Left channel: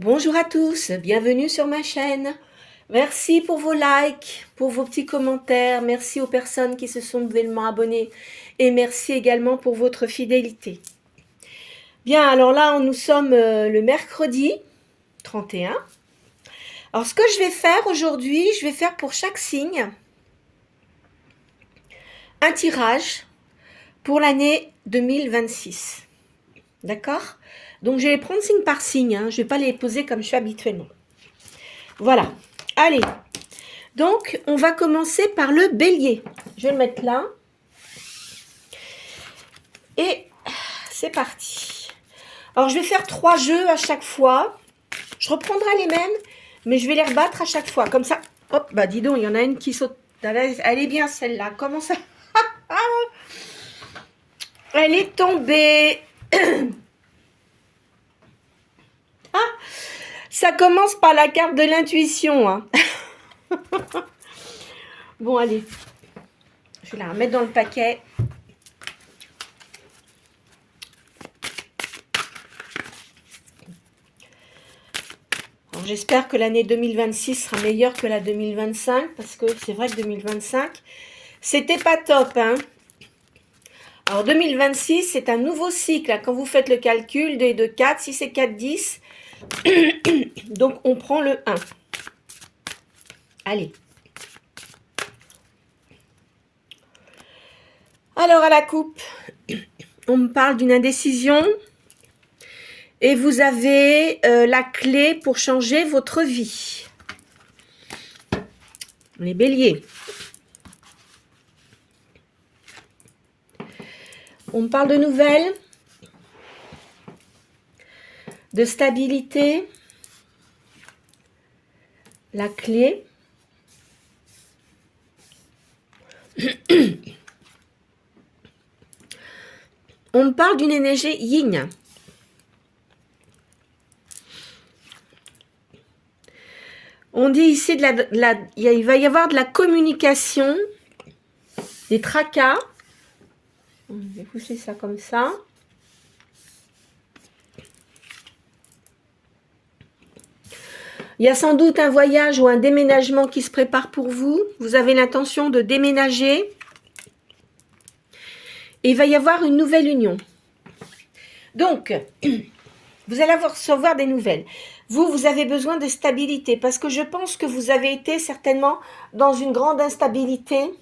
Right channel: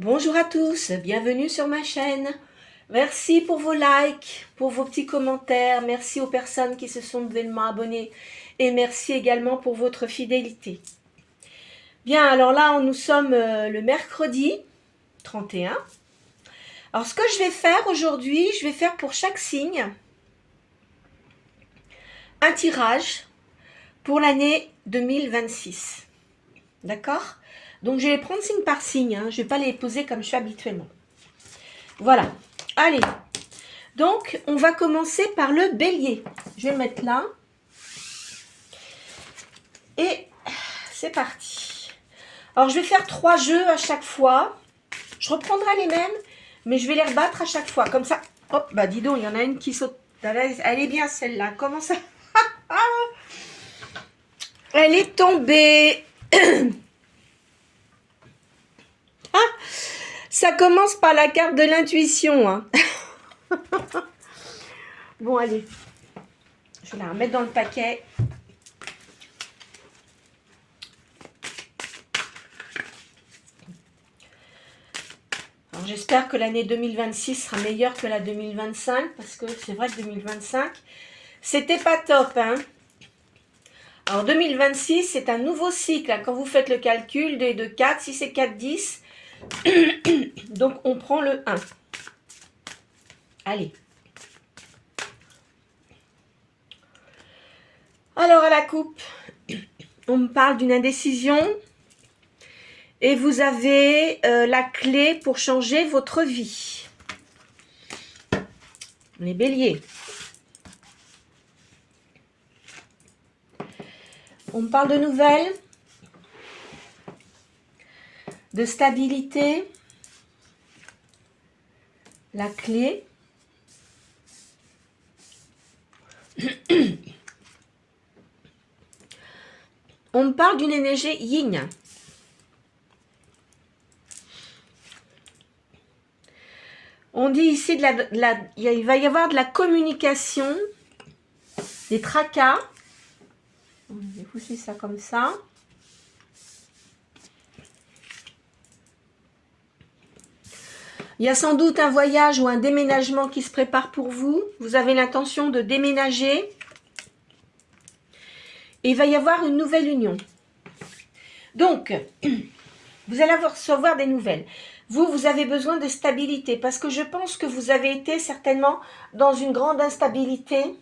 Bonjour à tous, bienvenue sur ma chaîne. Merci pour vos likes, pour vos petits commentaires. Merci aux personnes qui se sont nouvellement abonnées. Et merci également pour votre fidélité. Bien, alors là, nous sommes le mercredi 31. Alors, ce que je vais faire aujourd'hui, je vais faire pour chaque signe un tirage pour l'année 2026. D'accord? Donc, je vais les prendre signe par signe. Je ne vais pas les poser comme je fais habituellement. Voilà. Allez. Donc, on va commencer par le bélier. Je vais le mettre là. Et c'est parti. Alors, je vais faire 3 jeux à chaque fois. Je reprendrai les mêmes, mais je vais les rebattre à chaque fois. Comme ça, hop, bah dis donc, il y en a une qui saute. Elle est bien celle-là. Comment ça? Elle est tombée. Ah, ça commence par la carte de l'intuition. Hein. Bon, allez. Je vais la remettre dans le paquet. J'espère que l'année 2026 sera meilleure que la 2025, parce que c'est vrai que 2025, c'était pas top. Hein. Alors 2026, c'est un nouveau cycle. Quand vous faites le calcul, 2 et 2, 4, si c'est 4, 10, donc on prend le 1. Allez. Alors à la coupe, on me parle d'une indécision. Et vous avez la clé pour changer votre vie. Les béliers. On me parle de nouvelles, de stabilité, la clé. On me parle d'une énergie yin. On dit ici, il va y avoir de la communication, des tracas. Je vais pousser ça comme ça. Il y a sans doute un voyage ou un déménagement qui se prépare pour vous. Vous avez l'intention de déménager. Et il va y avoir une nouvelle union. Donc, vous allez recevoir des nouvelles. Vous avez besoin de stabilité parce que je pense que vous avez été certainement dans une grande instabilité.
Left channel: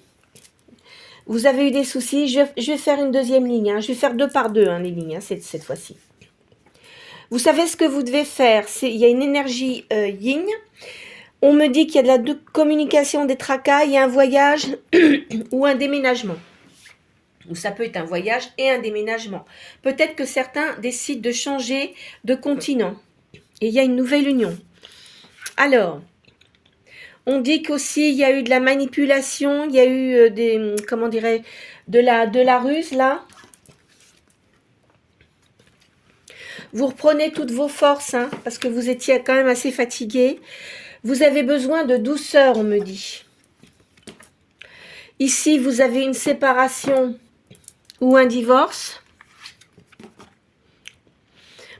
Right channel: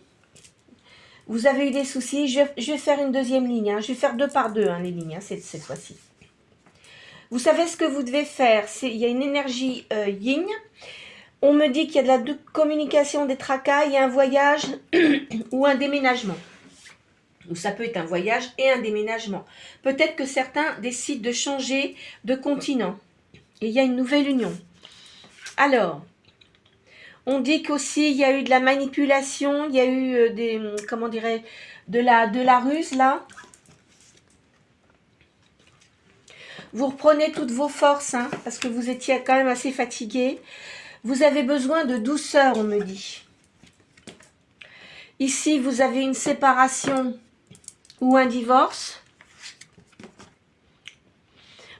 Vous avez eu des soucis. Je vais faire une deuxième ligne. Je vais faire 2 par 2 les lignes cette fois-ci. Vous savez ce que vous devez faire. Il y a une énergie yin. On me dit qu'il y a de la communication, des tracas. Il y a un voyage ou un déménagement. Ou ça peut être un voyage et un déménagement. Peut-être que certains décident de changer de continent. Et il y a une nouvelle union. Alors, on dit qu'aussi il y a eu de la manipulation, il y a eu de la ruse là. Vous reprenez toutes vos forces, parce que vous étiez quand même assez fatigué. Vous avez besoin de douceur, on me dit. Ici, vous avez une séparation ou un divorce.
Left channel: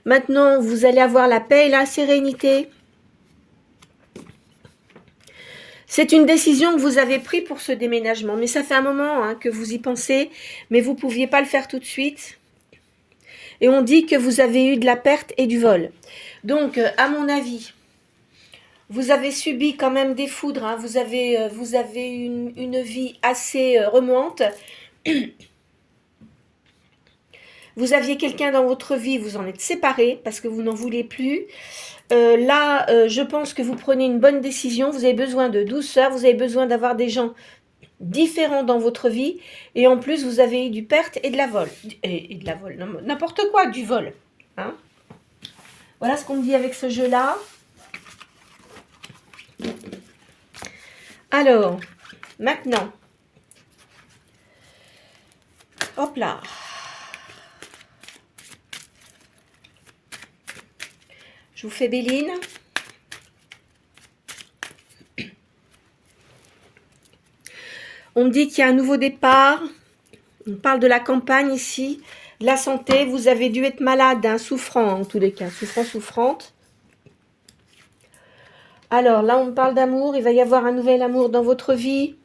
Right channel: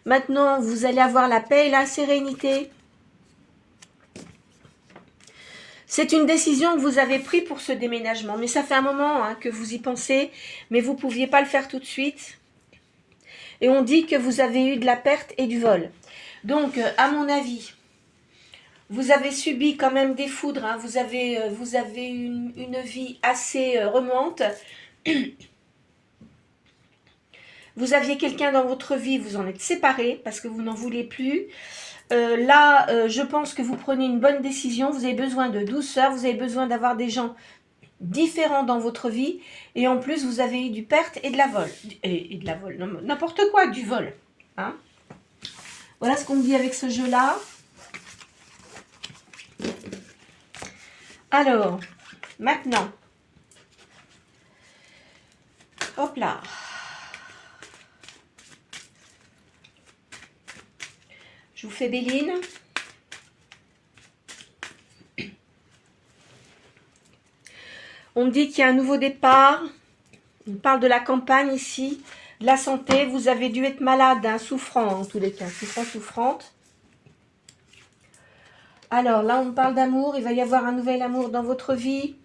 Maintenant, vous allez avoir la paix et la sérénité. C'est une décision que vous avez prise pour ce déménagement. Mais ça fait un moment que vous y pensez, mais vous ne pouviez pas le faire tout de suite. Et on dit que vous avez eu de la perte et du vol. Donc, à mon avis, vous avez subi quand même des foudres. Vous avez une vie assez remuante. Vous aviez quelqu'un dans votre vie, vous en êtes séparés parce que vous n'en voulez plus. Je pense que vous prenez une bonne décision. Vous avez besoin de douceur, vous avez besoin d'avoir des gens différents dans votre vie. Et en plus, vous avez eu du perte et de la vol. Et de la vol, n'importe quoi, du vol. Voilà ce qu'on me dit avec ce jeu-là. Alors, maintenant. Hop là. Je vous fais Béline. On me dit qu'il y a un nouveau départ. On parle de la campagne ici, de la santé. Vous avez dû être malade, souffrant en tous les cas, souffrante. Alors là, on me parle d'amour. Il va y avoir un nouvel amour dans votre vie.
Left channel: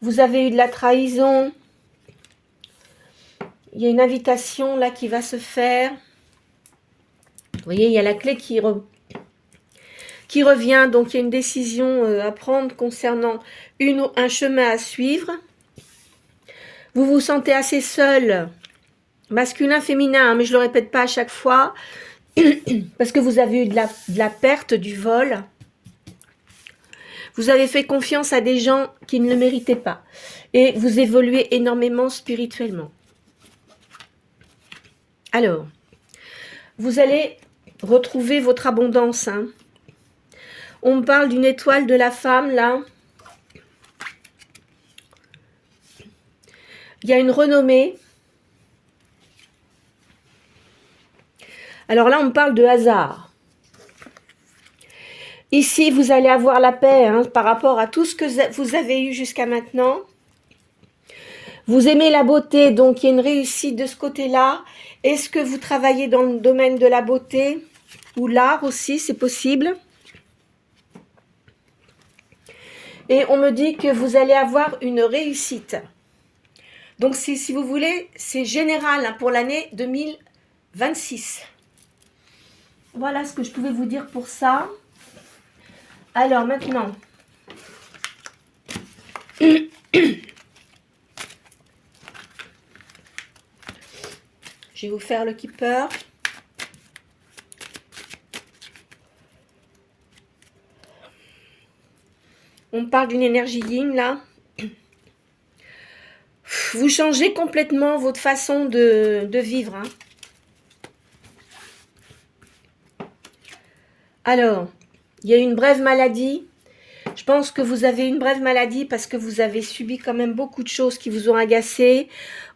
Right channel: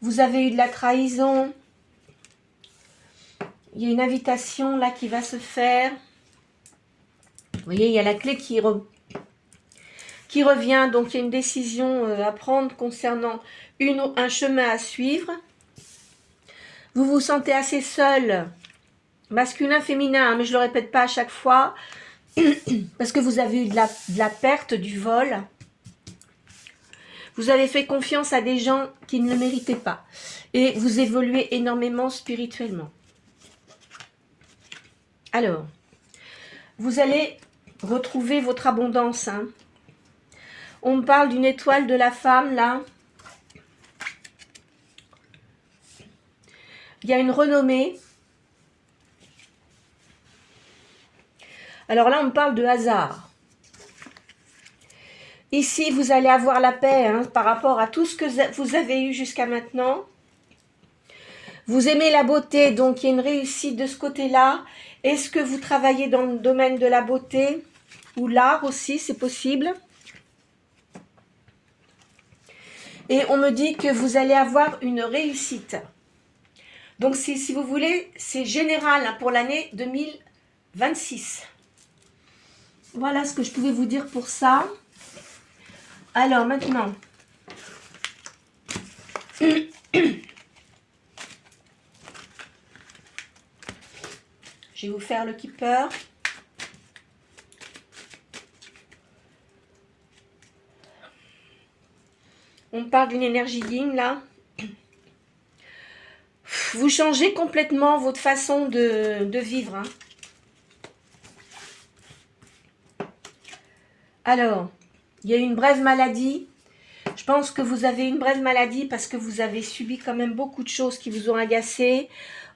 Vous avez eu de la trahison. Il y a une invitation là qui va se faire. Vous voyez, il y a la clé qui revient. Donc, il y a une décision à prendre concernant un chemin à suivre. Vous vous sentez assez seul, masculin, féminin, mais je ne le répète pas à chaque fois, parce que vous avez eu de la perte, du vol. Vous avez fait confiance à des gens qui ne le méritaient pas. Et vous évoluez énormément spirituellement. Alors, vous allez retrouver votre abondance. Hein. On me parle d'une étoile de la femme, là. Il y a une renommée. Alors là, on me parle de hasard. Ici, vous allez avoir la paix hein, par rapport à tout ce que vous avez eu jusqu'à maintenant. Vous aimez la beauté, donc il y a une réussite de ce côté-là. Est-ce que vous travaillez dans le domaine de la beauté ou l'art aussi, c'est possible. Et on me dit que vous allez avoir une réussite. Donc si vous voulez, c'est général hein, pour l'année 2026. Voilà ce que je pouvais vous dire pour ça. Alors maintenant, je vais vous faire le keeper. On parle d'une énergie yin là. Vous changez complètement votre façon de vivre. Hein. Alors, il y a une brève maladie. Je pense que vous avez une brève maladie parce que vous avez subi quand même beaucoup de choses qui vous ont agacé.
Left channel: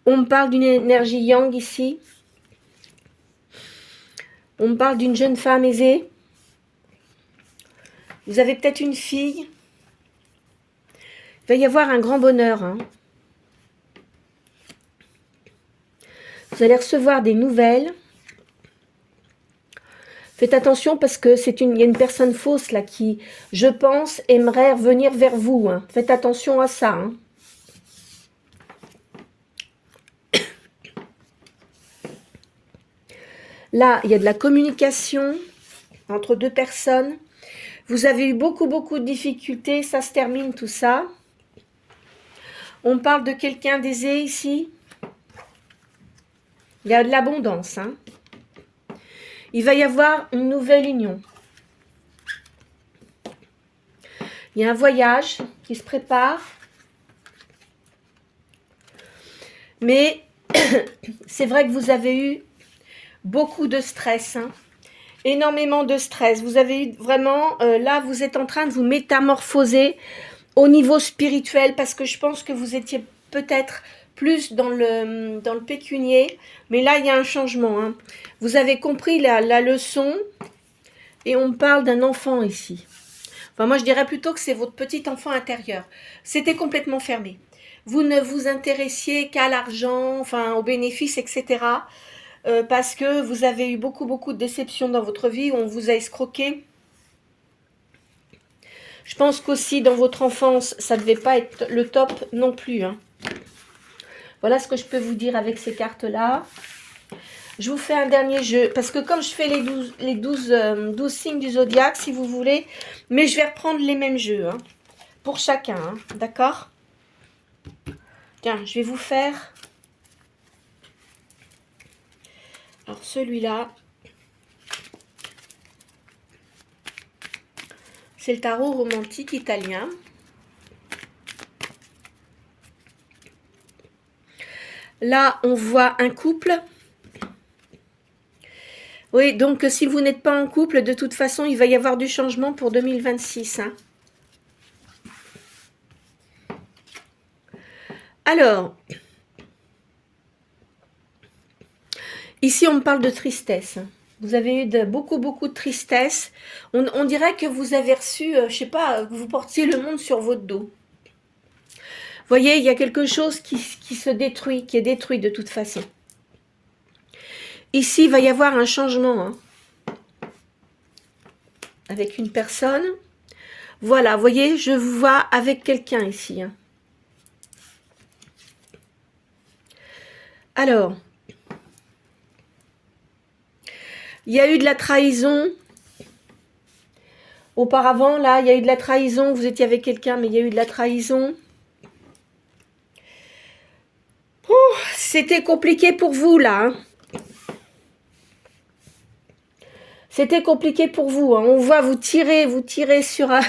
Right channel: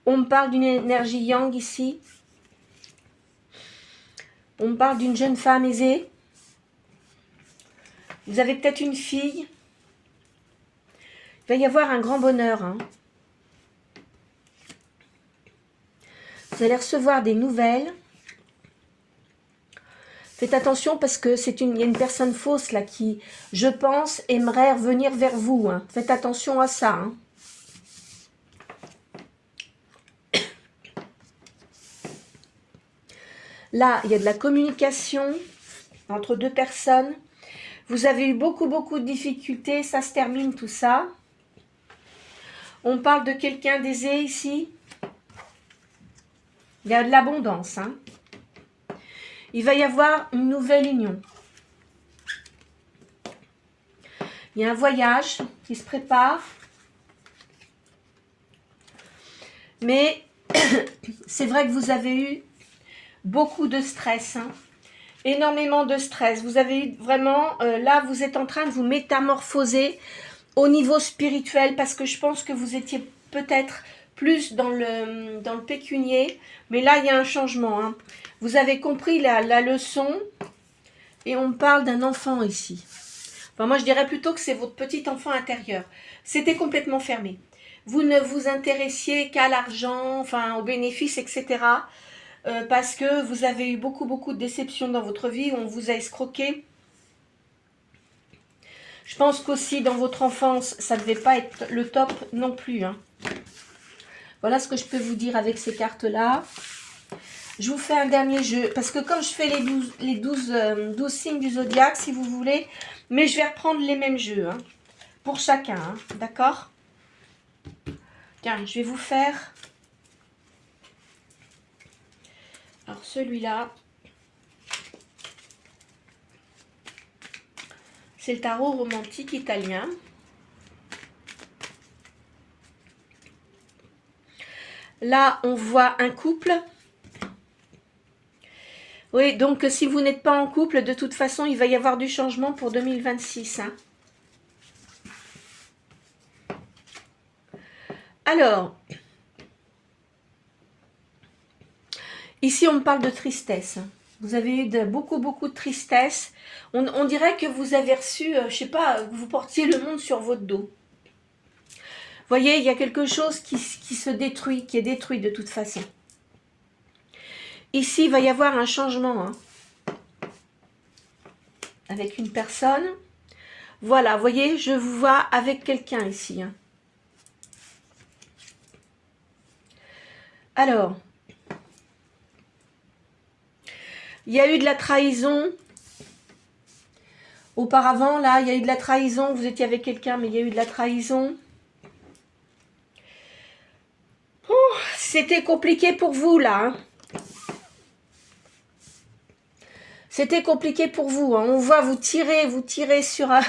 On me parle d'une énergie yang ici. On me parle d'une jeune femme aisée. Vous avez peut-être une fille. Il va y avoir un grand bonheur. Hein. Vous allez recevoir des nouvelles. Faites attention parce que il y a une personne fausse là qui, je pense, aimerait revenir vers vous. Hein. Faites attention à ça. Hein. Là, il y a de la communication entre deux personnes. Vous avez eu beaucoup de difficultés. Ça se termine tout ça. On parle de quelqu'un d'aisé ici. Il y a de l'abondance. Hein. Il va y avoir une nouvelle union. Il y a un voyage qui se prépare. Mais c'est vrai que vous avez eu beaucoup de stress. Hein. Énormément de stress. Vous avez eu vraiment... là, vous êtes en train de vous métamorphoser au niveau spirituel parce que je pense que vous étiez peut-être plus dans le pécunier. Mais là, il y a un changement. Hein. Vous avez compris la leçon et on parle d'un enfant ici. Enfin, moi, je dirais plutôt que c'est votre petit enfant intérieur. C'était complètement fermé. Vous ne vous intéressiez qu'à l'argent, enfin, aux bénéfices, etc. Parce que vous avez eu beaucoup de déceptions dans votre vie où on vous a escroqué. Je pense qu'aussi dans votre enfance, ça ne devait pas être le top non plus. Hein. Voilà ce que je peux vous dire avec ces cartes-là. Je vous fais un dernier jeu, parce que comme je fais les 12 signes du zodiaque, si vous voulez, mais je vais reprendre les mêmes jeux, hein, pour chacun, hein, d'accord? Tiens, je vais vous faire... Alors celui-là, c'est le tarot romantique italien. Là, on voit un couple... Oui, donc si vous n'êtes pas en couple, de toute façon, il va y avoir du changement pour 2026. Hein. Alors, ici, on me parle de tristesse. Vous avez eu beaucoup de tristesse. On dirait que vous avez reçu, je sais pas, vous portiez le monde sur votre dos. Vous voyez, il y a quelque chose qui se détruit, qui est détruit de toute façon. Ici, il va y avoir un changement. Hein. avec une personne. Voilà, vous voyez, je vous vois avec quelqu'un ici. Hein. Alors, il y a eu de la trahison. Auparavant, là, il y a eu de la trahison. Vous étiez avec quelqu'un, mais il y a eu de la trahison. C'était compliqué pour vous, là. Hein. C'était compliqué pour vous. Hein. On voit vous tirer sur un,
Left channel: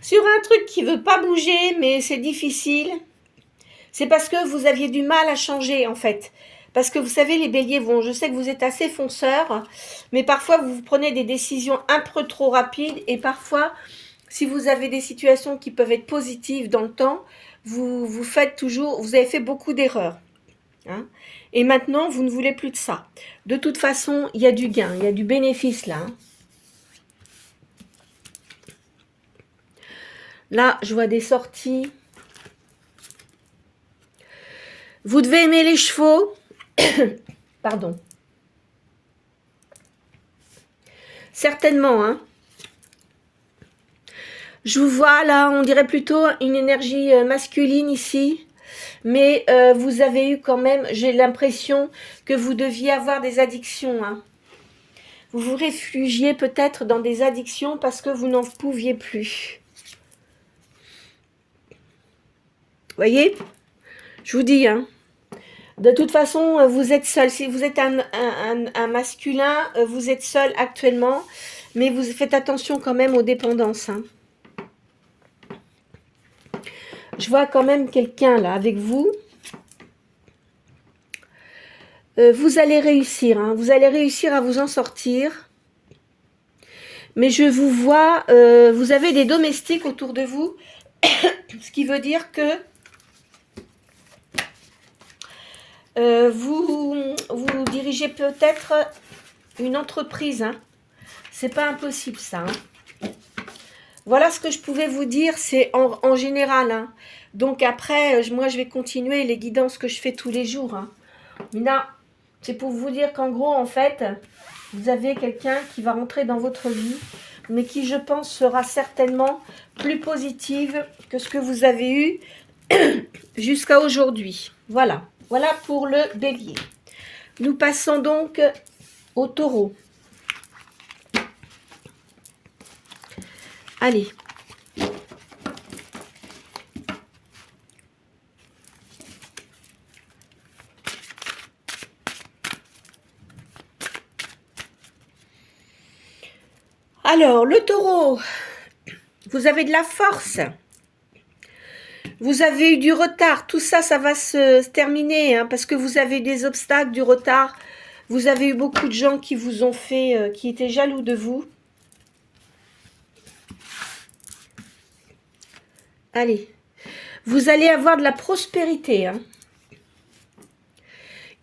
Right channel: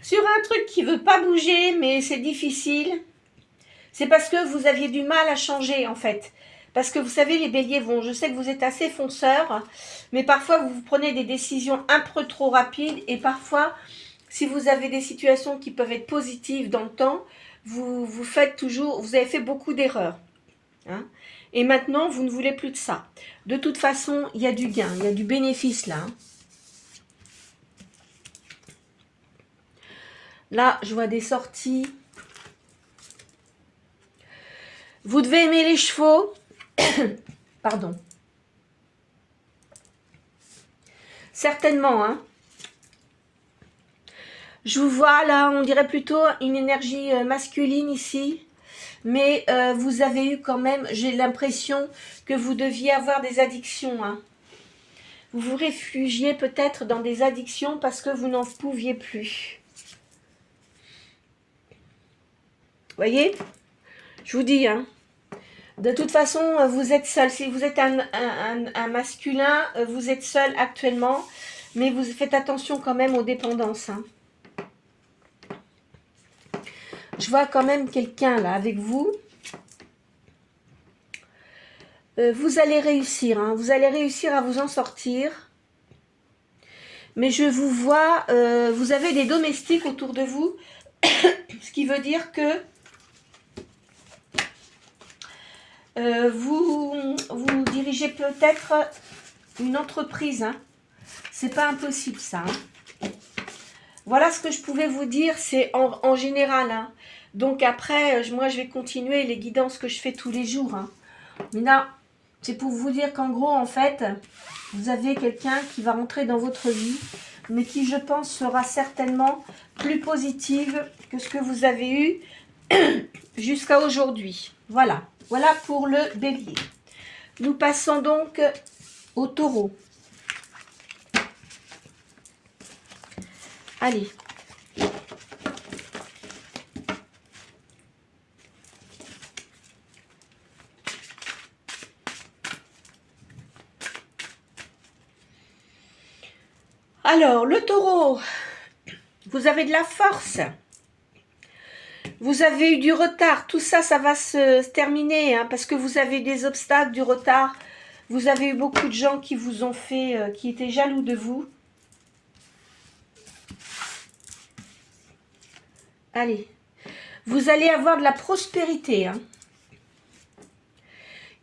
sur un truc qui ne veut pas bouger, mais c'est difficile. C'est parce que vous aviez du mal à changer, en fait. Parce que vous savez, les béliers, bon, je sais que vous êtes assez fonceurs, mais parfois vous prenez des décisions un peu trop rapides et parfois, si vous avez des situations qui peuvent être positives dans le temps, vous faites toujours, vous avez fait beaucoup d'erreurs. Hein, et maintenant, vous ne voulez plus de ça. De toute façon, il y a du gain, il y a du bénéfice là. Hein. Là, je vois des sorties. Vous devez aimer les chevaux. Pardon. Certainement, hein. Je vous vois là, on dirait plutôt une énergie masculine ici. Mais vous avez eu quand même, j'ai l'impression que vous deviez avoir des addictions. Hein. Vous vous réfugiez peut-être dans des addictions parce que vous n'en pouviez plus. Vous voyez? Je vous dis, hein. De toute façon, vous êtes seul. Si vous êtes un masculin, vous êtes seul actuellement. Mais vous faites attention quand même aux dépendances. Hein. Je vois quand même quelqu'un là avec vous. Vous allez réussir. Hein. Vous allez réussir à vous en sortir. Mais je vous vois, vous avez des domestiques autour de vous. Ce qui veut dire que vous dirigez peut-être une entreprise. Hein. C'est pas impossible ça. Hein. Voilà ce que je pouvais vous dire, c'est en général. Hein. Donc après, moi je vais continuer les guidances que je fais tous les jours. Hein. Mais là, c'est pour vous dire qu'en gros, en fait, vous avez quelqu'un qui va rentrer dans votre vie, mais qui, je pense, sera certainement plus positive que ce que vous avez eu jusqu'à aujourd'hui. Voilà. Voilà pour le bélier. Nous passons donc au taureau. Allez. Alors, le taureau, vous avez de la force. Vous avez eu du retard. Tout ça, ça va se terminer hein, parce que vous avez des obstacles, du retard. Vous avez eu beaucoup de gens qui vous ont fait, qui étaient jaloux de vous. Allez. Vous allez avoir de la prospérité. Hein.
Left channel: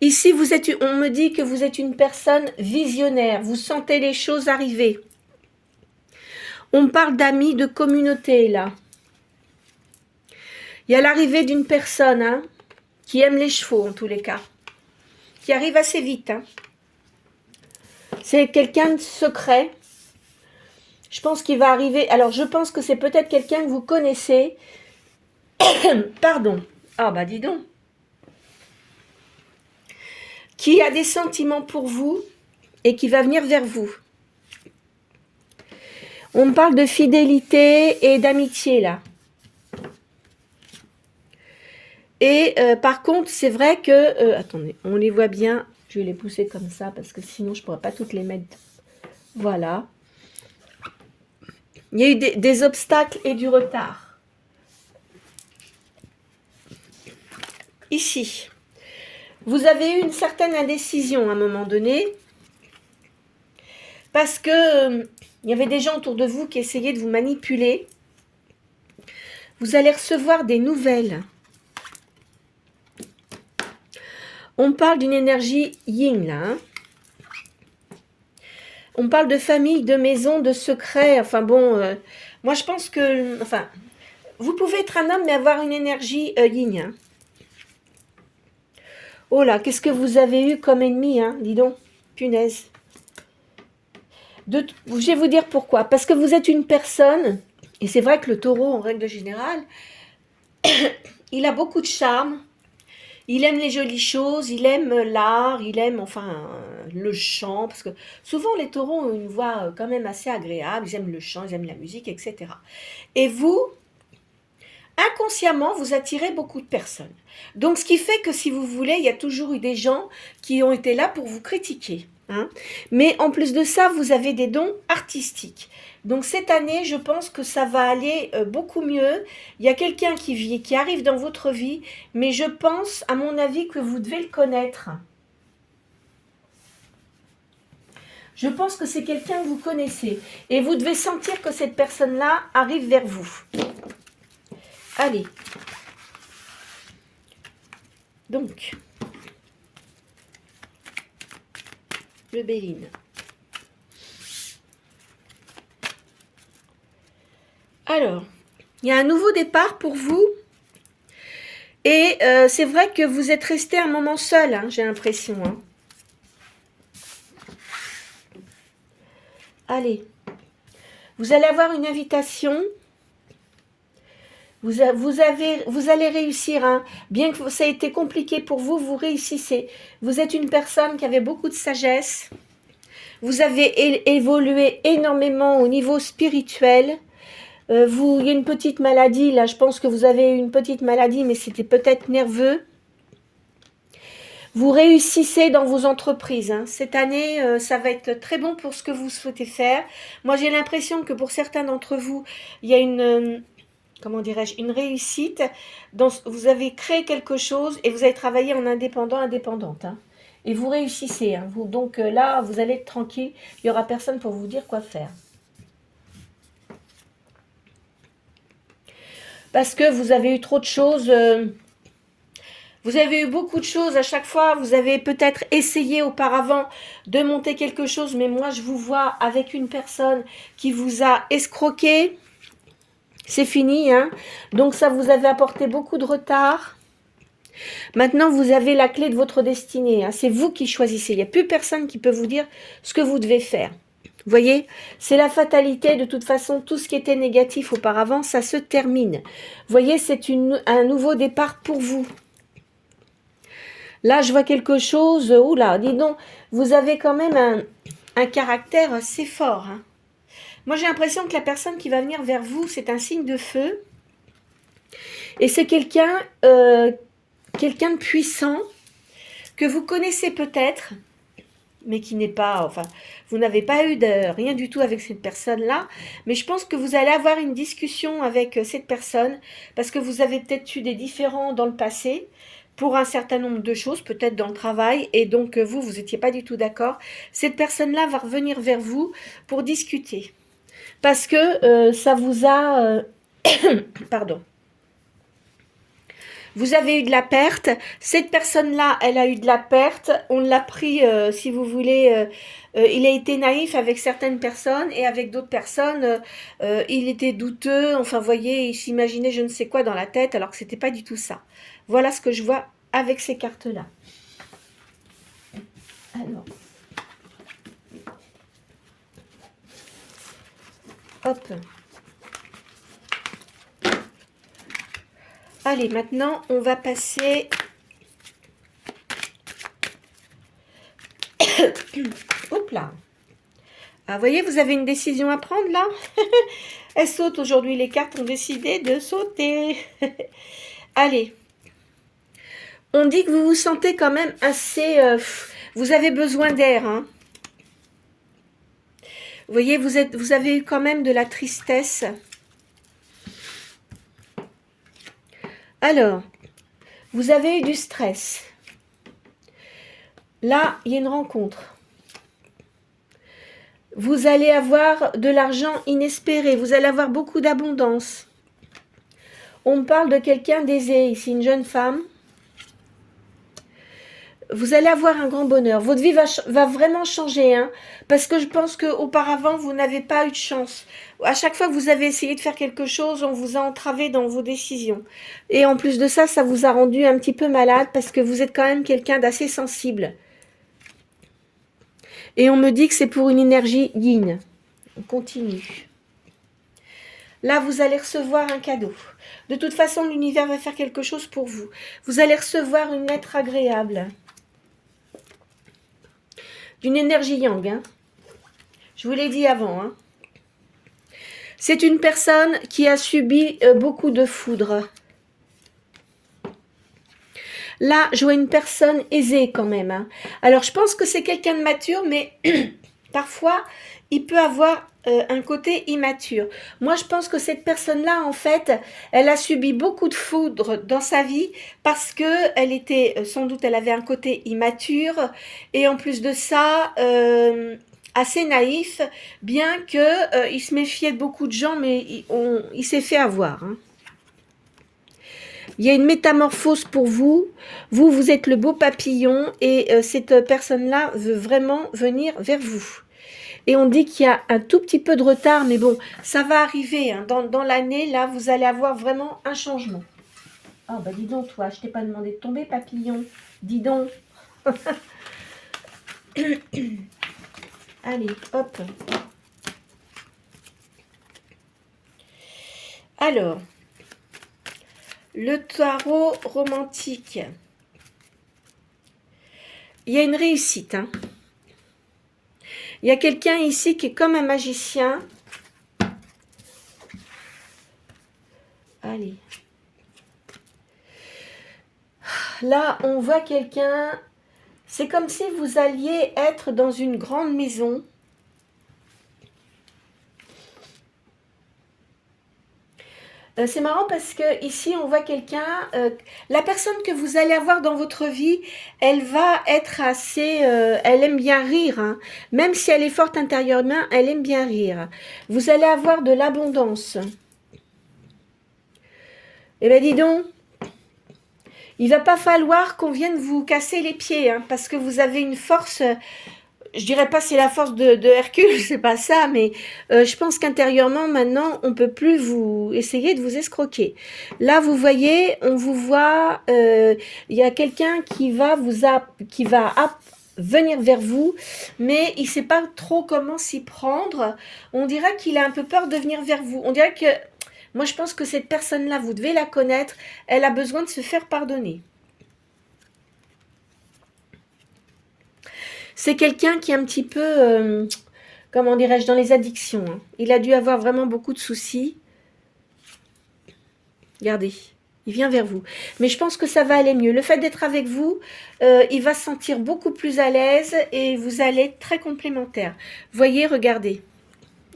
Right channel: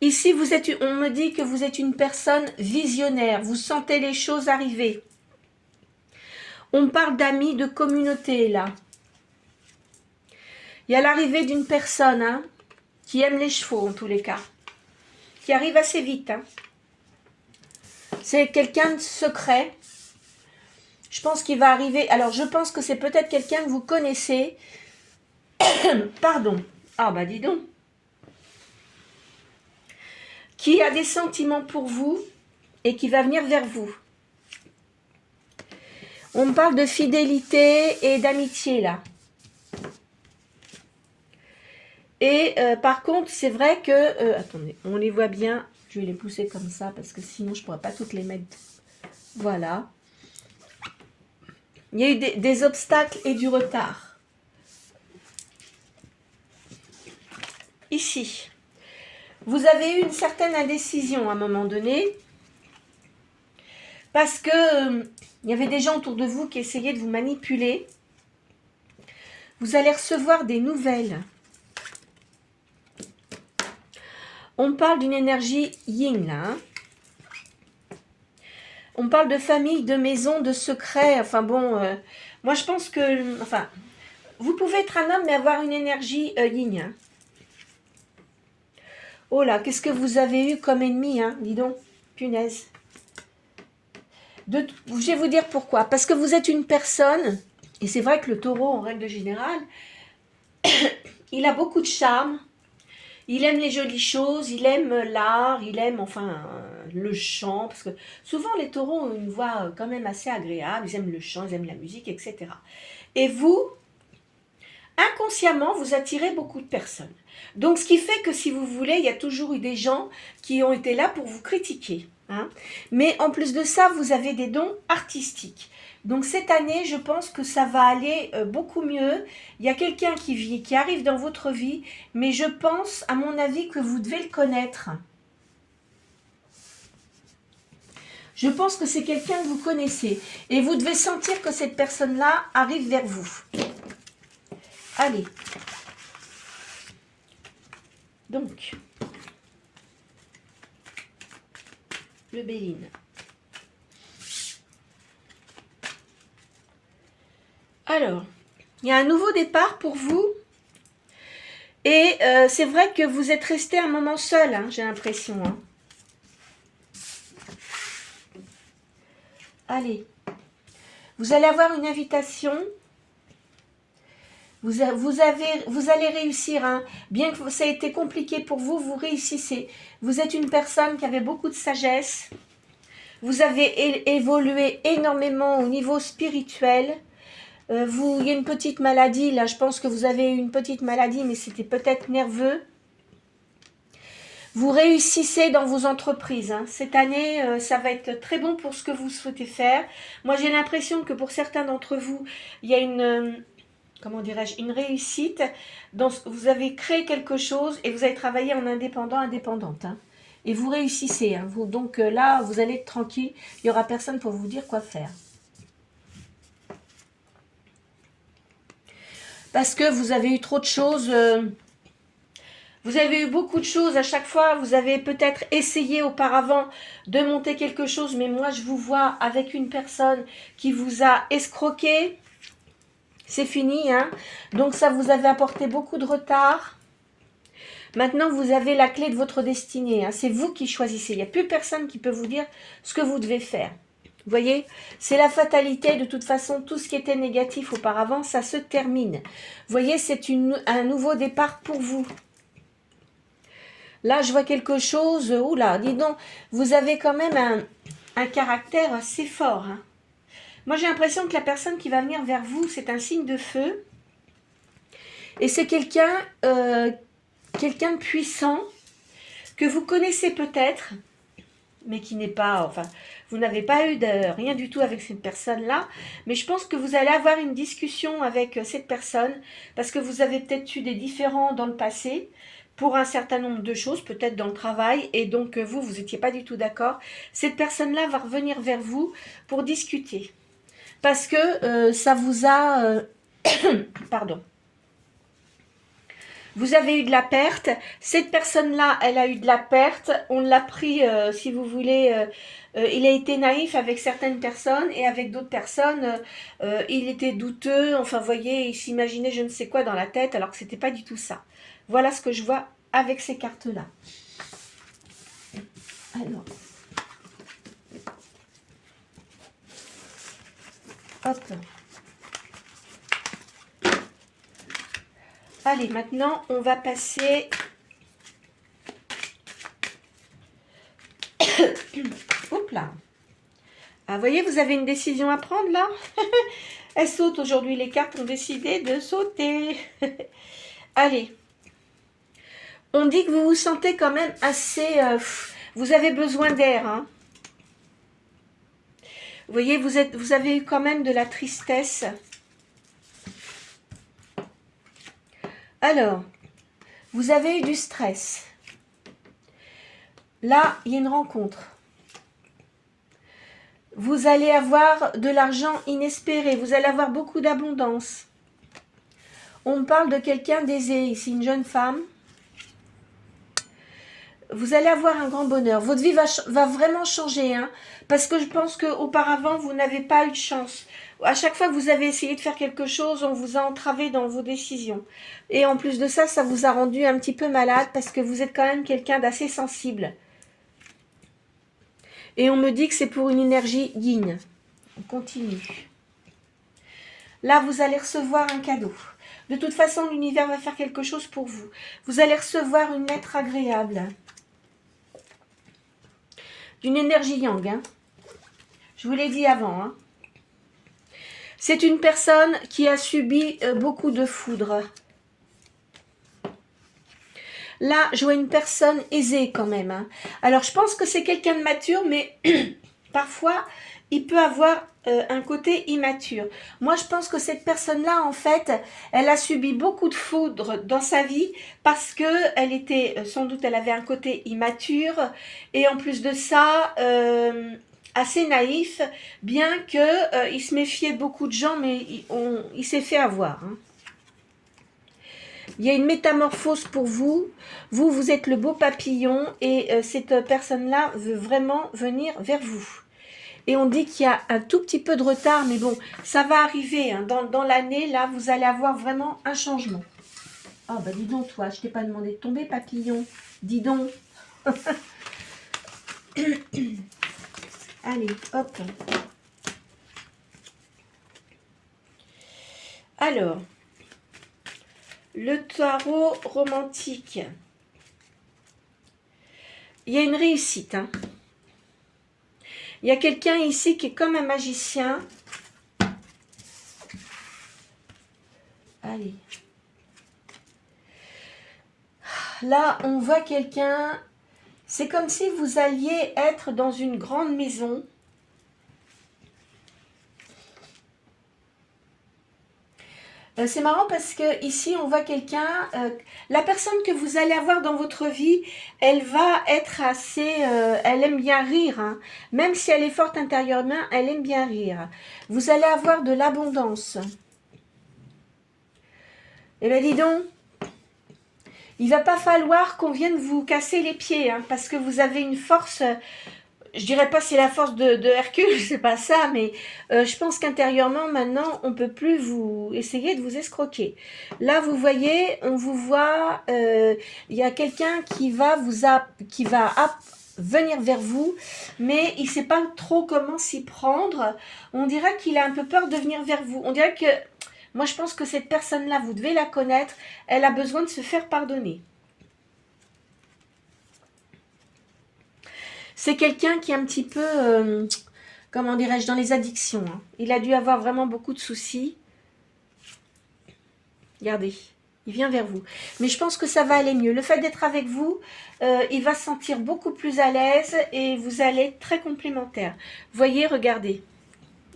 Ici, on me dit que vous êtes une personne visionnaire. Vous sentez les choses arriver. On parle d'amis, de communauté, là. Il y a l'arrivée d'une personne hein, qui aime les chevaux, en tous les cas. Qui arrive assez vite. Hein. C'est quelqu'un de secret. Je pense qu'il va arriver... Alors, je pense que c'est peut-être quelqu'un que vous connaissez. Pardon. Ah, bah dis donc. Qui a des sentiments pour vous et qui va venir vers vous. On parle de fidélité et d'amitié, là. Et par contre, c'est vrai que... attendez, on les voit bien. Je vais les pousser comme ça parce que sinon, je ne pourrais pas toutes les mettre. Voilà. Il y a eu des obstacles et du retard. Ici. Vous avez eu une certaine indécision à un moment donné. Parce que il y avait des gens autour de vous qui essayaient de vous manipuler. Vous allez recevoir des nouvelles. On parle d'une énergie yin, là. Hein. On parle de famille, de maison, de secret. Enfin bon, moi je pense que... Enfin, vous pouvez être un homme mais avoir une énergie yin. Hein. Oh là, qu'est-ce que vous avez eu comme ennemi, hein, dis donc. Punaise. Je vais vous dire pourquoi. Parce que vous êtes une personne, et c'est vrai que le taureau, en règle générale, il a beaucoup de charme, il aime les jolies choses, il aime l'art, il aime enfin le chant, parce que souvent les taureaux ont une voix quand même assez agréable, ils aiment le chant, ils aiment la musique, etc. Et vous, inconsciemment, vous attirez beaucoup de personnes. Donc, ce qui fait que si vous voulez, il y a toujours eu des gens qui ont été là pour vous critiquer. Hein. Mais en plus de ça, vous avez des dons artistiques. Donc, cette année, je pense que ça va aller beaucoup mieux. Il y a quelqu'un qui arrive dans votre vie, mais je pense, à mon avis, que vous devez le connaître. Je pense que c'est quelqu'un que vous connaissez. Et vous devez sentir que cette personne-là arrive vers vous. Allez. Donc, le Béline. Alors, il y a un nouveau départ pour vous. Et c'est vrai que vous êtes resté un moment seul, hein, j'ai l'impression. Hein. Allez. Vous allez avoir une invitation. Vous allez réussir. Hein. Bien que ça ait été compliqué pour vous, vous réussissez. Vous êtes une personne qui avait beaucoup de sagesse. Vous avez évolué énormément au niveau spirituel. Il y a une petite maladie, là, je pense que vous avez une petite maladie, mais c'était peut-être nerveux. Vous réussissez dans vos entreprises. Hein. Cette année, ça va être très bon pour ce que vous souhaitez faire. Moi, j'ai l'impression que pour certains d'entre vous, il y a une une réussite. Vous avez créé quelque chose et vous avez travaillé en indépendante. Hein. Et vous réussissez. Hein. Donc là, vous allez être tranquille. Il n'y aura personne pour vous dire quoi faire. Parce que vous avez eu trop de choses. Vous avez eu beaucoup de choses à chaque fois. Vous avez peut-être essayé auparavant de monter quelque chose. Mais moi, je vous vois avec une personne qui vous a escroqué. C'est fini. Hein. Donc ça vous avait apporté beaucoup de retard. Maintenant, vous avez la clé de votre destinée. Hein. C'est vous qui choisissez. Il n'y a plus personne qui peut vous dire ce que vous devez faire. Vous voyez, c'est la fatalité. De toute façon, tout ce qui était négatif auparavant, ça se termine. Vous voyez, c'est un nouveau départ pour vous. Là, je vois quelque chose. Oula, dis donc, vous avez quand même un caractère assez fort. Hein. Moi, j'ai l'impression que la personne qui va venir vers vous, c'est un signe de feu. Et c'est quelqu'un de puissant que vous connaissez peut-être, mais qui n'est pas, enfin, vous n'avez pas eu rien du tout avec cette personne-là, mais je pense que vous allez avoir une discussion avec cette personne, parce que vous avez peut-être eu des différends dans le passé, pour un certain nombre de choses, peut-être dans le travail, et donc vous n'étiez pas du tout d'accord. Cette personne-là va revenir vers vous pour discuter, parce que ça vous a... pardon. Vous avez eu de la perte. Cette personne-là, elle a eu de la perte. On l'a pris, si vous voulez, il a été naïf avec certaines personnes et avec d'autres personnes, il était douteux. Enfin, vous voyez, il s'imaginait je ne sais quoi dans la tête alors que ce n'était pas du tout ça. Voilà ce que je vois avec ces cartes-là. Alors. Hop. Allez, maintenant, on va passer... Hop là. Ah, vous voyez, vous avez une décision à prendre, là. Elles sautent aujourd'hui. Les cartes ont décidé de sauter. Allez. On dit que vous vous sentez quand même assez... vous avez besoin d'air, hein. Vous voyez, vous avez eu quand même de la tristesse. Alors, vous avez eu du stress. Là, il y a une rencontre. Vous allez avoir de l'argent inespéré. Vous allez avoir beaucoup d'abondance. On me parle de quelqu'un d'aisé ici, une jeune femme. Vous allez avoir un grand bonheur. Votre vie va vraiment changer, hein, parce que je pense qu'auparavant, vous n'avez pas eu de chance. À chaque fois que vous avez essayé de faire quelque chose, on vous a entravé dans vos décisions. Et en plus de ça, ça vous a rendu un petit peu malade parce que vous êtes quand même quelqu'un d'assez sensible. Et on me dit que c'est pour une énergie yin. On continue. Là, vous allez recevoir un cadeau. De toute façon, l'univers va faire quelque chose pour vous. Vous allez recevoir une lettre agréable. D'une énergie yang. Hein. Je vous l'ai dit avant. Hein. C'est une personne qui a subi beaucoup de foudre. Là, je vois une personne aisée quand même. Hein. Alors, je pense que c'est quelqu'un de mature, mais parfois, il peut avoir un côté immature. Moi, je pense que cette personne-là, en fait, elle a subi beaucoup de foudre dans sa vie parce que elle était, sans doute, elle avait un côté immature et en plus de ça, assez naïf, bien que il se méfiait de beaucoup de gens, mais il s'est fait avoir. Hein. Il y a une métamorphose pour vous. Vous êtes le beau papillon et cette personne-là veut vraiment venir vers vous. Et on dit qu'il y a un tout petit peu de retard, mais bon, ça va arriver. Hein. Dans l'année, là, vous allez avoir vraiment un changement. Ah, bah dis donc, toi, je t'ai pas demandé de tomber, papillon. Dis donc. Allez, hop. Alors, le tarot romantique. Il y a une réussite. Hein. Il y a quelqu'un ici qui est comme un magicien. Allez. Là, on voit quelqu'un. C'est comme si vous alliez être dans une grande maison. C'est marrant parce que ici on voit quelqu'un, la personne que vous allez avoir dans votre vie, elle va être assez, elle aime bien rire, hein. Même si elle est forte intérieurement, elle aime bien rire. Vous allez avoir de l'abondance. Eh bien dis donc, il va pas falloir qu'on vienne vous casser les pieds, hein, parce que vous avez une force. Je dirais pas c'est la force de Hercule, c'est pas ça, mais je pense qu'intérieurement, maintenant, on peut plus vous essayer de vous escroquer. Là, vous voyez, on vous voit, il y a quelqu'un qui va venir vers vous, mais il sait pas trop comment s'y prendre. On dirait qu'il a un peu peur de venir vers vous. On dirait que, moi, je pense que cette personne-là, vous devez la connaître, elle a besoin de se faire pardonner. C'est quelqu'un qui est un petit peu, comment dirais-je, dans les addictions. Hein. Il a dû avoir vraiment beaucoup de soucis. Regardez, il vient vers vous. Mais je pense que ça va aller mieux. Le fait d'être avec vous, il va se sentir beaucoup plus à l'aise et vous allez être très complémentaires. Voyez, regardez.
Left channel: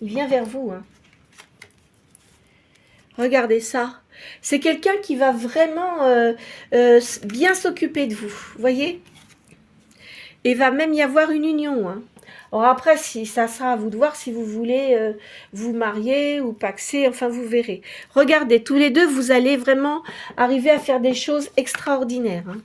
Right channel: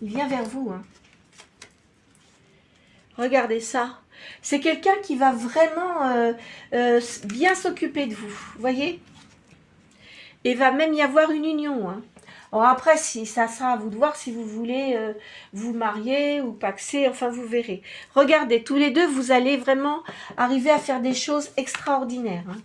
Il vient vers vous. Hein. Regardez ça. C'est quelqu'un qui va vraiment bien s'occuper de vous. Voyez ? Et va même y avoir une union. Hein. Alors après, si ça sera à vous de voir si vous voulez vous marier ou paxer, enfin vous verrez. Regardez, tous les deux, vous allez vraiment arriver à faire des choses extraordinaires. Hein.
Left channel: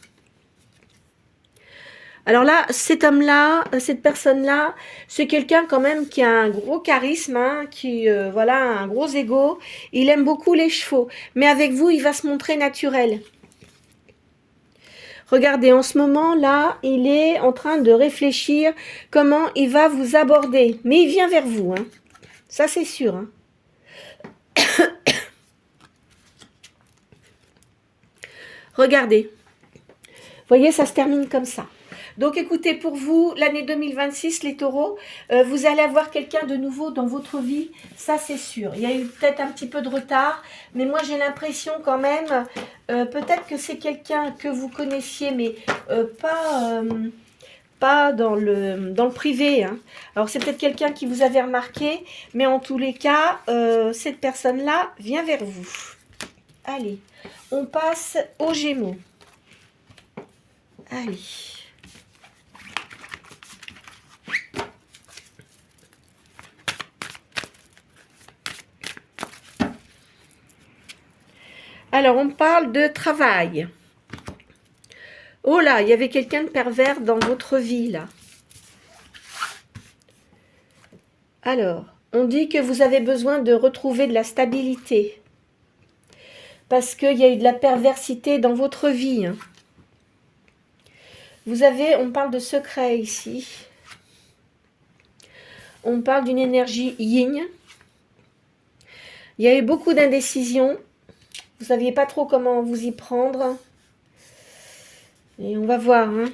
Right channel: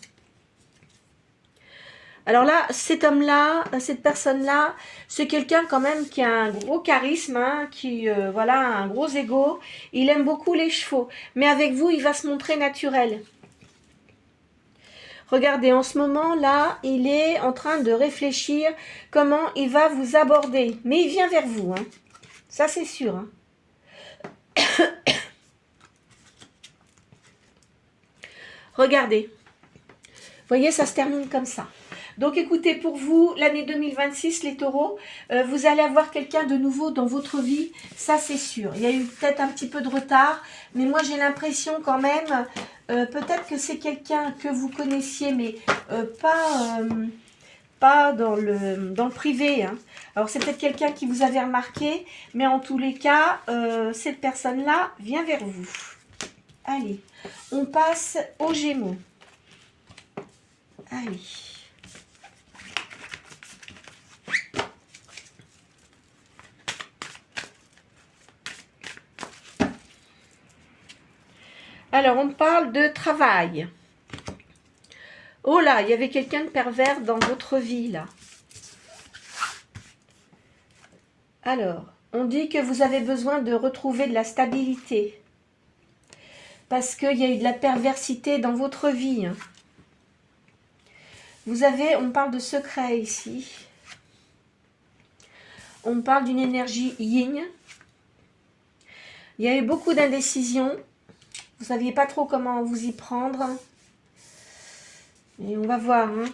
Alors là, cet homme-là, cette personne-là, c'est quelqu'un quand même qui a un gros charisme, hein, qui voilà, un gros ego. Il aime beaucoup les chevaux, mais avec vous, il va se montrer naturel. Regardez, en ce moment-là, il est en train de réfléchir comment il va vous aborder. Mais il vient vers vous, hein. Ça c'est sûr. Hein. Regardez. Vous voyez, ça se termine comme ça. Donc écoutez, pour vous, l'année 2026, les taureaux, vous allez avoir quelqu'un de nouveau dans votre vie, ça c'est sûr. Il y a eu peut-être un petit peu de retard, mais moi j'ai l'impression quand même, peut-être que c'est quelqu'un que vous connaissiez, mais pas dans le privé. Hein. Alors c'est peut-être quelqu'un qui vous avait remarqué, mais en tous les cas, cette personne-là vient vers vous. Allez, on passe aux Gémeaux. Allez. Alors, on parle de travail. Oh là, il y avait quelqu'un de pervers dans votre vie, là. Alors, on dit que vous avez besoin de retrouver de la stabilité. Parce qu'il y a eu de la perversité dans votre vie. Hein. Vous avez, on parle de secret ici. on parle d'une énergie yin. Il y a eu beaucoup d'indécision. Vous ne saviez pas trop comment vous y prendre. Et on va voir. Hein.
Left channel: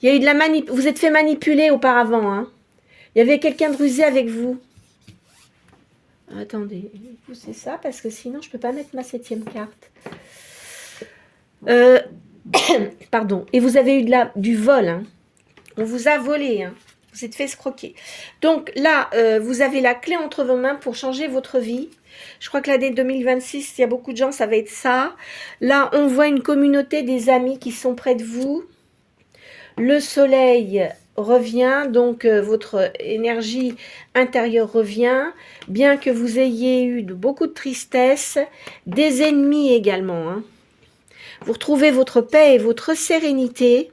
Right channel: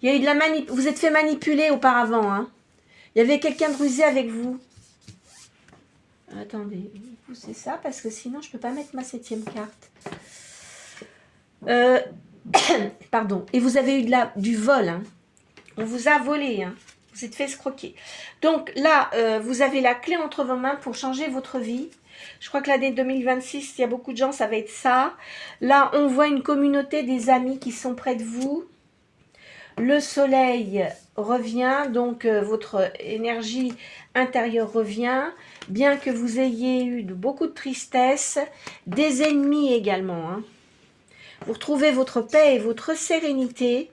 Il y a eu de la vous êtes fait manipuler auparavant. Hein. Il y avait quelqu'un de rusé avec vous. Attendez, poussez ça parce que sinon je ne peux pas mettre ma 7e carte. Pardon. Et vous avez eu du vol. Hein. On vous a volé. Hein. Vous êtes fait escroquer. Donc là, vous avez la clé entre vos mains pour changer votre vie. Je crois que l'année 2026, il y a beaucoup de gens, ça va être ça. Là, on voit une communauté des amis qui sont près de vous. Le soleil revient, donc votre énergie intérieure revient. Bien que vous ayez eu beaucoup de tristesse, des ennemis également. Hein. Vous retrouvez votre paix et votre sérénité.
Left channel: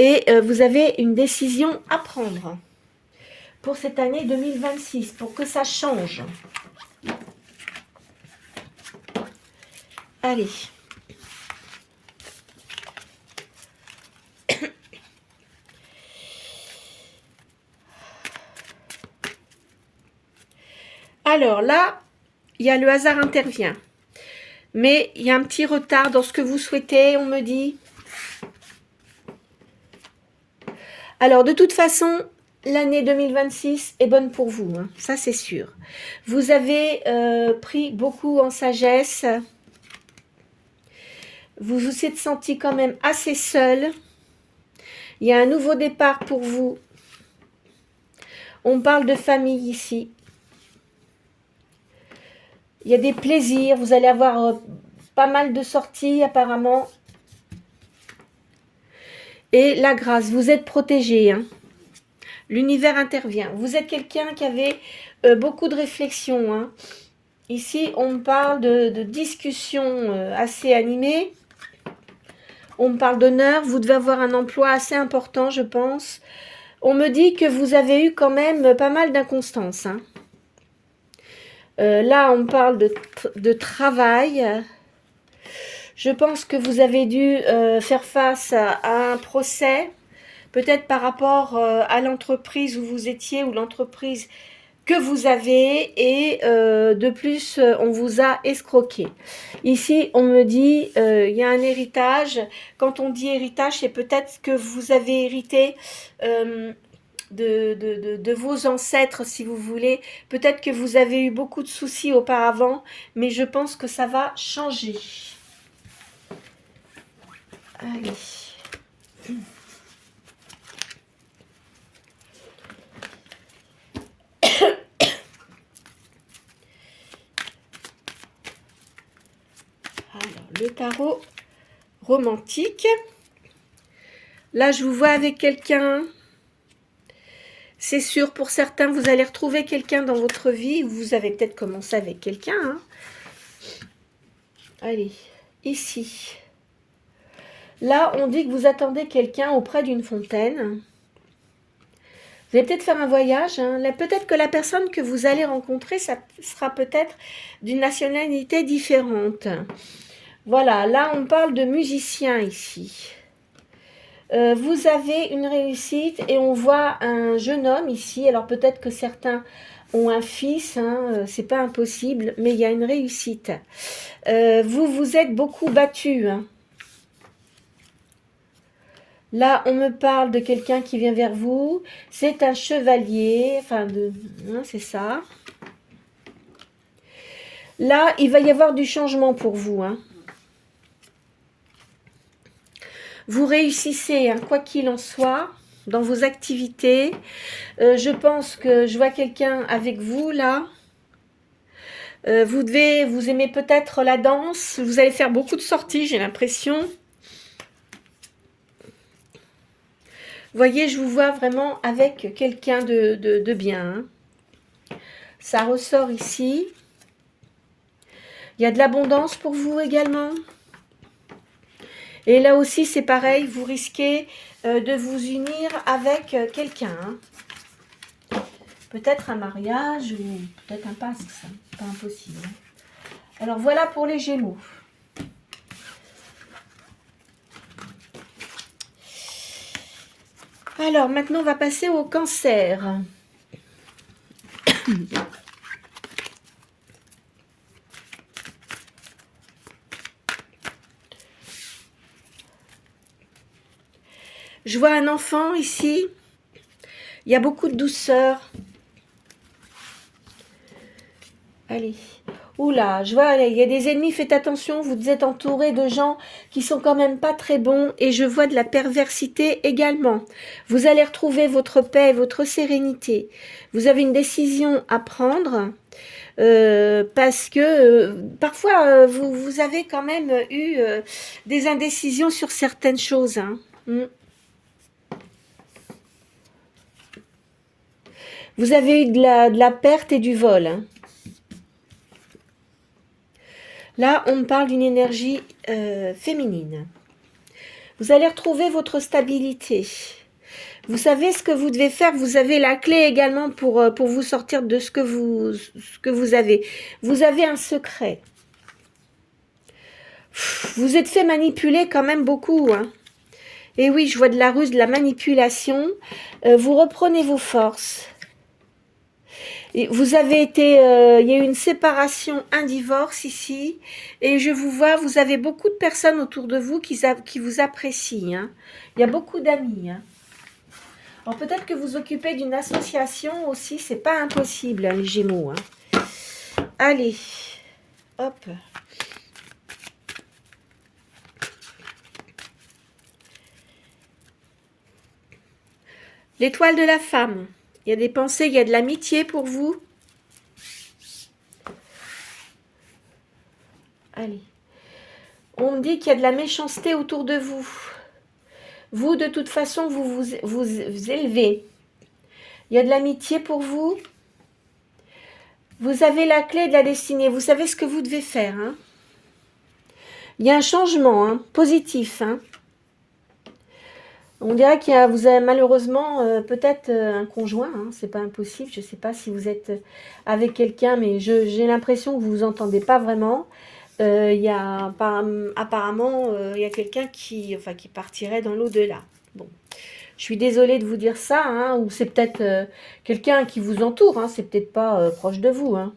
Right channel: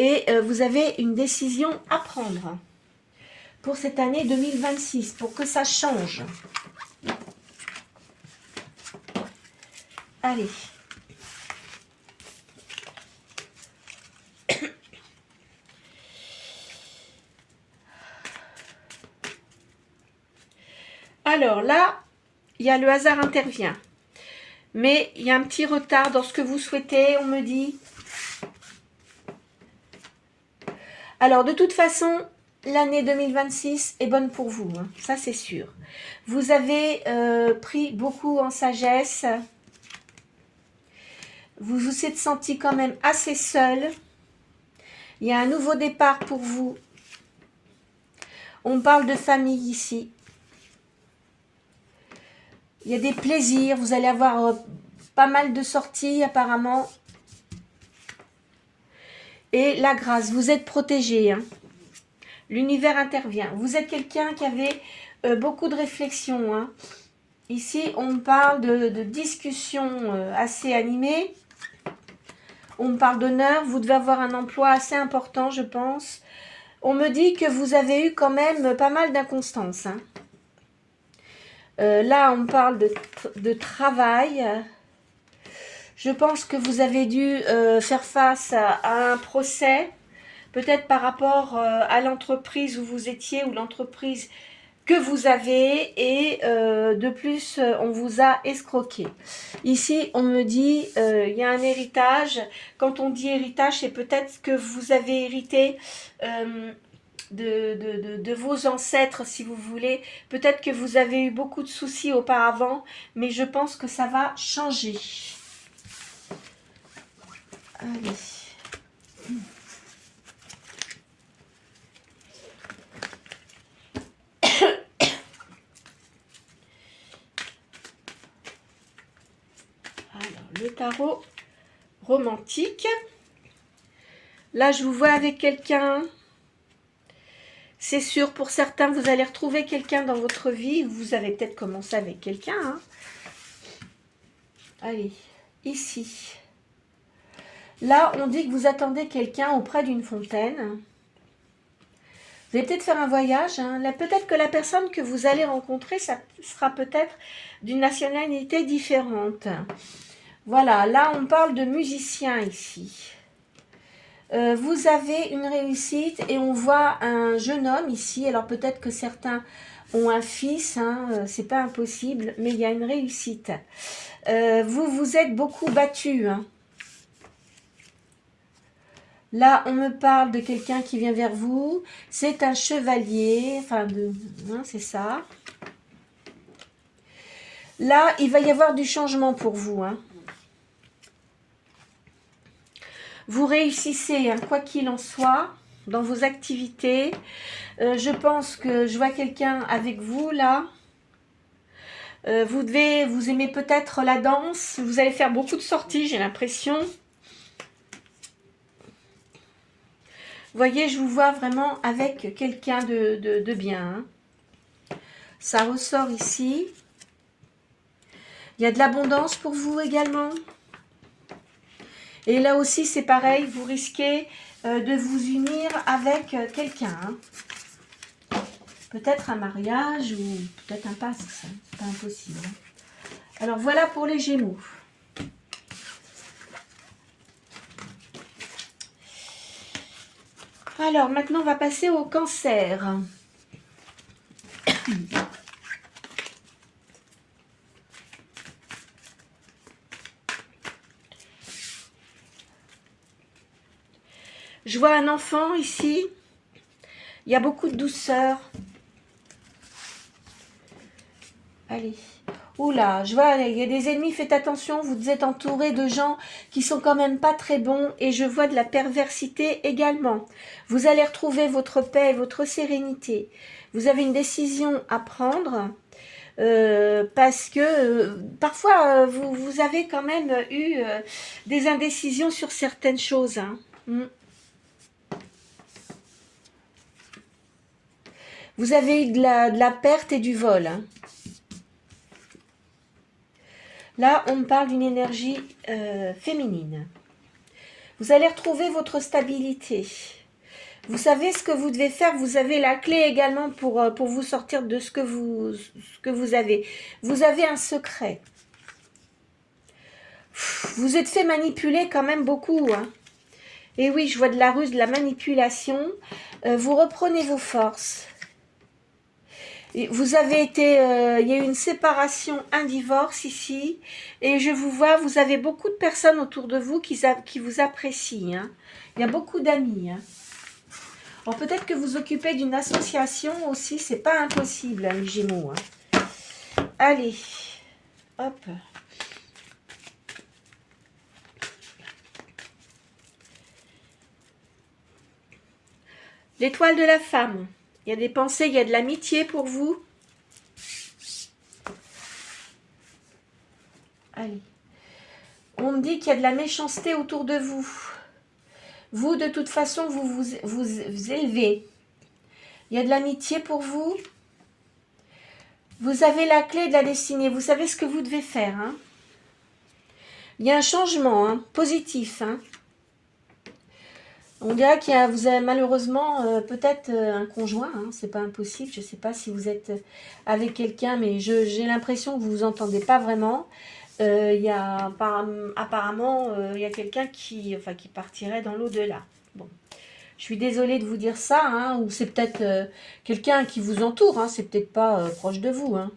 Et vous avez une décision à prendre pour cette année 2026, pour que ça change. Allez. Alors là, il y a le hasard intervient. Mais il y a un petit retard dans ce que vous souhaitez, on me dit. Alors, de toute façon, l'année 2026 est bonne pour vous, hein, ça c'est sûr. Vous avez pris beaucoup en sagesse. Vous vous êtes senti quand même assez seul. Il y a un nouveau départ pour vous. On parle de famille ici. Il y a des plaisirs. Vous allez avoir pas mal de sorties apparemment. Et la grâce, vous êtes protégé. Hein. L'univers intervient. Vous êtes quelqu'un qui avait beaucoup de réflexions. Hein. Ici, on parle de discussions assez animées. On parle d'honneur. Vous devez avoir un emploi assez important, je pense. On me dit que vous avez eu quand même pas mal d'inconstance. Hein. Là, on parle de travail. Je pense que vous avez dû faire face à un procès, peut-être par rapport à l'entreprise où vous étiez ou l'entreprise que vous avez et de plus, on vous a escroqué. Ici, on me dit, il y a un héritage. Quand on dit héritage, c'est peut-être que vous avez hérité de vos ancêtres, si vous voulez. Peut-être que vous avez eu beaucoup de soucis auparavant, mais je pense que ça va changer. Allez. Alors, le tarot romantique. Là, je vous vois avec quelqu'un. C'est sûr, pour certains, vous allez retrouver quelqu'un dans votre vie. Vous avez peut-être commencé avec quelqu'un. Hein. Allez, ici. Là, on dit que vous attendez quelqu'un auprès d'une fontaine. Vous allez peut-être faire un voyage. Hein. Peut-être que la personne que vous allez rencontrer, ça sera peut-être d'une nationalité différente. Voilà, là, on parle de musicien ici. Vous avez une réussite et on voit un jeune homme ici. Alors, peut-être que certains ont un fils, hein, c'est pas impossible, mais il y a une réussite. Vous vous êtes beaucoup battu. Hein. Là, on me parle de quelqu'un qui vient vers vous. C'est un chevalier. Enfin, hein, c'est ça. Là, il va y avoir du changement pour vous. Hein. Vous réussissez, hein, quoi qu'il en soit, dans vos activités. Je pense que je vois quelqu'un avec vous, là. Vous aimez peut-être la danse. Vous allez faire beaucoup de sorties, j'ai l'impression. Vous voyez, je vous vois vraiment avec quelqu'un de bien. Hein. Ça ressort ici. Il y a de l'abondance pour vous également. Et là aussi, c'est pareil, vous risquez de vous unir avec quelqu'un. Hein. Peut-être un mariage ou peut-être un passe, ça. C'est pas impossible. Hein. Alors, voilà pour les Gémeaux. Alors, maintenant, on va passer au cancer. Je vois un enfant ici. Il y a beaucoup de douceur. Allez. Oula, je vois, il y a des ennemis, faites attention, vous êtes entouré de gens qui sont quand même pas très bons et je vois de la perversité également. Vous allez retrouver votre paix, votre sérénité. Vous avez une décision à prendre parce que parfois vous avez quand même eu des indécisions sur certaines choses. Hein. Vous avez eu de la perte et du vol. Hein. Là, on me parle d'une énergie féminine. Vous allez retrouver votre stabilité. Vous savez ce que vous devez faire. Vous avez la clé également pour vous sortir de ce que vous avez. Vous avez un secret. Vous êtes fait manipuler quand même beaucoup. Hein. Et oui, je vois de la ruse, de la manipulation. Vous reprenez vos forces. Et vous avez été, il y a eu une séparation, un divorce ici, et je vous vois, vous avez beaucoup de personnes autour de vous qui vous apprécient. Hein. Il y a beaucoup d'amis. Hein. Alors peut-être que vous occupez d'une association aussi, c'est pas impossible, hein, les Gémeaux. Hein. Allez, hop. L'étoile de la femme. Il y a des pensées, il y a de l'amitié pour vous. Allez. On me dit qu'il y a de la méchanceté autour de vous. Vous, de toute façon, vous élevez. Il y a de l'amitié pour vous. Vous avez la clé de la destinée. Vous savez ce que vous devez faire. Hein. Il y a un changement positif. Hein. On dirait qu'il y a, vous avez malheureusement peut-être un conjoint. Hein. C'est pas impossible. Je ne sais pas si vous êtes avec quelqu'un, mais j'ai l'impression que vous vous entendez pas vraiment. Il y a apparemment il y a quelqu'un qui partirait dans l'au-delà. Bon, je suis désolée de vous dire ça, hein, ou c'est peut-être quelqu'un qui vous entoure, hein, c'est peut-être pas proche de vous. Hein.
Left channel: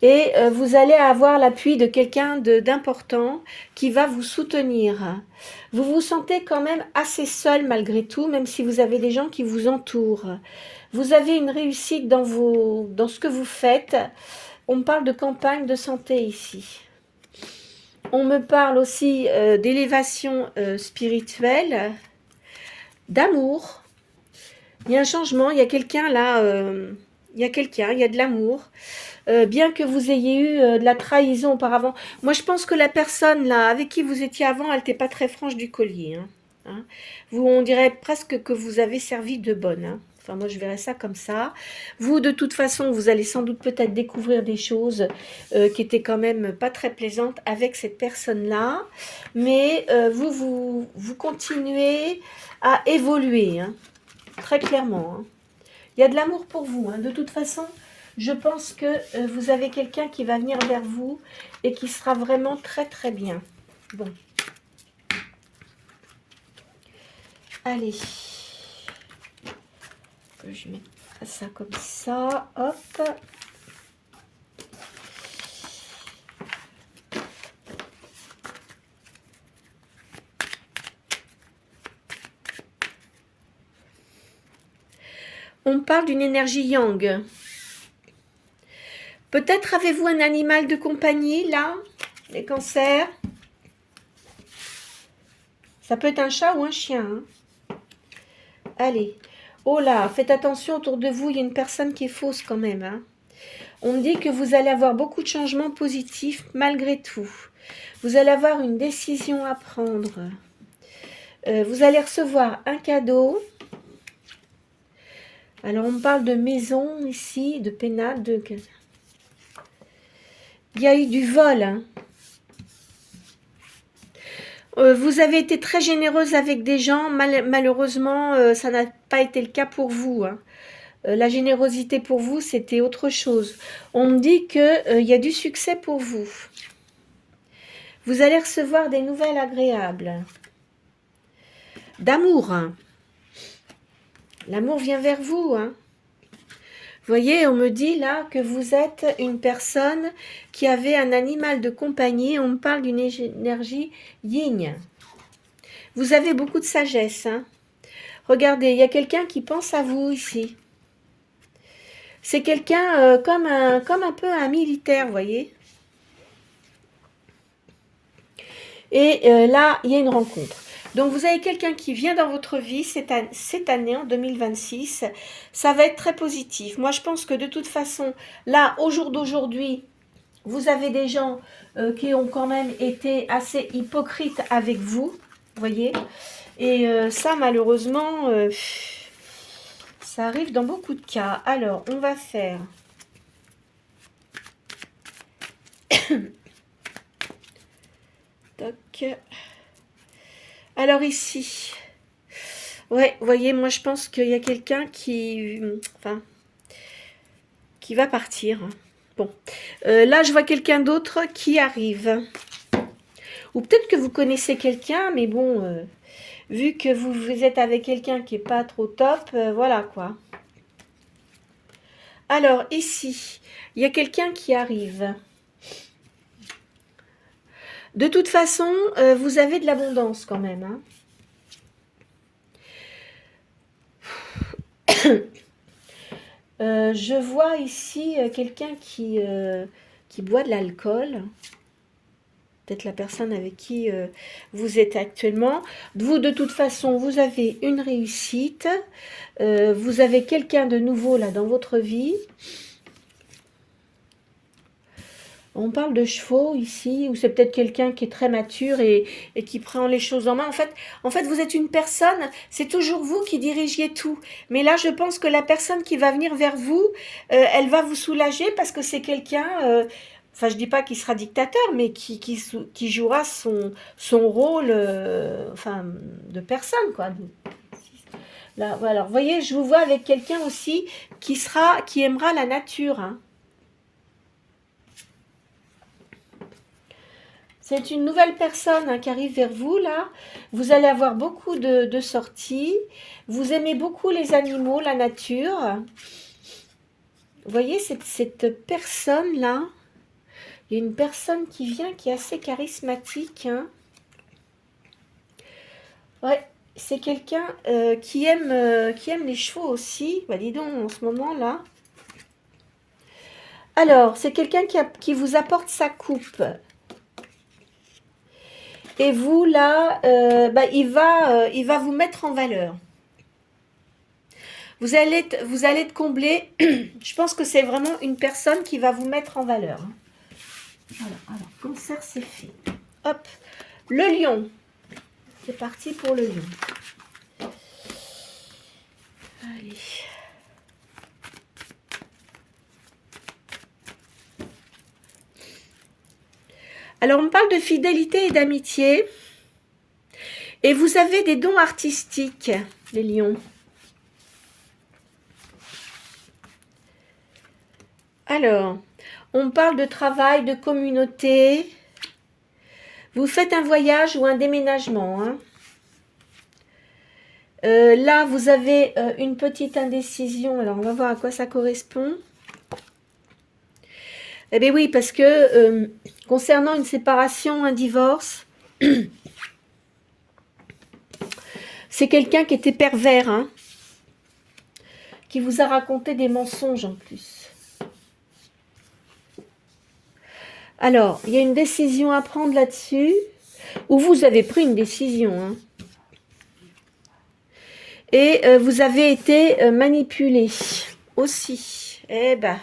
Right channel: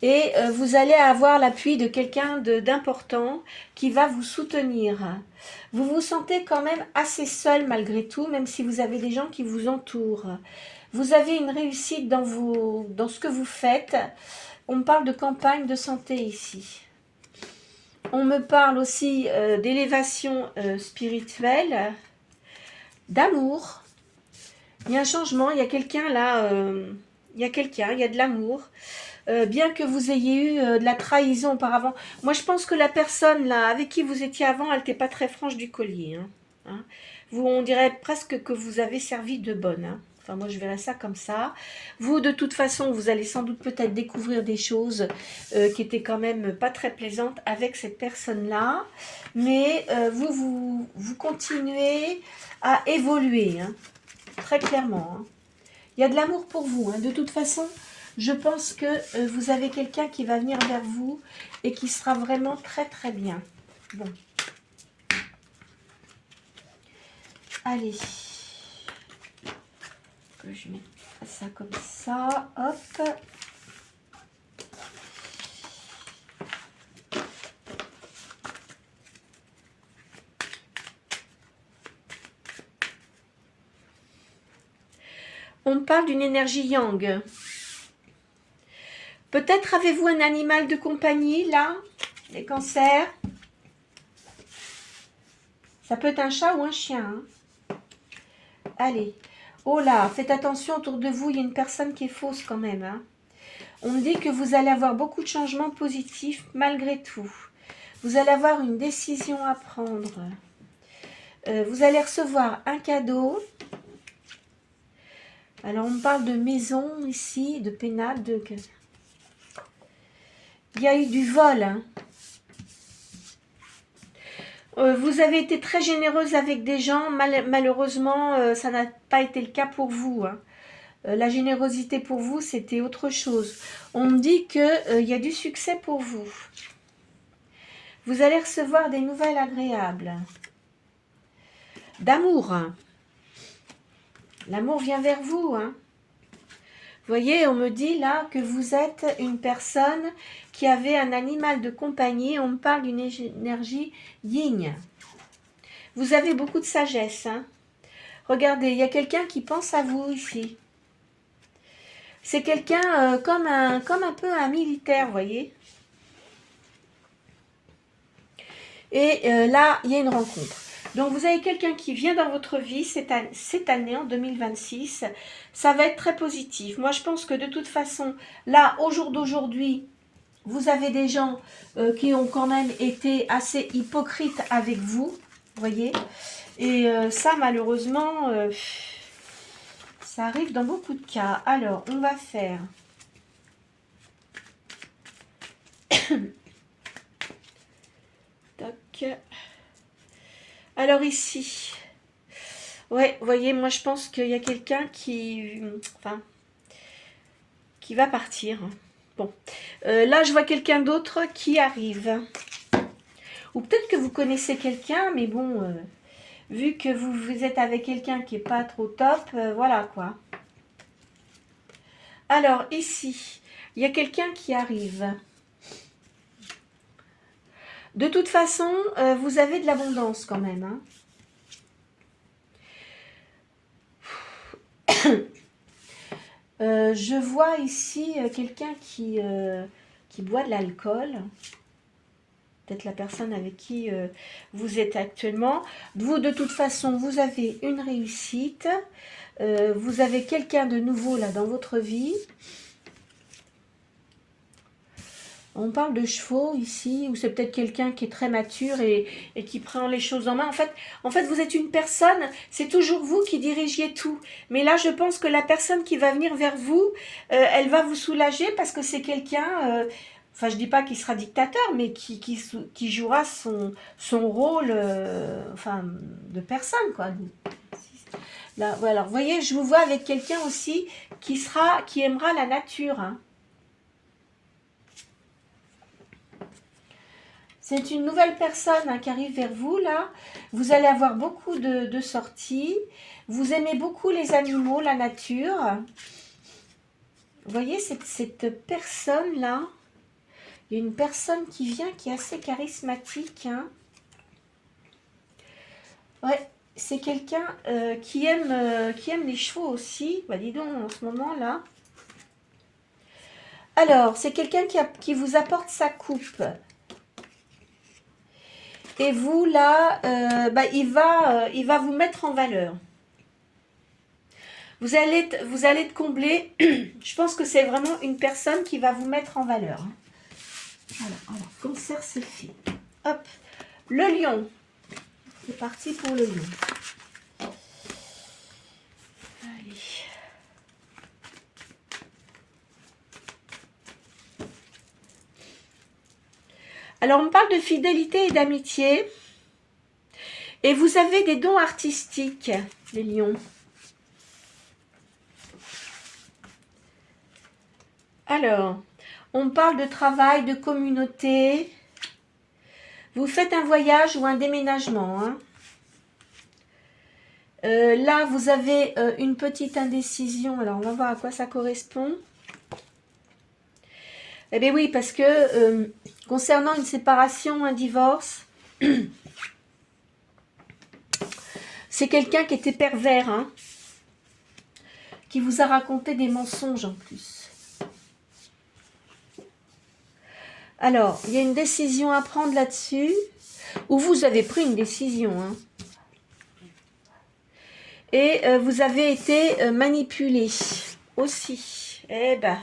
Et vous allez avoir l'appui de quelqu'un d'important qui va vous soutenir. Vous vous sentez quand même assez seul malgré tout, même si vous avez des gens qui vous entourent. Vous avez une réussite dans ce que vous faites. On me parle de campagne de santé ici. On me parle aussi d'élévation spirituelle, d'amour. Il y a un changement, il y a quelqu'un là, il y a de l'amour. Bien que vous ayez eu de la trahison auparavant. Moi, je pense que la personne là avec qui vous étiez avant, elle n'était pas très franche du collier. Hein. On dirait presque que vous avez servi de bonne. Hein. Enfin, moi, je verrais ça comme ça. Vous, de toute façon, vous allez sans doute peut-être découvrir des choses qui étaient quand même pas très plaisantes avec cette personne-là. Mais vous continuez à évoluer, hein, très clairement. Hein. Il y a de l'amour pour vous. Hein. De toute façon, je pense que vous avez quelqu'un qui va venir vers vous et qui sera vraiment très, très bien. Bon. Allez. Je mets ça comme ça, hop. On parle d'une énergie yang. Peut-être avez-vous un animal de compagnie, là, les cancers. Ça peut être un chat ou un chien. Hein. Allez. Oh là, faites attention, autour de vous, il y a une personne qui est fausse quand même. Hein. On me dit que vous allez avoir beaucoup de changements positifs malgré tout. Vous allez avoir une décision à prendre. Vous allez recevoir un cadeau. Alors, on me parle de maison ici, de pénate. Il y a eu du vol. Hein. Vous avez été très généreuse avec des gens. Malheureusement, ça n'a pas été le cas pour vous. Hein. La générosité pour vous, c'était autre chose. On me dit qu'il y a du succès pour vous. Vous allez recevoir des nouvelles agréables. d'amour. L'amour vient vers vous. Hein. Vous voyez, on me dit là que vous êtes une personne qui avait un animal de compagnie. On me parle d'une énergie yin. Vous avez beaucoup de sagesse. Hein. Regardez, il y a quelqu'un qui pense à vous ici. C'est quelqu'un comme un peu un militaire, vous voyez. Et là, il y a une rencontre. Donc, vous avez quelqu'un qui vient dans votre vie cette année, en 2026. Ça va être très positif. Moi, je pense que de toute façon, là, au jour d'aujourd'hui, vous avez des gens qui ont quand même été assez hypocrites avec vous, vous voyez. Et ça, malheureusement, ça arrive dans beaucoup de cas. Alors, on va faire... Toc. Alors ici, ouais, vous voyez, moi je pense qu'il y a quelqu'un qui va partir. Bon, là je vois quelqu'un d'autre qui arrive. Ou peut-être que vous connaissez quelqu'un, mais bon, vu que vous êtes avec quelqu'un qui n'est pas trop top, voilà quoi. Alors ici, il y a quelqu'un qui arrive. De toute façon, vous avez de l'abondance quand même. Hein. Je vois ici quelqu'un qui boit de l'alcool. Peut-être la personne avec qui vous êtes actuellement. Vous, de toute façon, vous avez une réussite. Vous avez quelqu'un de nouveau là dans votre vie. On parle de chevaux ici, ou c'est peut-être quelqu'un qui est très mature et qui prend les choses en main. En fait, vous êtes une personne, c'est toujours vous qui dirigiez tout. Mais là, je pense que la personne qui va venir vers vous, elle va vous soulager parce que c'est quelqu'un, enfin, je ne dis pas qu'il sera dictateur, mais qui jouera son rôle enfin, de personne, quoi. Là, voilà. Alors, vous voyez, je vous vois avec quelqu'un aussi qui aimera la nature, hein. C'est une nouvelle personne hein, qui arrive vers vous, là. Vous allez avoir beaucoup de sorties. Vous aimez beaucoup les animaux, la nature. Vous voyez, cette personne-là, il y a une personne qui vient qui est assez charismatique. Hein. Ouais, c'est quelqu'un qui aime les chevaux aussi. Bah, dis donc, en ce moment-là. Alors, c'est quelqu'un qui vous apporte sa coupe. Et vous, là, il va vous mettre en valeur. Vous allez être comblé. Je pense que c'est vraiment une personne qui va vous mettre en valeur. Voilà, alors, cancer, c'est fait. Hop, le lion. C'est parti pour le lion. Allez. Alors, on parle de fidélité et d'amitié. Et vous avez des dons artistiques, les lions. Alors, on parle de travail, de communauté. Vous faites un voyage ou un déménagement. Hein. Là, vous avez une petite indécision. Alors, on va voir à quoi ça correspond. Eh bien oui, parce que concernant une séparation, un divorce, c'est quelqu'un qui était pervers, hein, qui vous a raconté des mensonges en plus. Alors, il y a une décision à prendre là-dessus, ou vous avez pris une décision, hein, et vous avez été manipulé aussi. Eh ben...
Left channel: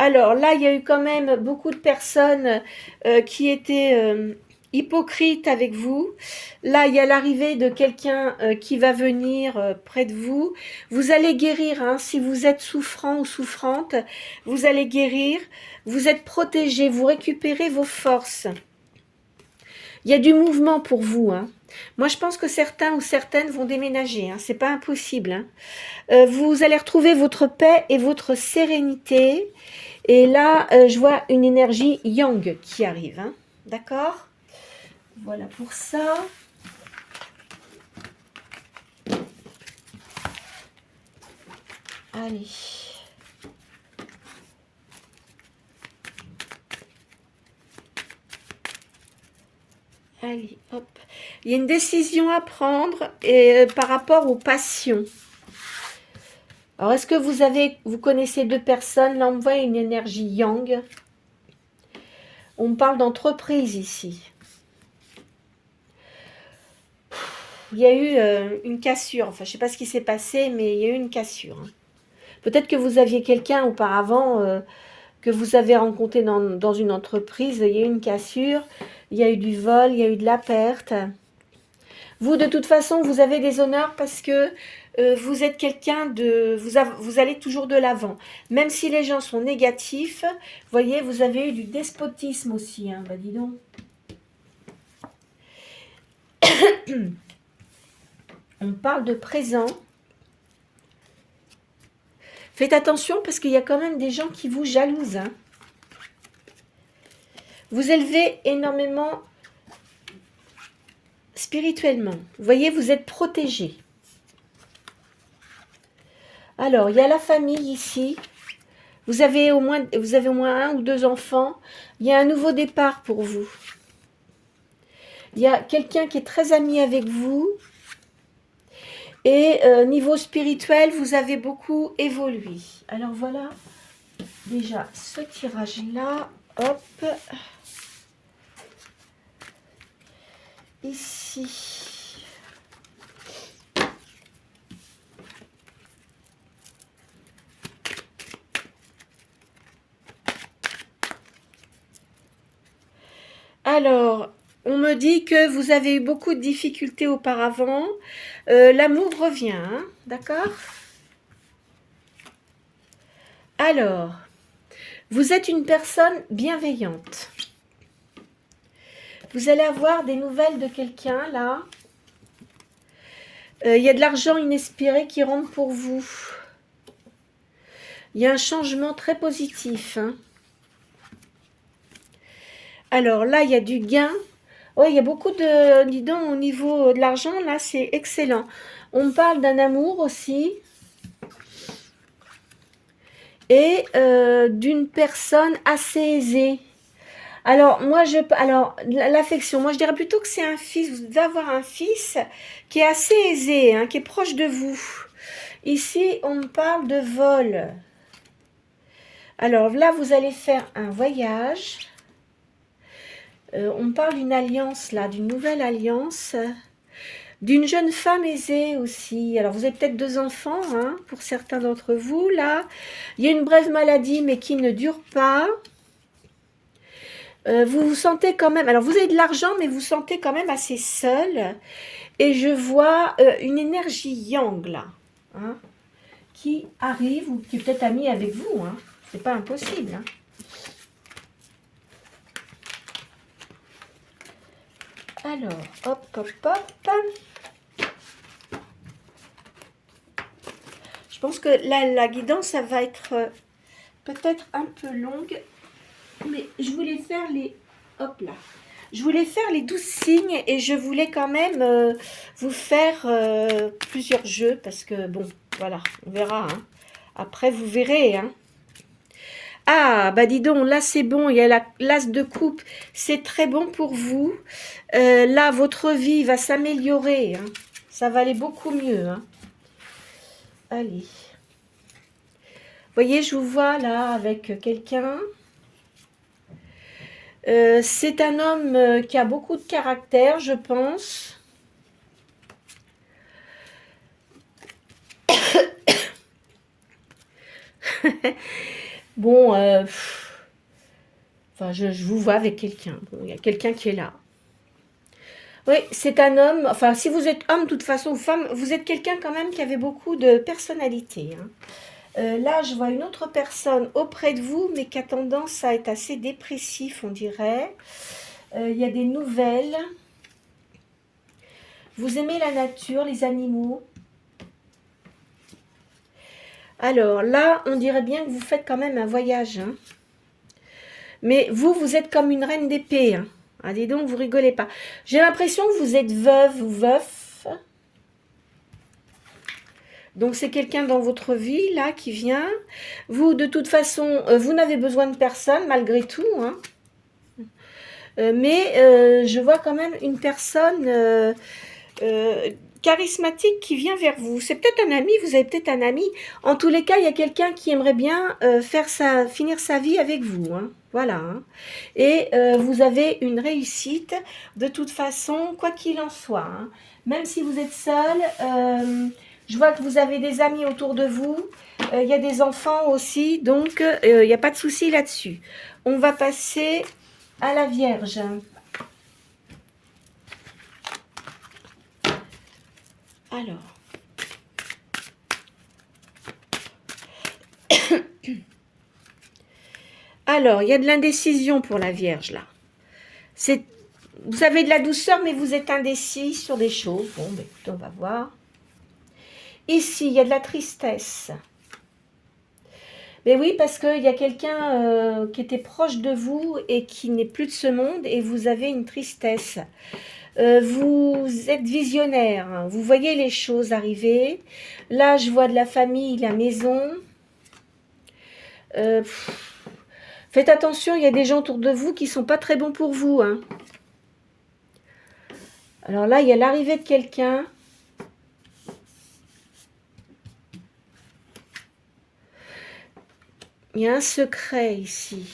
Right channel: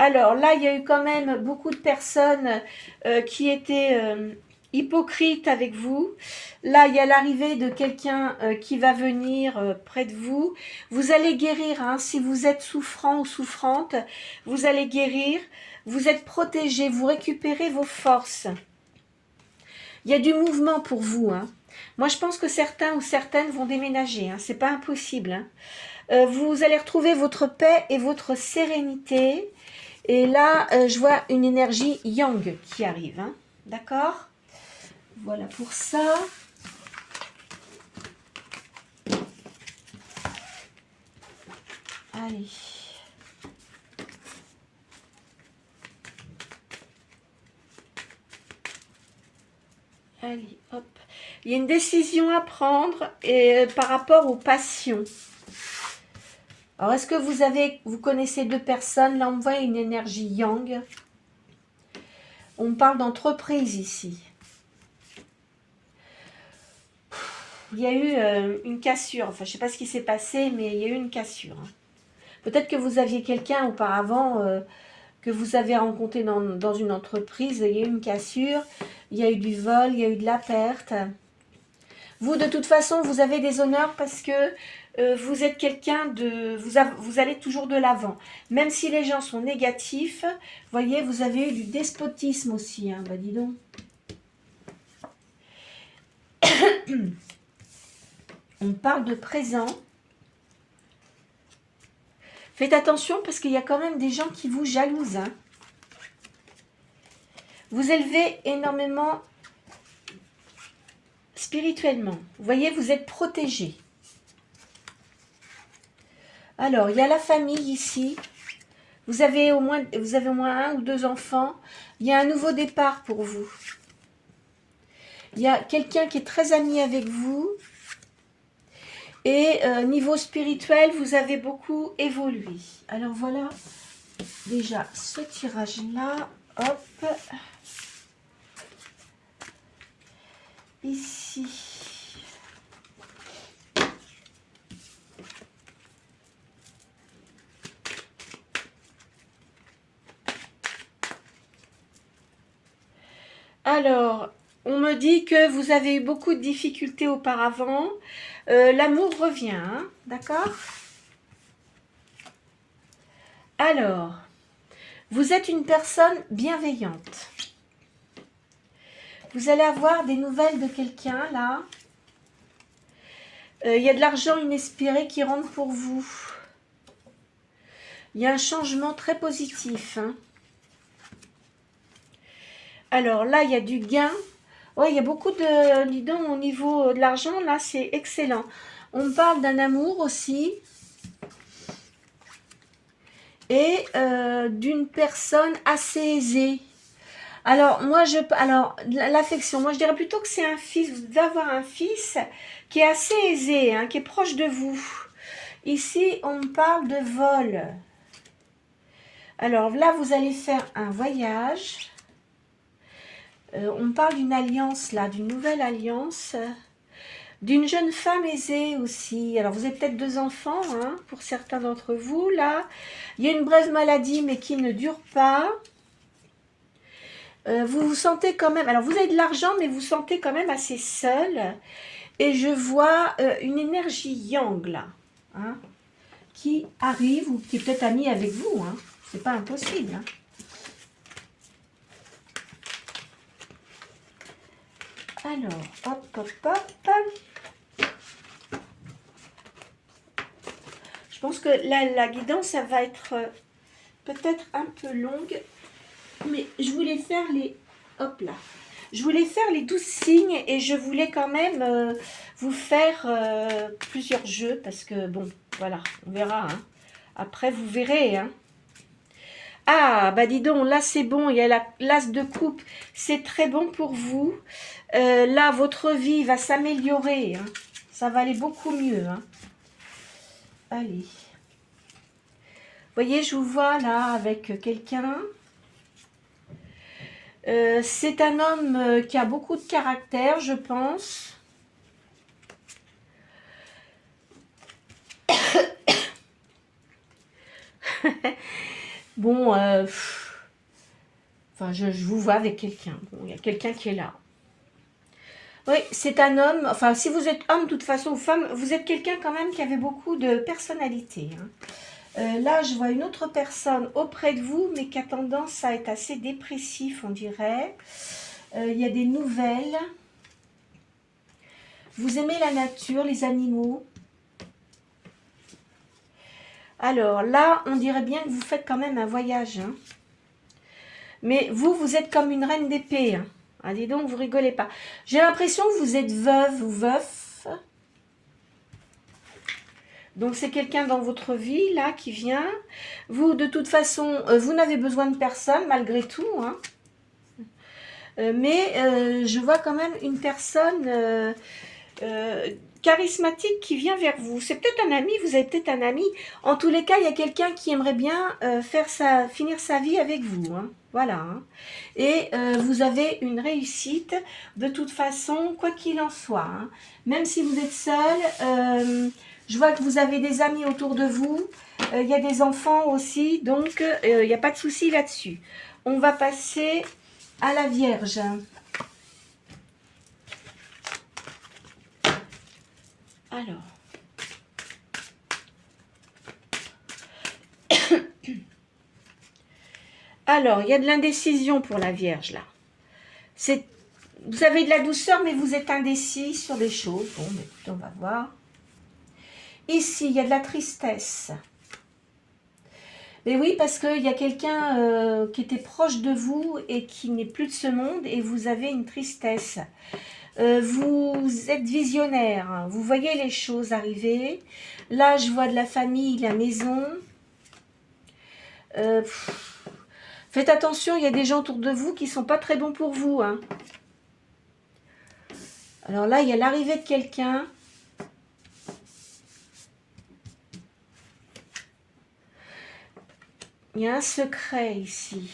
Alors là, il y a eu quand même beaucoup de personnes qui étaient hypocrites avec vous. Là, il y a l'arrivée de quelqu'un qui va venir près de vous. Vous allez guérir, hein, si vous êtes souffrant ou souffrante, vous allez guérir. Vous êtes protégé, vous récupérez vos forces. Il y a du mouvement pour vous. Hein. Moi, je pense que certains ou certaines vont déménager. Hein. Ce n'est pas impossible. Hein. Vous allez retrouver votre paix et votre sérénité. Et là, je vois une énergie yang qui arrive. Hein. D'accord ? Voilà pour ça. Allez. Allez, hop. Il y a une décision à prendre par rapport aux passions. Alors, est-ce que vous connaissez deux personnes? Là, on voit une énergie yang. On parle d'entreprise ici. Il y a eu une cassure. Enfin, je ne sais pas ce qui s'est passé, mais il y a eu une cassure. Peut-être que vous aviez quelqu'un auparavant que vous avez rencontré dans une entreprise. Il y a eu une cassure. Il y a eu du vol, il y a eu de la perte. Vous, de toute façon, vous avez des honneurs parce que vous êtes quelqu'un de... Vous allez toujours de l'avant. Même si les gens sont négatifs, voyez, vous avez eu du despotisme aussi. Hein, bah dis donc. On parle de présent. Faites attention parce qu'il y a quand même des gens qui vous jalousent. Hein. Vous élevez énormément spirituellement. Vous voyez, vous êtes protégé. Alors, il y a la famille ici. Vous avez au moins un ou deux enfants. Il y a un nouveau départ pour vous. Il y a quelqu'un qui est très ami avec vous. Et niveau spirituel, vous avez beaucoup évolué. Alors voilà, déjà ce tirage-là. Hop. Ici. Alors, on me dit que vous avez eu beaucoup de difficultés auparavant. L'amour revient, hein, d'accord? Alors, vous êtes une personne bienveillante. Vous allez avoir des nouvelles de quelqu'un, là. Il y a de l'argent inespéré qui rentre pour vous. Il y a un changement très positif. Hein. Alors là, il y a du gain. Oh, il y a beaucoup de... Dis donc, au niveau de l'argent, là, c'est excellent. On parle d'un amour aussi. Et d'une personne assez aisée. Alors, l'affection, moi, je dirais plutôt que c'est un fils. Vous devez avoir un fils qui est assez aisé, hein, qui est proche de vous. Ici, on parle de vol. Alors, là, vous allez faire un voyage. On parle d'une alliance, là, d'une nouvelle alliance. D'une jeune femme aisée aussi. Alors, vous avez peut-être deux enfants, hein, pour certains d'entre vous, là. Il y a une brève maladie, mais qui ne dure pas. Vous vous sentez quand même... Alors, vous avez de l'argent, mais vous vous sentez quand même assez seul. Et je vois une énergie yang, là, hein, qui arrive, ou qui est peut-être amie avec vous. Hein. C'est pas impossible, hein. Alors, hop, hop, hop. Je pense que la guidance, ça va être peut-être un peu longue. Mais je voulais faire les... Hop là. Je voulais faire les 12 signes et je voulais quand même vous faire plusieurs jeux. Parce que, bon, voilà, on verra. Hein. Après, vous verrez, hein. Ah, bah dis donc, là c'est bon, il y a l'as de coupe, c'est très bon pour vous. Là, votre vie va s'améliorer, hein. Ça va aller beaucoup mieux. Hein. Allez. Vous voyez, je vous vois là avec quelqu'un. C'est un homme qui a beaucoup de caractère, je pense. Bon, enfin, je vous vois avec quelqu'un. Bon, il y a quelqu'un qui est là. Oui, c'est un homme. Enfin, si vous êtes homme, de toute façon, ou femme, vous êtes quelqu'un quand même qui avait beaucoup de personnalité. Hein. Là, je vois une autre personne auprès de vous, mais qui a tendance à être assez dépressif, on dirait. Il y a des nouvelles. Vous aimez la nature, les animaux. Alors là, on dirait bien que vous faites quand même un voyage. Hein. Mais vous êtes comme une reine d'épée. Hein. Allez donc, vous rigolez pas. J'ai l'impression que vous êtes veuve ou veuf. Donc, c'est quelqu'un dans votre vie, là, qui vient. Vous, de toute façon, vous n'avez besoin de personne, malgré tout, hein. Mais je vois quand même une personne charismatique qui vient vers vous. C'est peut-être un ami, vous avez peut-être un ami. En tous les cas, il y a quelqu'un qui aimerait bien finir sa vie avec vous, hein. Voilà, hein. Et vous avez une réussite de toute façon, quoi qu'il en soit, hein. Même si vous êtes seul, je vois que vous avez des amis autour de vous. Il y a des enfants aussi, donc il n'y a pas de souci là-dessus. On va passer à la Vierge. Alors. Alors, il y a de l'indécision pour la Vierge, là. Vous avez de la douceur, mais vous êtes indécis sur des choses. Bon, ben, écoutez, on va voir. Ici, il y a de la tristesse. Mais oui, parce qu'il y a quelqu'un qui était proche de vous et qui n'est plus de ce monde, et vous avez une tristesse. Vous êtes visionnaire, hein. Vous voyez les choses arriver. Là, je vois de la famille, la maison. Faites attention, il y a des gens autour de vous qui ne sont pas très bons pour vous, hein. Alors là, il y a l'arrivée de quelqu'un. Il y a un secret ici.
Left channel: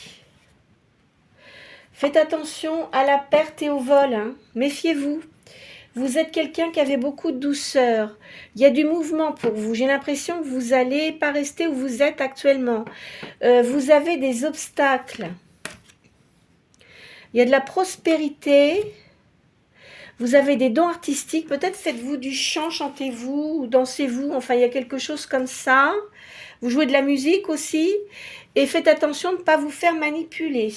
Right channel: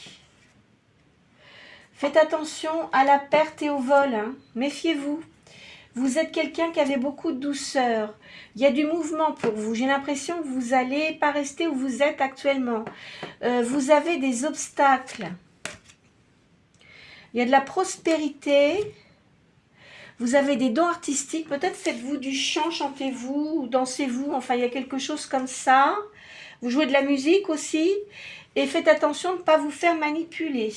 Faites attention à la perte et au vol, hein. Méfiez-vous. Vous êtes quelqu'un qui avait beaucoup de douceur. Il y a du mouvement pour vous. J'ai l'impression que vous n'allez pas rester où vous êtes actuellement. Vous avez des obstacles. Il y a de la prospérité. Vous avez des dons artistiques. Peut-être faites-vous du chant, chantez-vous, ou dansez-vous. Enfin, il y a quelque chose comme ça. Vous jouez de la musique aussi. Et faites attention de ne pas vous faire manipuler.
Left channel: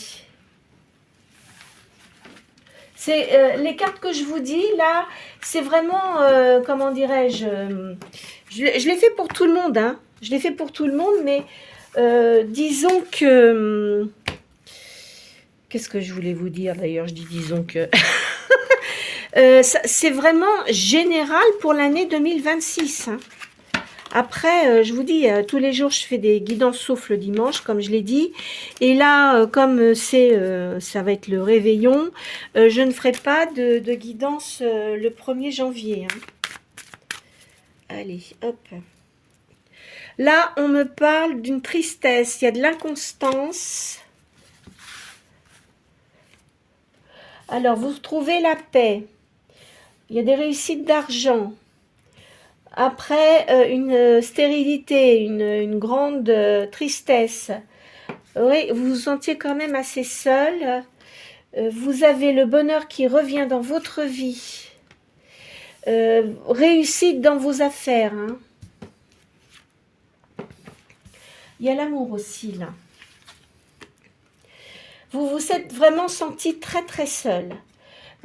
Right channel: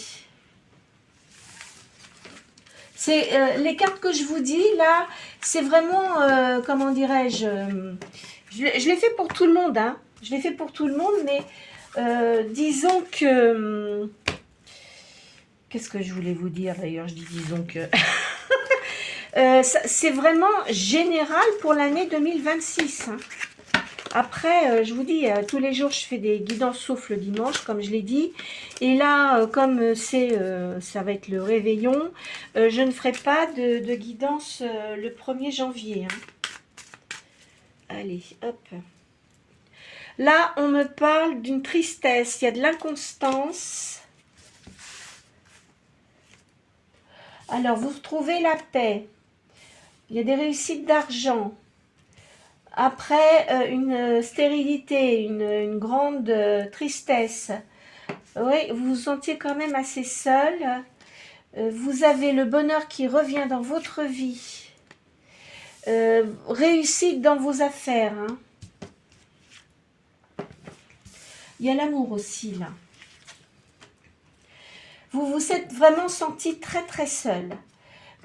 C'est les cartes que je vous dis, là, c'est vraiment, comment dirais-je, je l'ai fait pour tout le monde, hein. Je l'ai fait pour tout le monde, mais disons que... Qu'est-ce que je voulais vous dire, d'ailleurs? Je dis disons que... c'est vraiment général pour l'année 2026, hein. Après, je vous dis, tous les jours, je fais des guidances sauf le dimanche, comme je l'ai dit. Et là, comme ça va être le réveillon, je ne ferai pas de guidance le 1er janvier, hein. Allez, hop. Là, on me parle d'une tristesse, il y a de l'inconstance. Alors, vous trouvez la paix. Il y a des réussites d'argent. Après, une stérilité, une grande tristesse. Oui, vous vous sentiez quand même assez seul. Vous avez le bonheur qui revient dans votre vie. Réussite dans vos affaires, hein. Il y a l'amour aussi, là. Vous vous êtes vraiment senti très, très seul.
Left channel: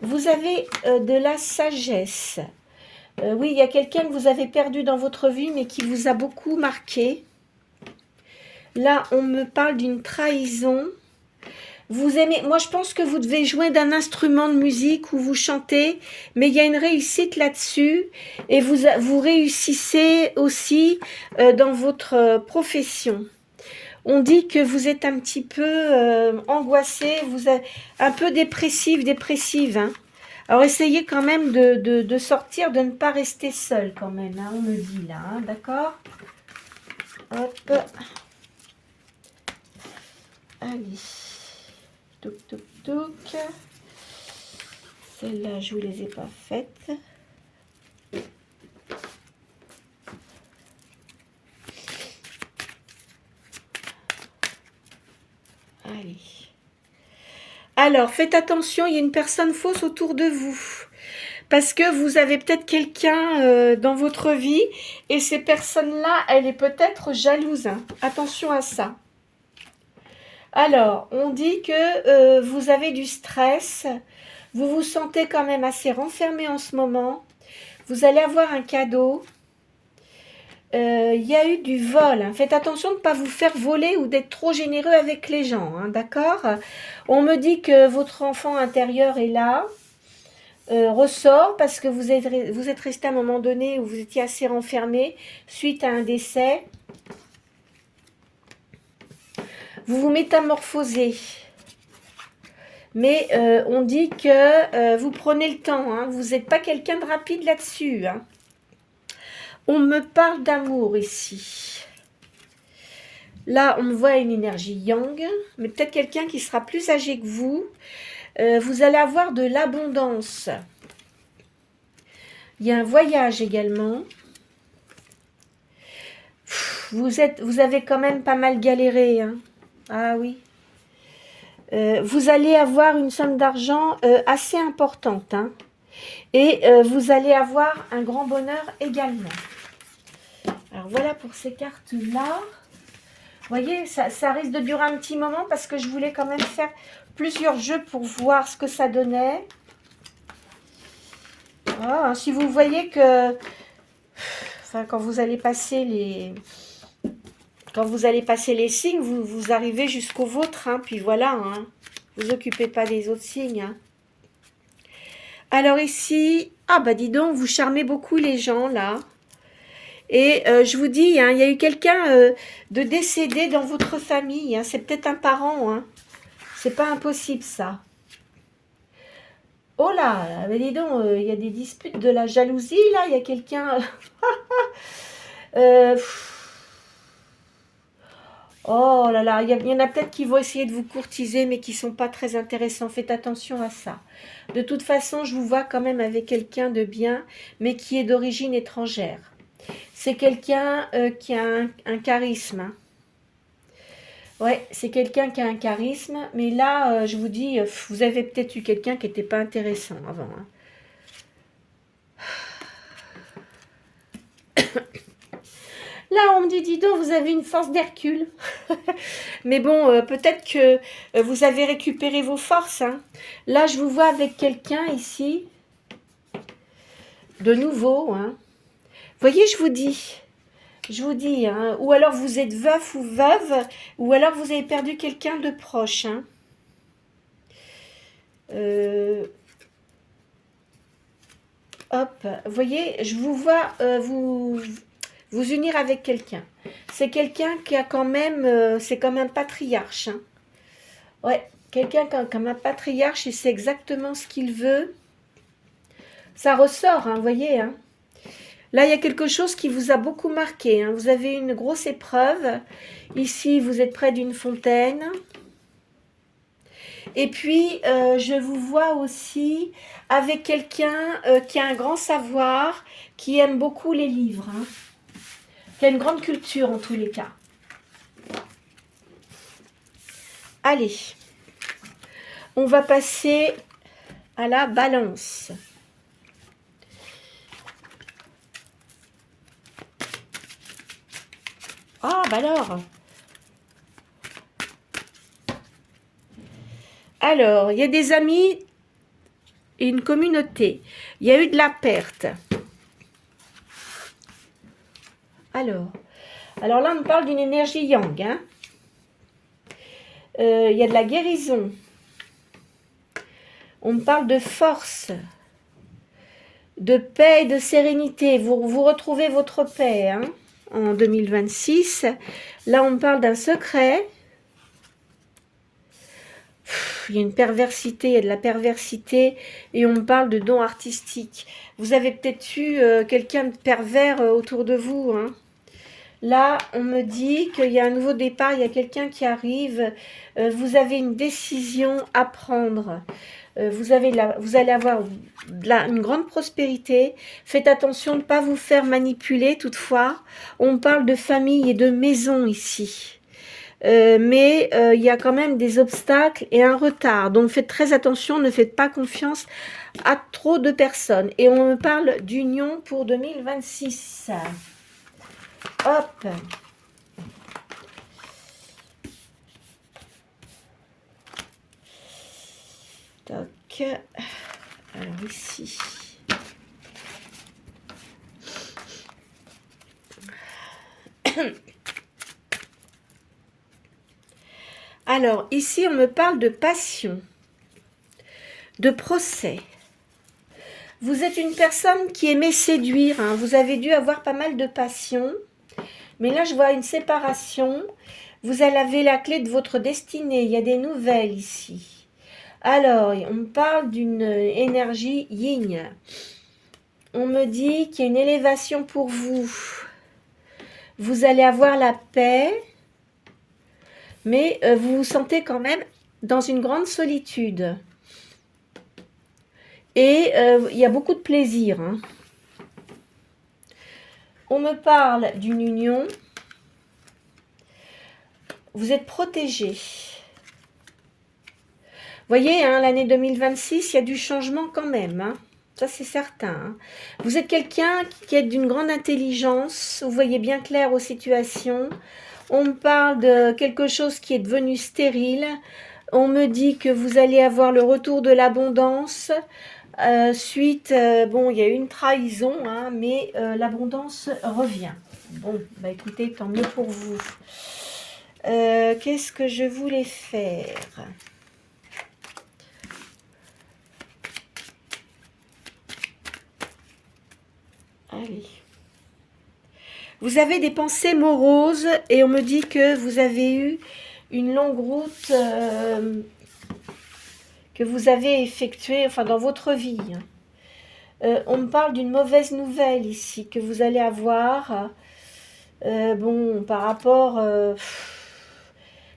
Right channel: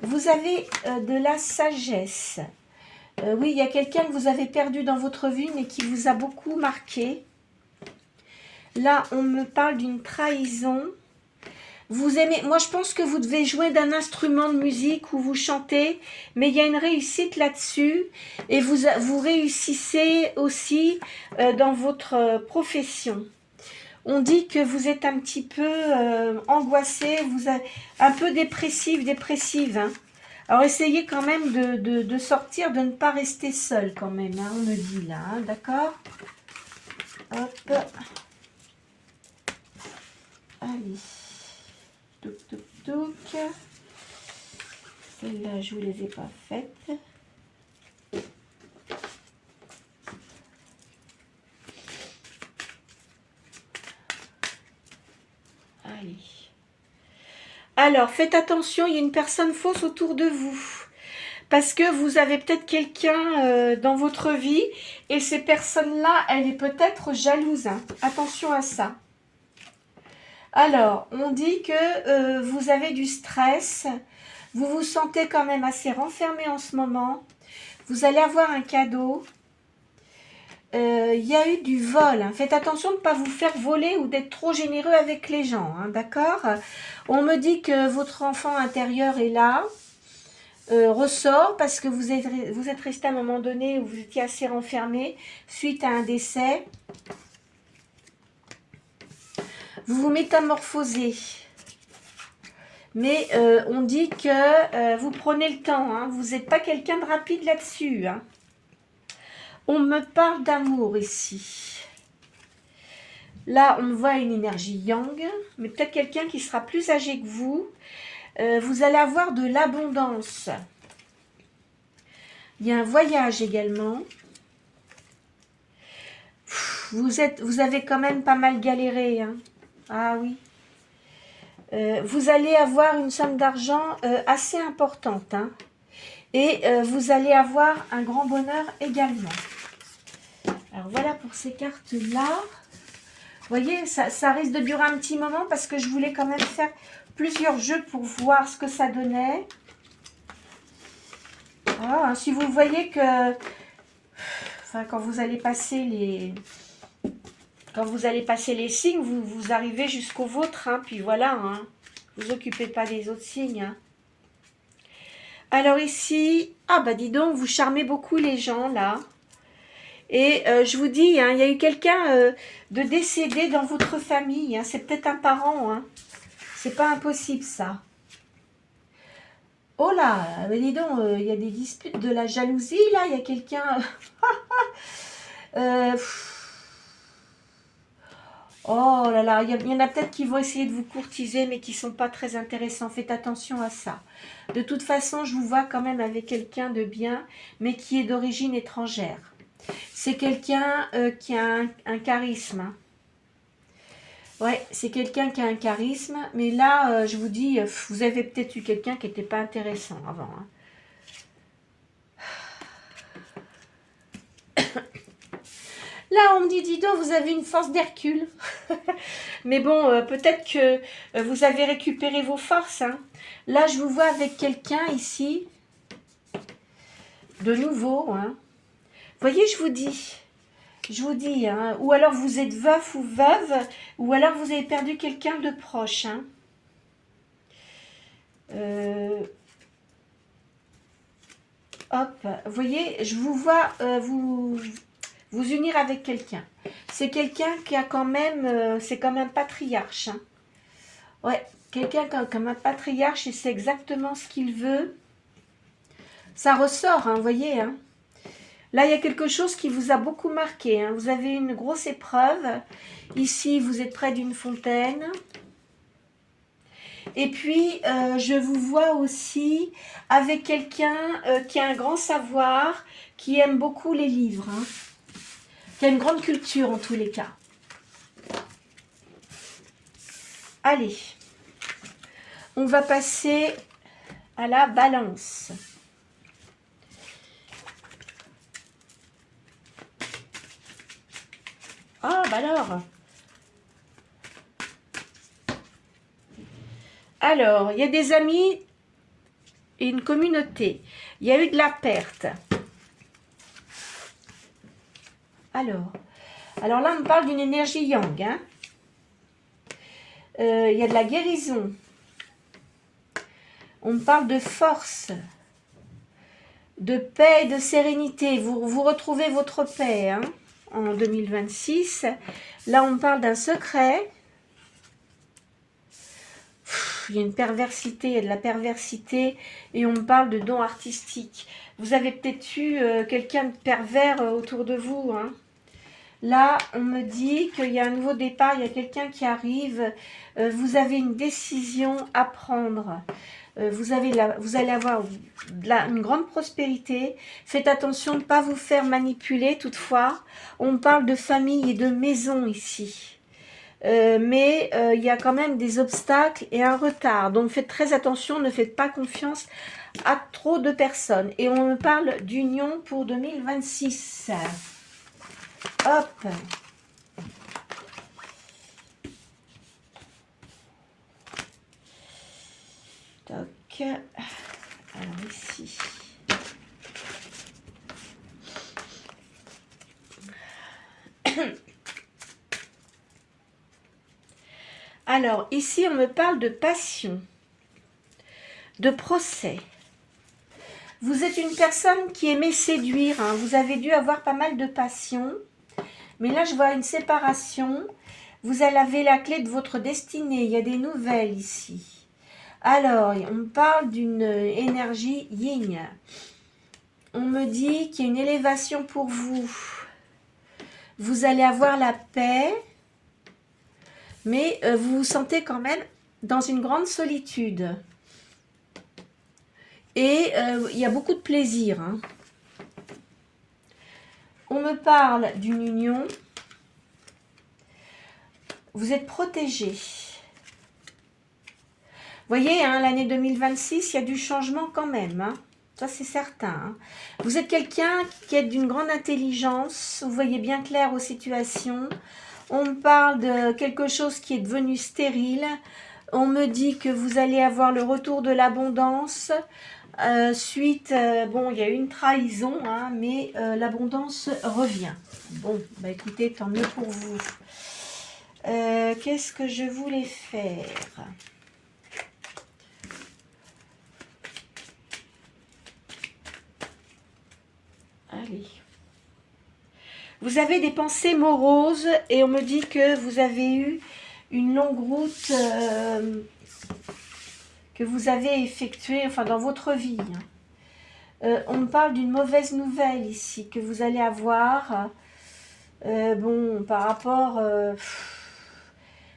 Vous avez de la sagesse. Oui, il y a quelqu'un que vous avez perdu dans votre vie, mais qui vous a beaucoup marqué. Là, on me parle d'une trahison. Vous aimez... Moi, je pense que vous devez jouer d'un instrument de musique ou vous chantez, mais il y a une réussite là-dessus. Et vous réussissez aussi dans votre profession. On dit que vous êtes un petit peu angoissé, un peu dépressive, hein. Alors, essayez quand même de sortir, de ne pas rester seul quand même, hein, on me dit là, hein, d'accord? Hop. Allez. Touc, touc, touc. Celles-là, je ne vous les ai pas faites. Allez. Alors, faites attention, il y a une personne fausse autour de vous. Parce que vous avez peut-être quelqu'un dans votre vie et ces personnes-là, elle est peut-être jalouse, hein. Attention à ça. Alors, on dit que vous avez du stress. Vous vous sentez quand même assez renfermé en ce moment. Vous allez avoir un cadeau. Il y a eu du vol, hein. Faites attention de ne pas vous faire voler ou d'être trop généreux avec les gens, hein, d'accord? On me dit que votre enfant intérieur est là. ressort parce que vous êtes resté à un moment donné où vous étiez assez renfermé suite à un décès. Vous vous métamorphosez. Mais on dit que vous prenez le temps. Hein, vous n'êtes pas quelqu'un de rapide là-dessus. Hein. On me parle d'amour ici. Là, on voit une énergie yang, mais peut-être quelqu'un qui sera plus âgé que vous. Vous allez avoir de l'abondance. Il y a un voyage également. Vous avez quand même pas mal galéré. Hein. Ah oui. Vous allez avoir une somme d'argent assez importante. Hein. Et vous allez avoir un grand bonheur également. Alors voilà pour ces cartes-là. Vous voyez, ça risque de durer un petit moment parce que je voulais quand même faire plusieurs jeux pour voir ce que ça donnait. Voilà, si vous voyez que... Enfin, quand vous allez passer les... Quand vous allez passer les signes, vous arrivez jusqu'au vôtre. Hein, puis voilà, hein, vous occupez pas des autres signes. Hein. Alors ici... Ah bah dis donc, vous charmez beaucoup les gens là. Et je vous dis, hein, il y a eu quelqu'un de décédé dans votre famille. Hein, c'est peut-être un parent. Hein. C'est pas impossible ça. Oh là, dis donc, il y a des disputes, de la jalousie là. Il y a quelqu'un... oh là là, il y en a peut-être qui vont essayer de vous courtiser, mais qui ne sont pas très intéressants. Faites attention à ça. De toute façon, je vous vois quand même avec quelqu'un de bien, mais qui est d'origine étrangère. C'est quelqu'un qui a un charisme. Hein. Ouais, c'est quelqu'un qui a un charisme. Mais là, je vous dis, vous avez peut-être eu quelqu'un qui n'était pas intéressant avant. Hein. Là, on me dit, dis donc, vous avez une force d'Hercule. Mais bon, peut-être que vous avez récupéré vos forces. Hein. Là, je vous vois avec quelqu'un ici, de nouveau. Hein. Vous voyez, je vous dis, hein, ou alors vous êtes veuf ou veuve, ou alors vous avez perdu quelqu'un de proche. Hein. Hop, vous voyez, je vous vois vous unir avec quelqu'un. C'est quelqu'un qui a quand même, c'est comme un patriarche. Hein. Ouais, quelqu'un comme un patriarche, il sait exactement ce qu'il veut. Ça ressort, hein, vous voyez. Hein. Là, il y a quelque chose qui vous a beaucoup marqué. Hein. Vous avez une grosse épreuve. Ici, vous êtes près d'une fontaine. Et puis, je vous vois aussi avec quelqu'un qui a un grand savoir, qui aime beaucoup les livres, hein, qui a une grande culture en tous les cas. Allez, on va passer à la balance. Ah, bah alors, il y a des amis et une communauté. Il y a eu de la perte. Alors là, on parle d'une énergie yang. Hein. Il y a de la guérison. On parle de force, de paix et de sérénité. Vous retrouvez votre paix hein, en 2026. Là, on parle d'un secret. Il y a une perversité, il y a de la perversité et on parle de dons artistiques. Vous avez peut-être eu quelqu'un de pervers autour de vous. Hein. Là, on me dit qu'il y a un nouveau départ, il y a quelqu'un qui arrive. Vous avez une décision à prendre. Vous allez avoir une grande prospérité. Faites attention de ne pas vous faire manipuler toutefois. On parle de famille et de maison ici. Mais il y a quand même des obstacles et un retard. Donc faites très attention, ne faites pas confiance à trop de personnes. Et on me parle d'union pour 2026. Hop. Toc. Alors ici. Alors, ici, on me parle de passion, de procès. Vous êtes une personne qui aimait séduire, hein. Vous avez dû avoir pas mal de passion. Mais là, je vois une séparation. Vous avez la clé de votre destinée. Il y a des nouvelles ici. Alors, on me parle d'une énergie yin. On me dit qu'il y a une élévation pour vous. Vous allez avoir la paix. Mais vous vous sentez quand même dans une grande solitude. Et il y a beaucoup de plaisir, hein. On me parle d'une union. Vous êtes protégé. Vous voyez, hein, l'année 2026, il y a du changement quand même, hein. Ça, c'est certain, hein. Vous êtes quelqu'un qui est d'une grande intelligence. Vous voyez bien clair aux situations. On me parle de quelque chose qui est devenu stérile. On me dit que vous allez avoir le retour de l'abondance. Suite, bon, il y a eu une trahison, hein, mais l'abondance revient. Bon, bah écoutez, tant mieux pour vous. Qu'est-ce que je voulais faire? Allez. Vous avez des pensées moroses et on me dit que vous avez eu une longue route que vous avez effectuée, enfin dans votre vie. On me parle d'une mauvaise nouvelle ici que vous allez avoir. Bon, par rapport...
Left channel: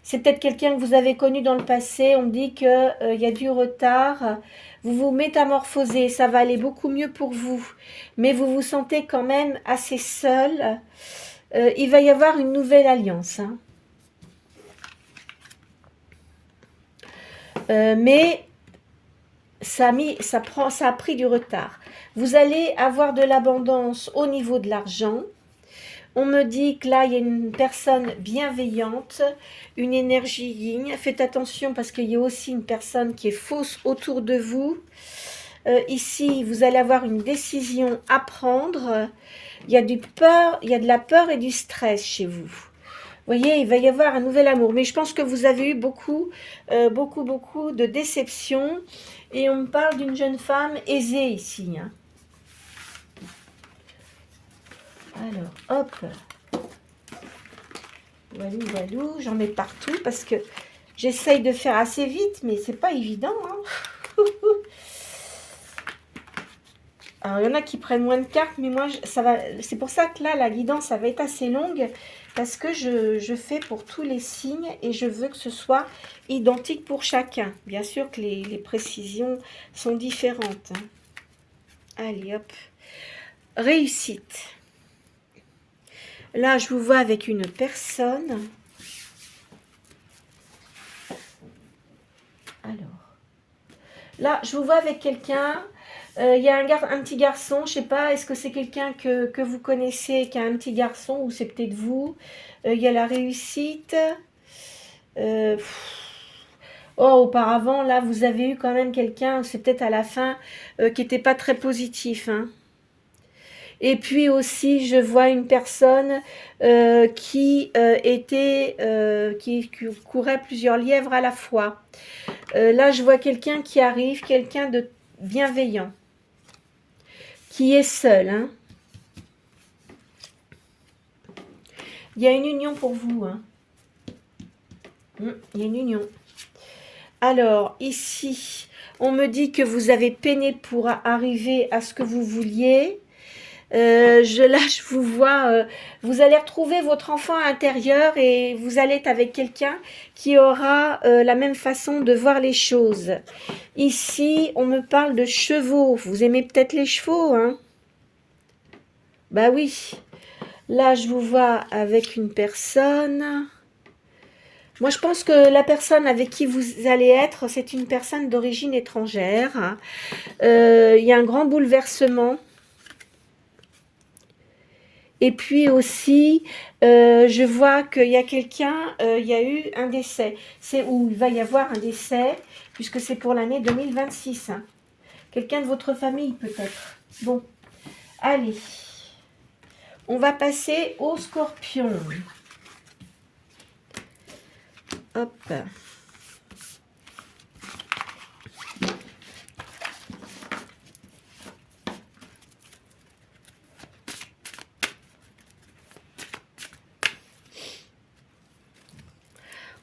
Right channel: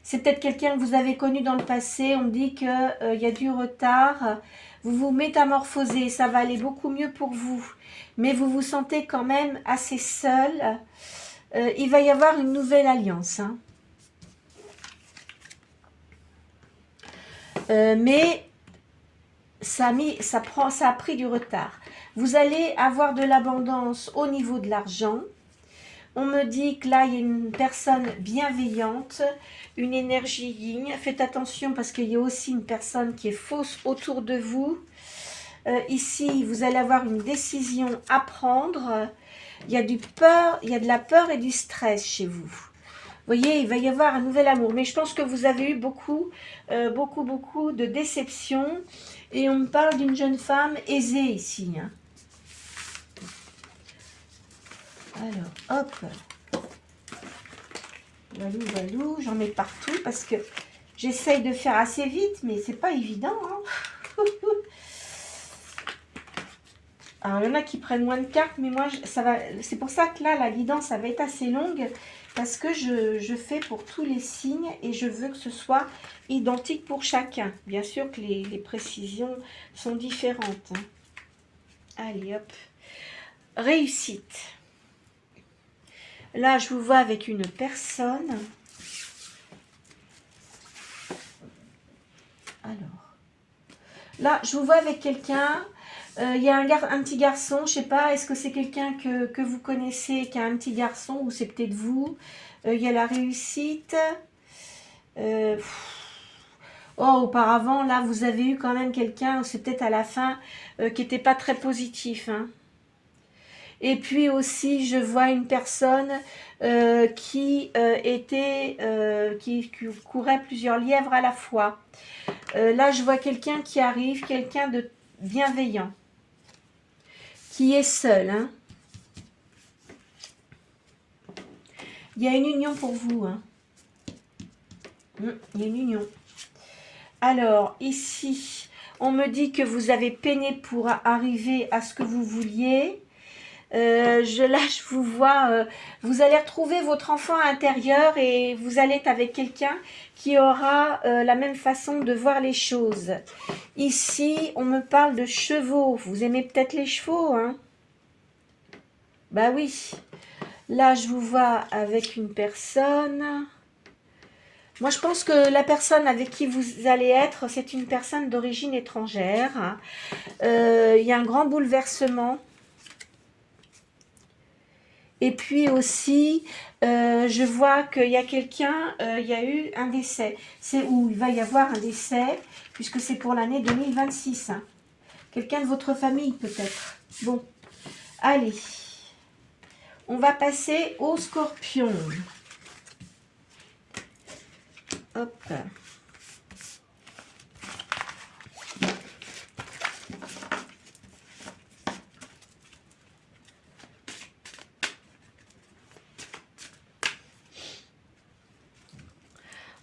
c'est peut-être quelqu'un que vous avez connu dans le passé. On me dit qu'il y a du retard. Vous vous métamorphosez, ça va aller beaucoup mieux pour vous. Mais vous vous sentez quand même assez seul. Il va y avoir une nouvelle alliance, hein. Mais ça a pris du retard. Vous allez avoir de l'abondance au niveau de l'argent. On me dit que là, il y a une personne bienveillante, une énergie yin. Faites attention parce qu'il y a aussi une personne qui est fausse autour de vous. Ici, vous allez avoir une décision à prendre. Il y a de la peur et du stress chez vous. Vous voyez, il va y avoir un nouvel amour. Mais je pense que vous avez eu beaucoup de déceptions. Et on me parle d'une jeune femme aisée ici, hein. Alors, hop. Walou, j'en mets partout parce que j'essaye de faire assez vite, mais c'est pas évident, hein. Alors, il y en a qui prennent moins de cartes, mais moi, c'est pour ça que là, la guidance, ça va être assez longue, parce que je fais pour tous les signes et je veux que ce soit identique pour chacun. Bien sûr que les précisions sont différentes, hein. Allez, hop. Réussite. Là, je vous vois avec une personne. Alors, là, je vous vois avec quelqu'un. Il y a un petit garçon, je sais pas, est-ce que c'est quelqu'un que vous connaissez, qui a un petit garçon, ou c'est peut-être vous. Il y a la réussite. Auparavant, là, vous avez eu quand même quelqu'un, c'est peut-être à la fin, qui n'était pas très positif, hein. Et puis aussi, je vois une personne qui courait plusieurs lièvres à la fois. Là, je vois quelqu'un qui arrive, quelqu'un de bienveillant, qui est seul, hein. Il y a une union pour vous, hein. Il y a une union. Alors, ici, on me dit que vous avez peiné pour arriver à ce que vous vouliez. Là, je vous vois, vous allez retrouver votre enfant intérieur et vous allez être avec quelqu'un qui aura la même façon de voir les choses. Ici, on me parle de chevaux. Vous aimez peut-être les chevaux, hein? Bah oui. Là, je vous vois avec une personne. Moi, je pense que la personne avec qui vous allez être, c'est une personne d'origine étrangère. Il y a un grand bouleversement. Et puis aussi, je vois qu'il y a quelqu'un, il y a eu un décès. C'est où il va y avoir un décès, puisque c'est pour l'année 2026. Hein. Quelqu'un de votre famille peut-être. Bon, allez. On va passer au scorpion. Hop.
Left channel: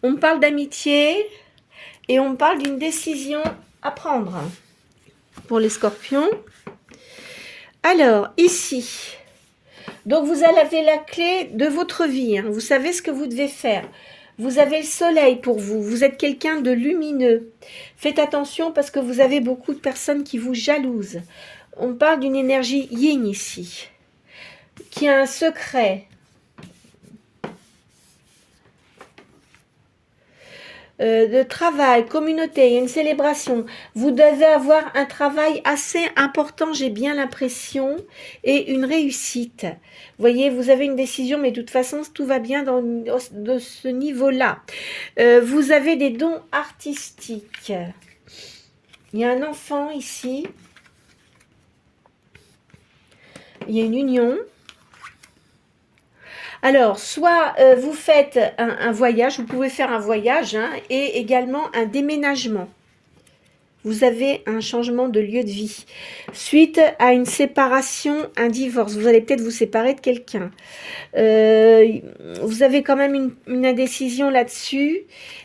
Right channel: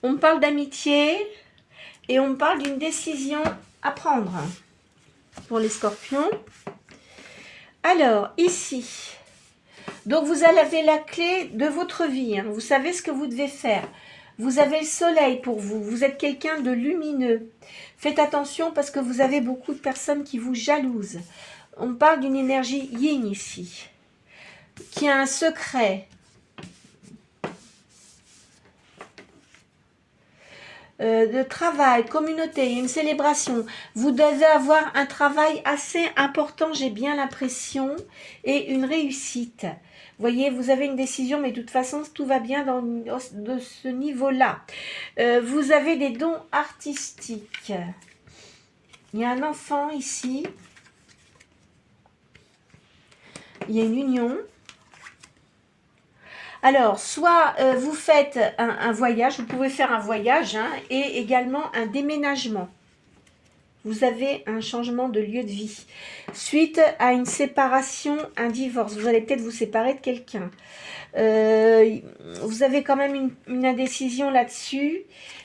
On parle d'amitié et on parle d'une décision à prendre pour les scorpions. Alors, ici, donc vous avez la clé de votre vie, hein. Vous savez ce que vous devez faire. Vous avez le soleil pour vous, vous êtes quelqu'un de lumineux. Faites attention parce que vous avez beaucoup de personnes qui vous jalousent. On parle d'une énergie yin ici, qui a un secret. De travail, communauté, une célébration. Vous devez avoir un travail assez important, j'ai bien l'impression, et une réussite. Vous voyez, vous avez une décision, mais de toute façon, tout va bien de ce niveau-là. Vous avez des dons artistiques. Il y a un enfant ici. Il y a une union. Alors, soit vous faites un voyage, vous pouvez faire un voyage, hein, et également un déménagement. Vous avez un changement de lieu de vie. Suite à une séparation, un divorce, vous allez peut-être vous séparer de quelqu'un. Vous avez quand même une indécision là-dessus,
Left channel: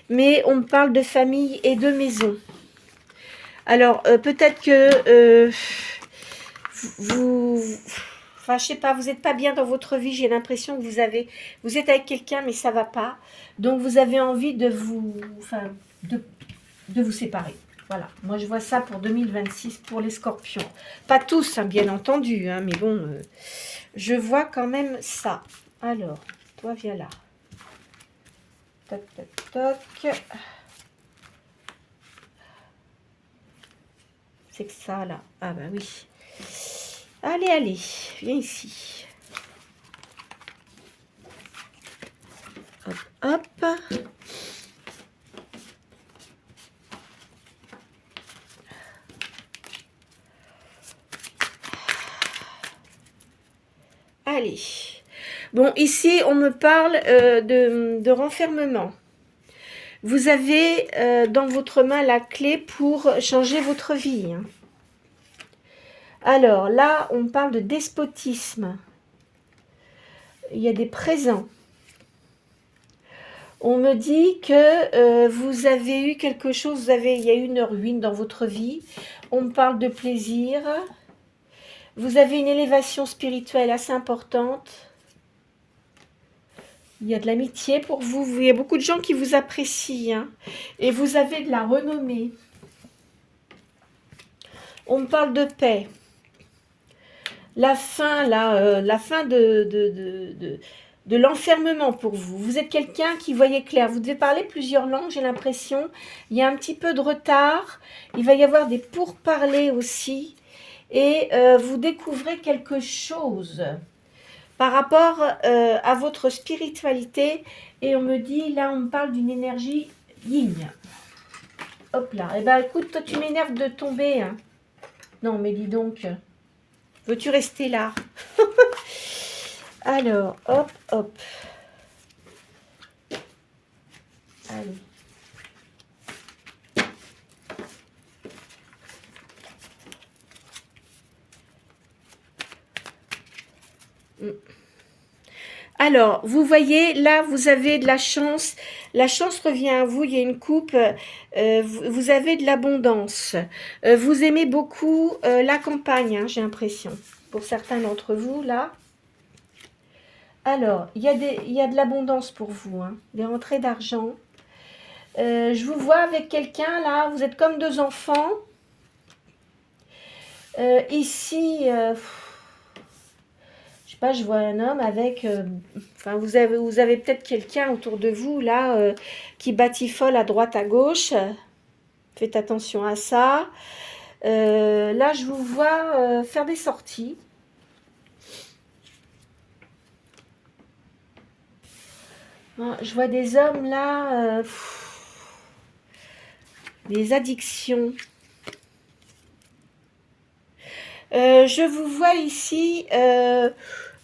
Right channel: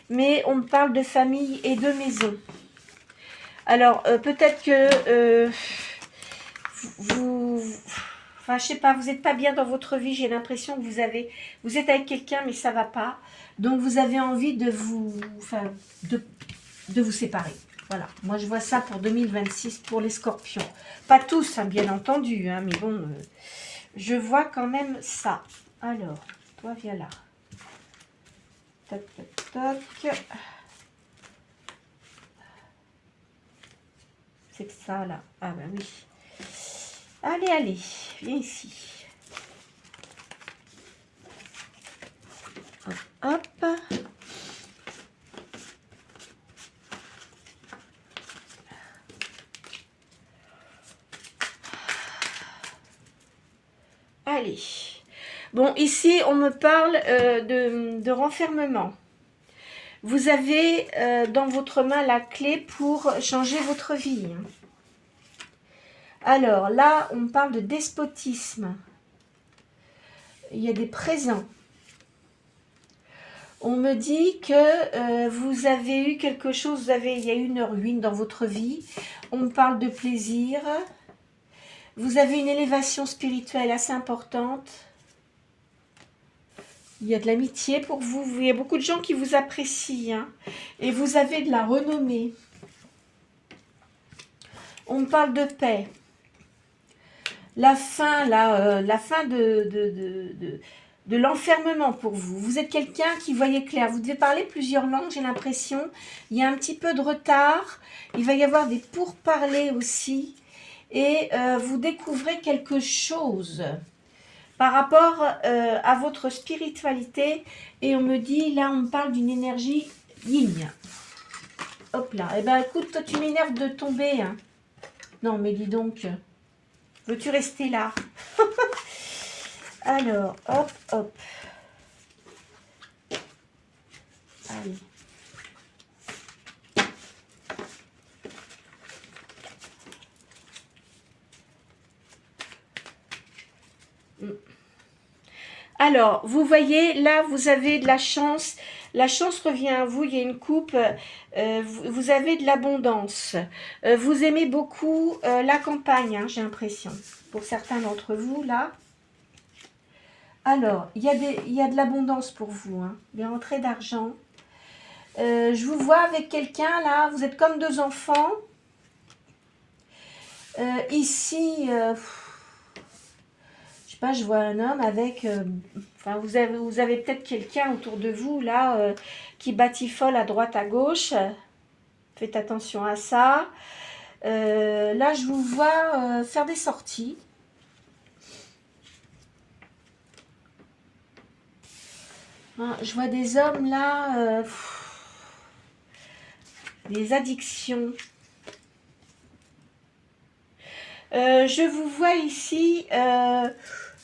mais on me parle de famille et de maison. Alors, peut-être que enfin, je sais pas, vous n'êtes pas bien dans votre vie, j'ai l'impression que vous êtes avec quelqu'un, mais ça va pas. Donc, vous avez envie de vous séparer. Voilà, moi je vois ça pour 2026 pour les scorpions. Pas tous, hein, bien entendu, hein, mais bon, je vois quand même ça. Alors, toi viens là. Toc, toc, toc. C'est que ça là. Ah bah oui. Allez, allez, viens ici. Hop, hop. Allez. Bon, ici, on me parle de renfermement. Vous avez dans votre main la clé pour changer votre vie. Alors, là, on parle de despotisme. Il y a des présents. On me dit que vous avez eu quelque chose, il y a eu une ruine dans votre vie. On me parle de plaisir. Vous avez une élévation spirituelle assez importante. Il y a de l'amitié pour vous. Il y a beaucoup de gens qui vous apprécient. Hein. Et vous avez de la renommée. On me parle de paix. La fin, la fin de l'enfermement pour vous. Vous êtes quelqu'un qui voyait clair. Vous devez parler plusieurs langues, j'ai l'impression. Il y a un petit peu de retard. Il va y avoir des pourparlers aussi. Et vous découvrez quelque chose par rapport à votre spiritualité. Et on me dit, là, on me parle d'une énergie yin. Hop là. Eh bien, écoute, toi, tu m'énerves de tomber. Hein. Non, mais dis donc, veux-tu rester là? Alors, hop, hop. Allez. Alors, vous voyez, là, vous avez de la chance. La chance revient à vous. Il y a une coupe. Vous avez de l'abondance. Vous aimez beaucoup la campagne, hein, j'ai l'impression. Pour certains d'entre vous, là. Alors, il y a de l'abondance pour vous. Hein, des rentrées d'argent. Je vous vois avec quelqu'un, là. Vous êtes comme deux enfants. Ici... pas, je vois un homme avec, enfin vous avez peut-être quelqu'un autour de vous là qui batifole à droite à gauche. Faites attention à ça. Là, je vous vois faire des sorties. Je vois des hommes là, des addictions. Je vous vois ici.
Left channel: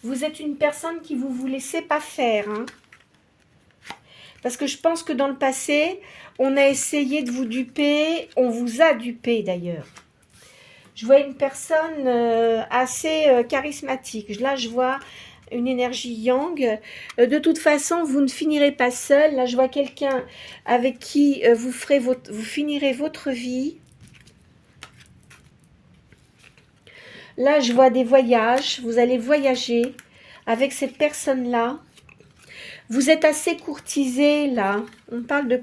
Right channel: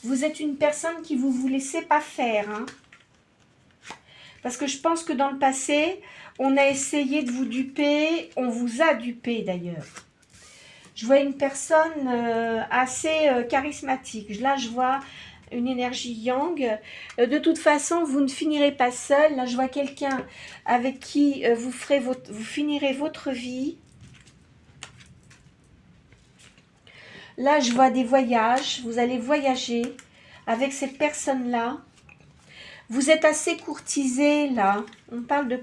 Vous êtes une personne qui vous laissez pas faire. Hein. Parce que je pense que dans le passé, on a essayé de vous duper. On vous a dupé d'ailleurs. Je vois une personne assez charismatique. Là, je vois une énergie yang. De toute façon, vous ne finirez pas seul. Là, je vois quelqu'un avec qui vous finirez votre vie. Là, je vois des voyages. Vous allez voyager avec cette personne-là. Vous êtes assez courtisé, là. On parle de...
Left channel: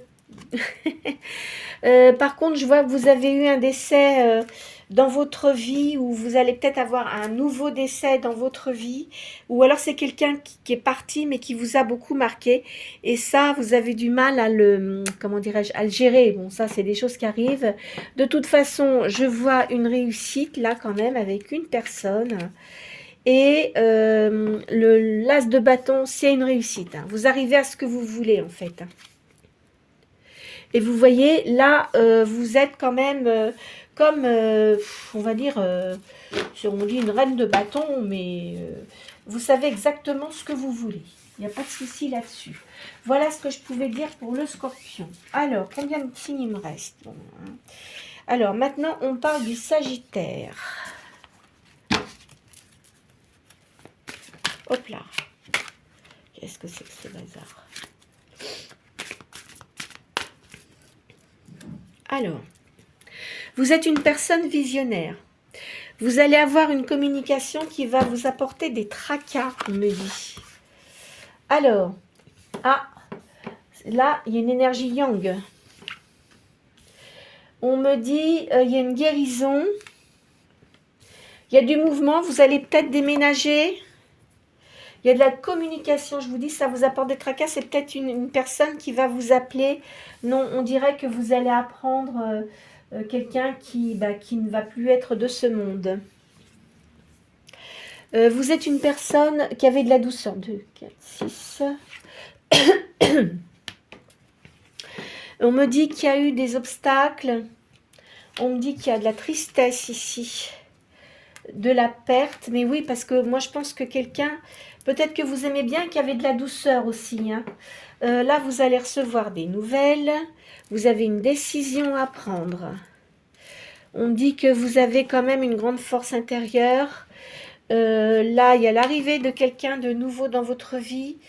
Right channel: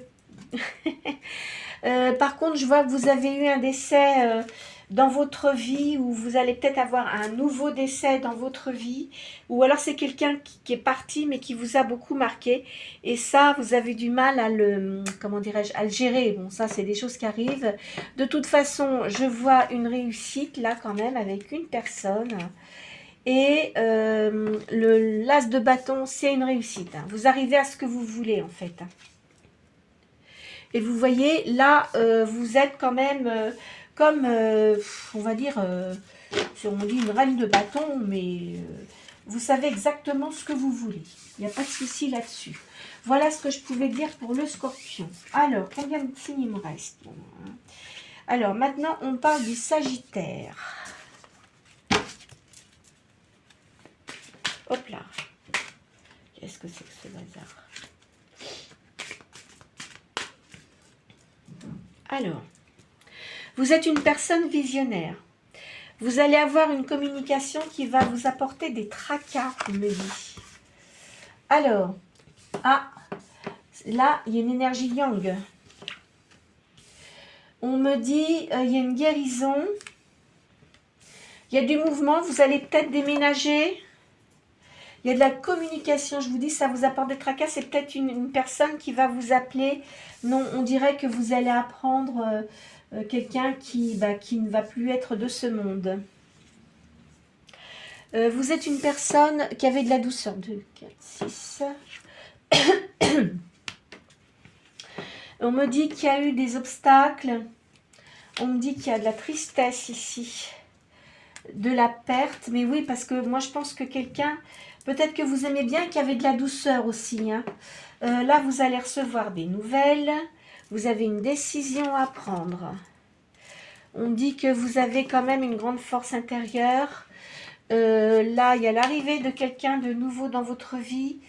par contre, je vois que vous avez eu un décès dans votre vie, ou vous allez peut-être avoir un nouveau décès dans votre vie, ou alors c'est quelqu'un qui est parti, mais qui vous a beaucoup marqué. Et ça, vous avez du mal à le... Comment dirais-je? À le gérer. Bon, ça, c'est des choses qui arrivent. De toute façon, je vois une réussite, là, quand même, avec une personne. Et l'as de bâton, c'est une réussite. Hein. Vous arrivez à ce que vous voulez, en fait. Et vous voyez, là, vous êtes quand même comme, on va dire, on dit une reine de bâton, mais vous savez exactement ce que vous voulez. Il n'y a pas de souci là-dessus. Voilà ce que je pouvais dire pour le scorpion. Alors, combien de signes il me reste? Bon, hein. Alors, maintenant, on parle du sagittaire. Hop là. Qu'est-ce que c'est que ce bazar? Alors, vous êtes une personne visionnaire. Vous allez avoir une communication qui va vous apporter des tracas, on me dit. Alors, là, il y a une énergie yang. On me dit, il y a une guérison. Il y a du mouvement, vous allez peut-être déménager. Il y a de la communication, je vous dis, ça vous apporte des tracas. C'est peut-être une personne qui va vous appeler. Non, on dirait que vous allez apprendre quelqu'un qui ne va plus être de ce monde. Vous êtes une personne qui avait de la douceur. 2, 4, 6. On me dit qu'il y a eu des obstacles. On me dit qu'il y a de la tristesse ici. De la perte. Mais oui, parce que moi, je pense que quelqu'un... Peut-être que vous aimez bien qu'il y avait de la douceur aussi. Hein. Là, vous allez recevoir des nouvelles. Vous avez une décision à prendre. On dit que vous avez quand même une grande force intérieure. Là, il y a l'arrivée de quelqu'un de nouveau dans votre vie.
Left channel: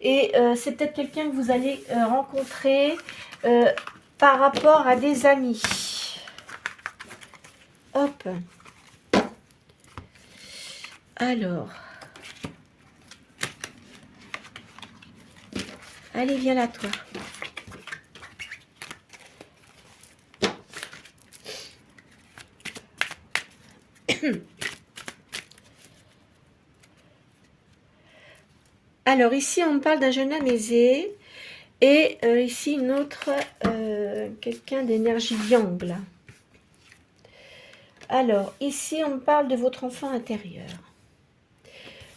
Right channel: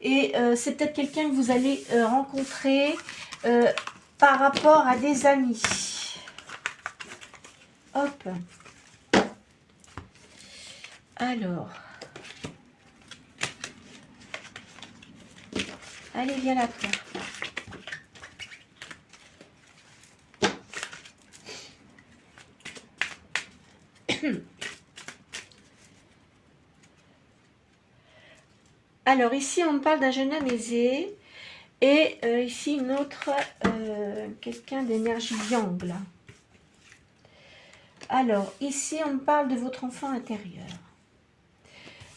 Et c'est peut-être quelqu'un que vous allez rencontrer par rapport à des amis. Hop. Alors... Allez, viens là, toi. Alors, ici, on me parle d'un jeune homme aisé. Et ici, une autre, quelqu'un d'énergie yang, là. Alors, ici, on me parle de votre enfant intérieur.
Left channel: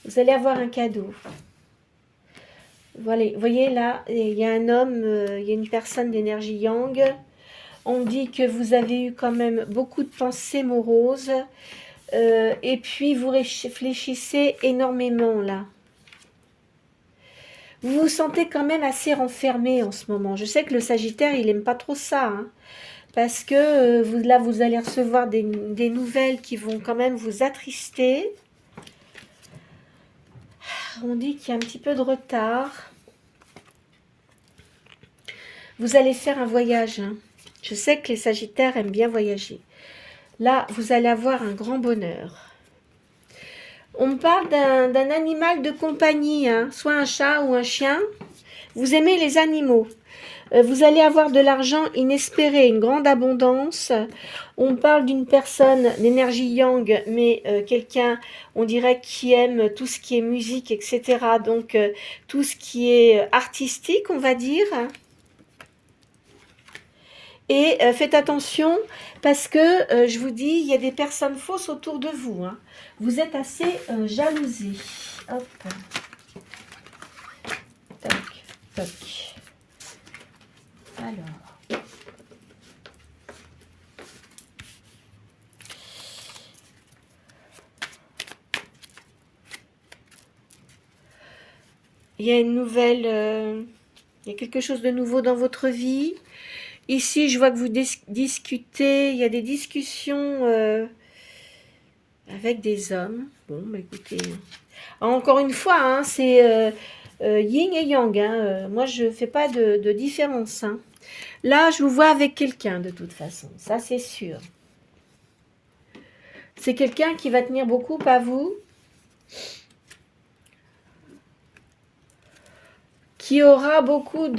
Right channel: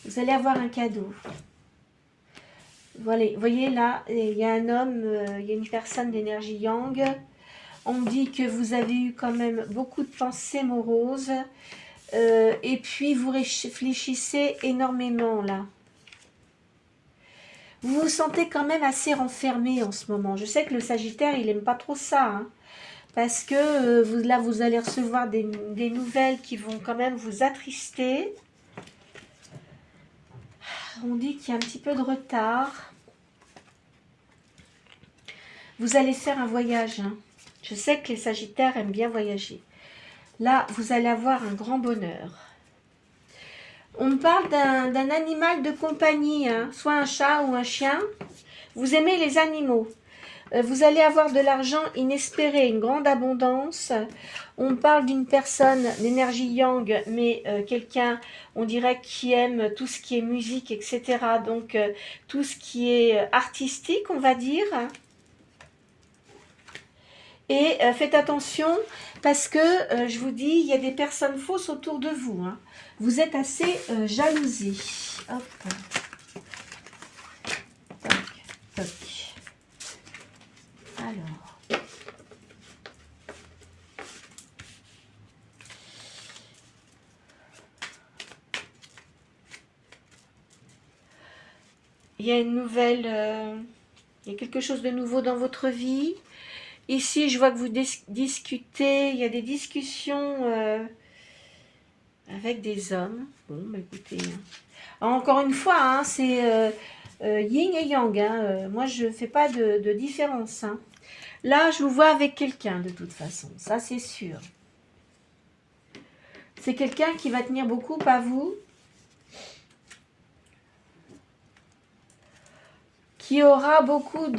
Vous allez avoir un cadeau. Voilà, vous voyez là, il y a un homme, il y a une personne d'énergie yang. On dit que vous avez eu quand même beaucoup de pensées moroses. Et puis, vous réfléchissez énormément là. Vous vous sentez quand même assez renfermé en ce moment. Je sais que le Sagittaire, il n'aime pas trop ça. Hein, parce que là, vous allez recevoir des nouvelles qui vont quand même vous attrister. On dit qu'il y a un petit peu de retard. Vous allez faire un voyage. Hein. Je sais que les Sagittaires aiment bien voyager. Là, vous allez avoir un grand bonheur. On me parle d'un animal de compagnie, hein, soit un chat ou un chien. Vous aimez les animaux. Vous allez avoir de l'argent inespéré, une grande abondance. On parle d'une personne d'énergie yang, mais quelqu'un, on dirait, qui aime tout ce qui est musique, etc. Donc, tout ce qui est artistique, on va dire. Et faites attention, parce que, je vous dis, il y a des personnes fausses autour de vous. Hein. Vous êtes assez jalousé. Hop. Toc, toc. Alors. Il y a une nouvelle... il y a quelque chose de nouveau dans votre vie. Ici, je vois que vous discutez. Il y a des discussions... avec des hommes. Bon, bah écoutez, encore une fois, hein, c'est yin et yang. Hein. Moi, je ne fais pas de différence. Hein. Là, je vous vois avec quelqu'un de toute façon, ça c'est sûr. C'est quelqu'un qui va tenir beaucoup à vous, qui aura beaucoup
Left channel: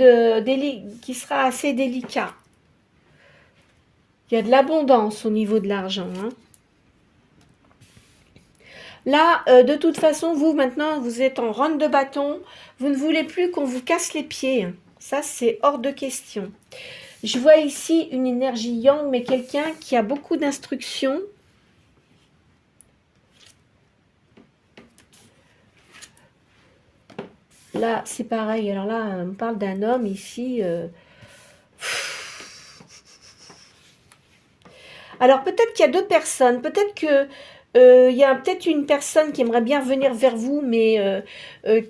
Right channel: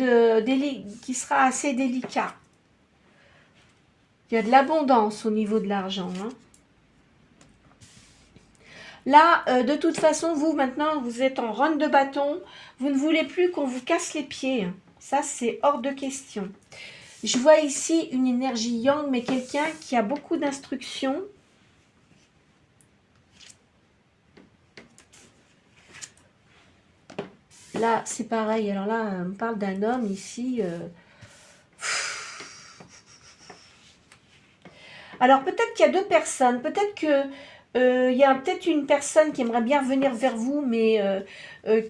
qui sera assez délicat. Il y a de l'abondance au niveau de l'argent. Hein. Là, de toute façon, vous, maintenant, vous êtes en run de bâton. Vous ne voulez plus qu'on vous casse les pieds. Hein. Ça, c'est hors de question. Je vois ici une énergie yang, mais quelqu'un qui a beaucoup d'instructions. Là, c'est pareil. Alors là, on parle d'un homme ici. Alors, peut-être qu'il y a deux personnes. Peut-être que il y a peut-être une personne qui aimerait bien venir vers vous, mais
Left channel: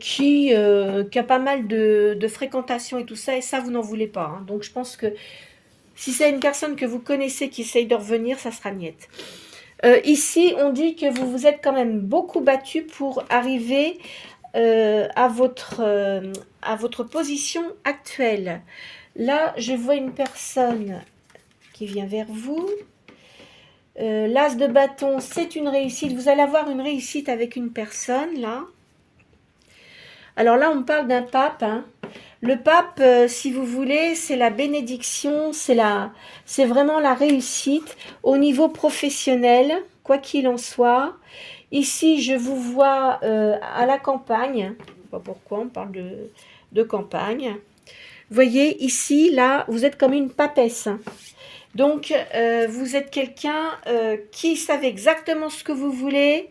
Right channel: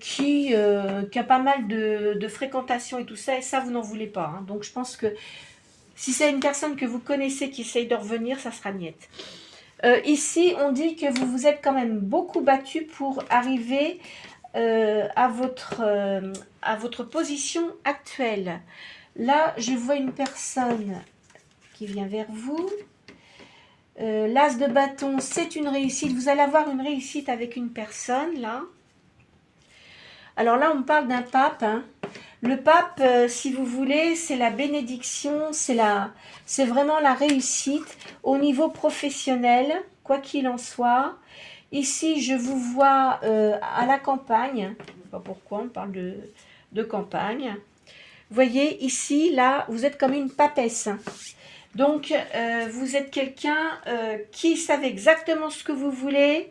qui a pas mal de fréquentation et tout ça, et ça, vous n'en voulez pas. Hein. Donc, je pense que si c'est une personne que vous connaissez qui essaye de revenir, ça sera niette. Ici, on dit que vous vous êtes quand même beaucoup battu pour arriver à votre position actuelle. Là, je vois une personne qui vient vers vous. L'as de bâton, c'est une réussite. Vous allez avoir une réussite avec une personne, là. Alors là, on parle d'un pape. Hein. Le pape, si vous voulez, c'est la bénédiction, c'est vraiment la réussite au niveau professionnel, quoi qu'il en soit. Ici, je vous vois à la campagne. Je ne sais pas pourquoi on parle de campagne. Vous voyez, ici, là, vous êtes comme une papesse. Donc, vous êtes quelqu'un qui savait exactement ce que vous voulez.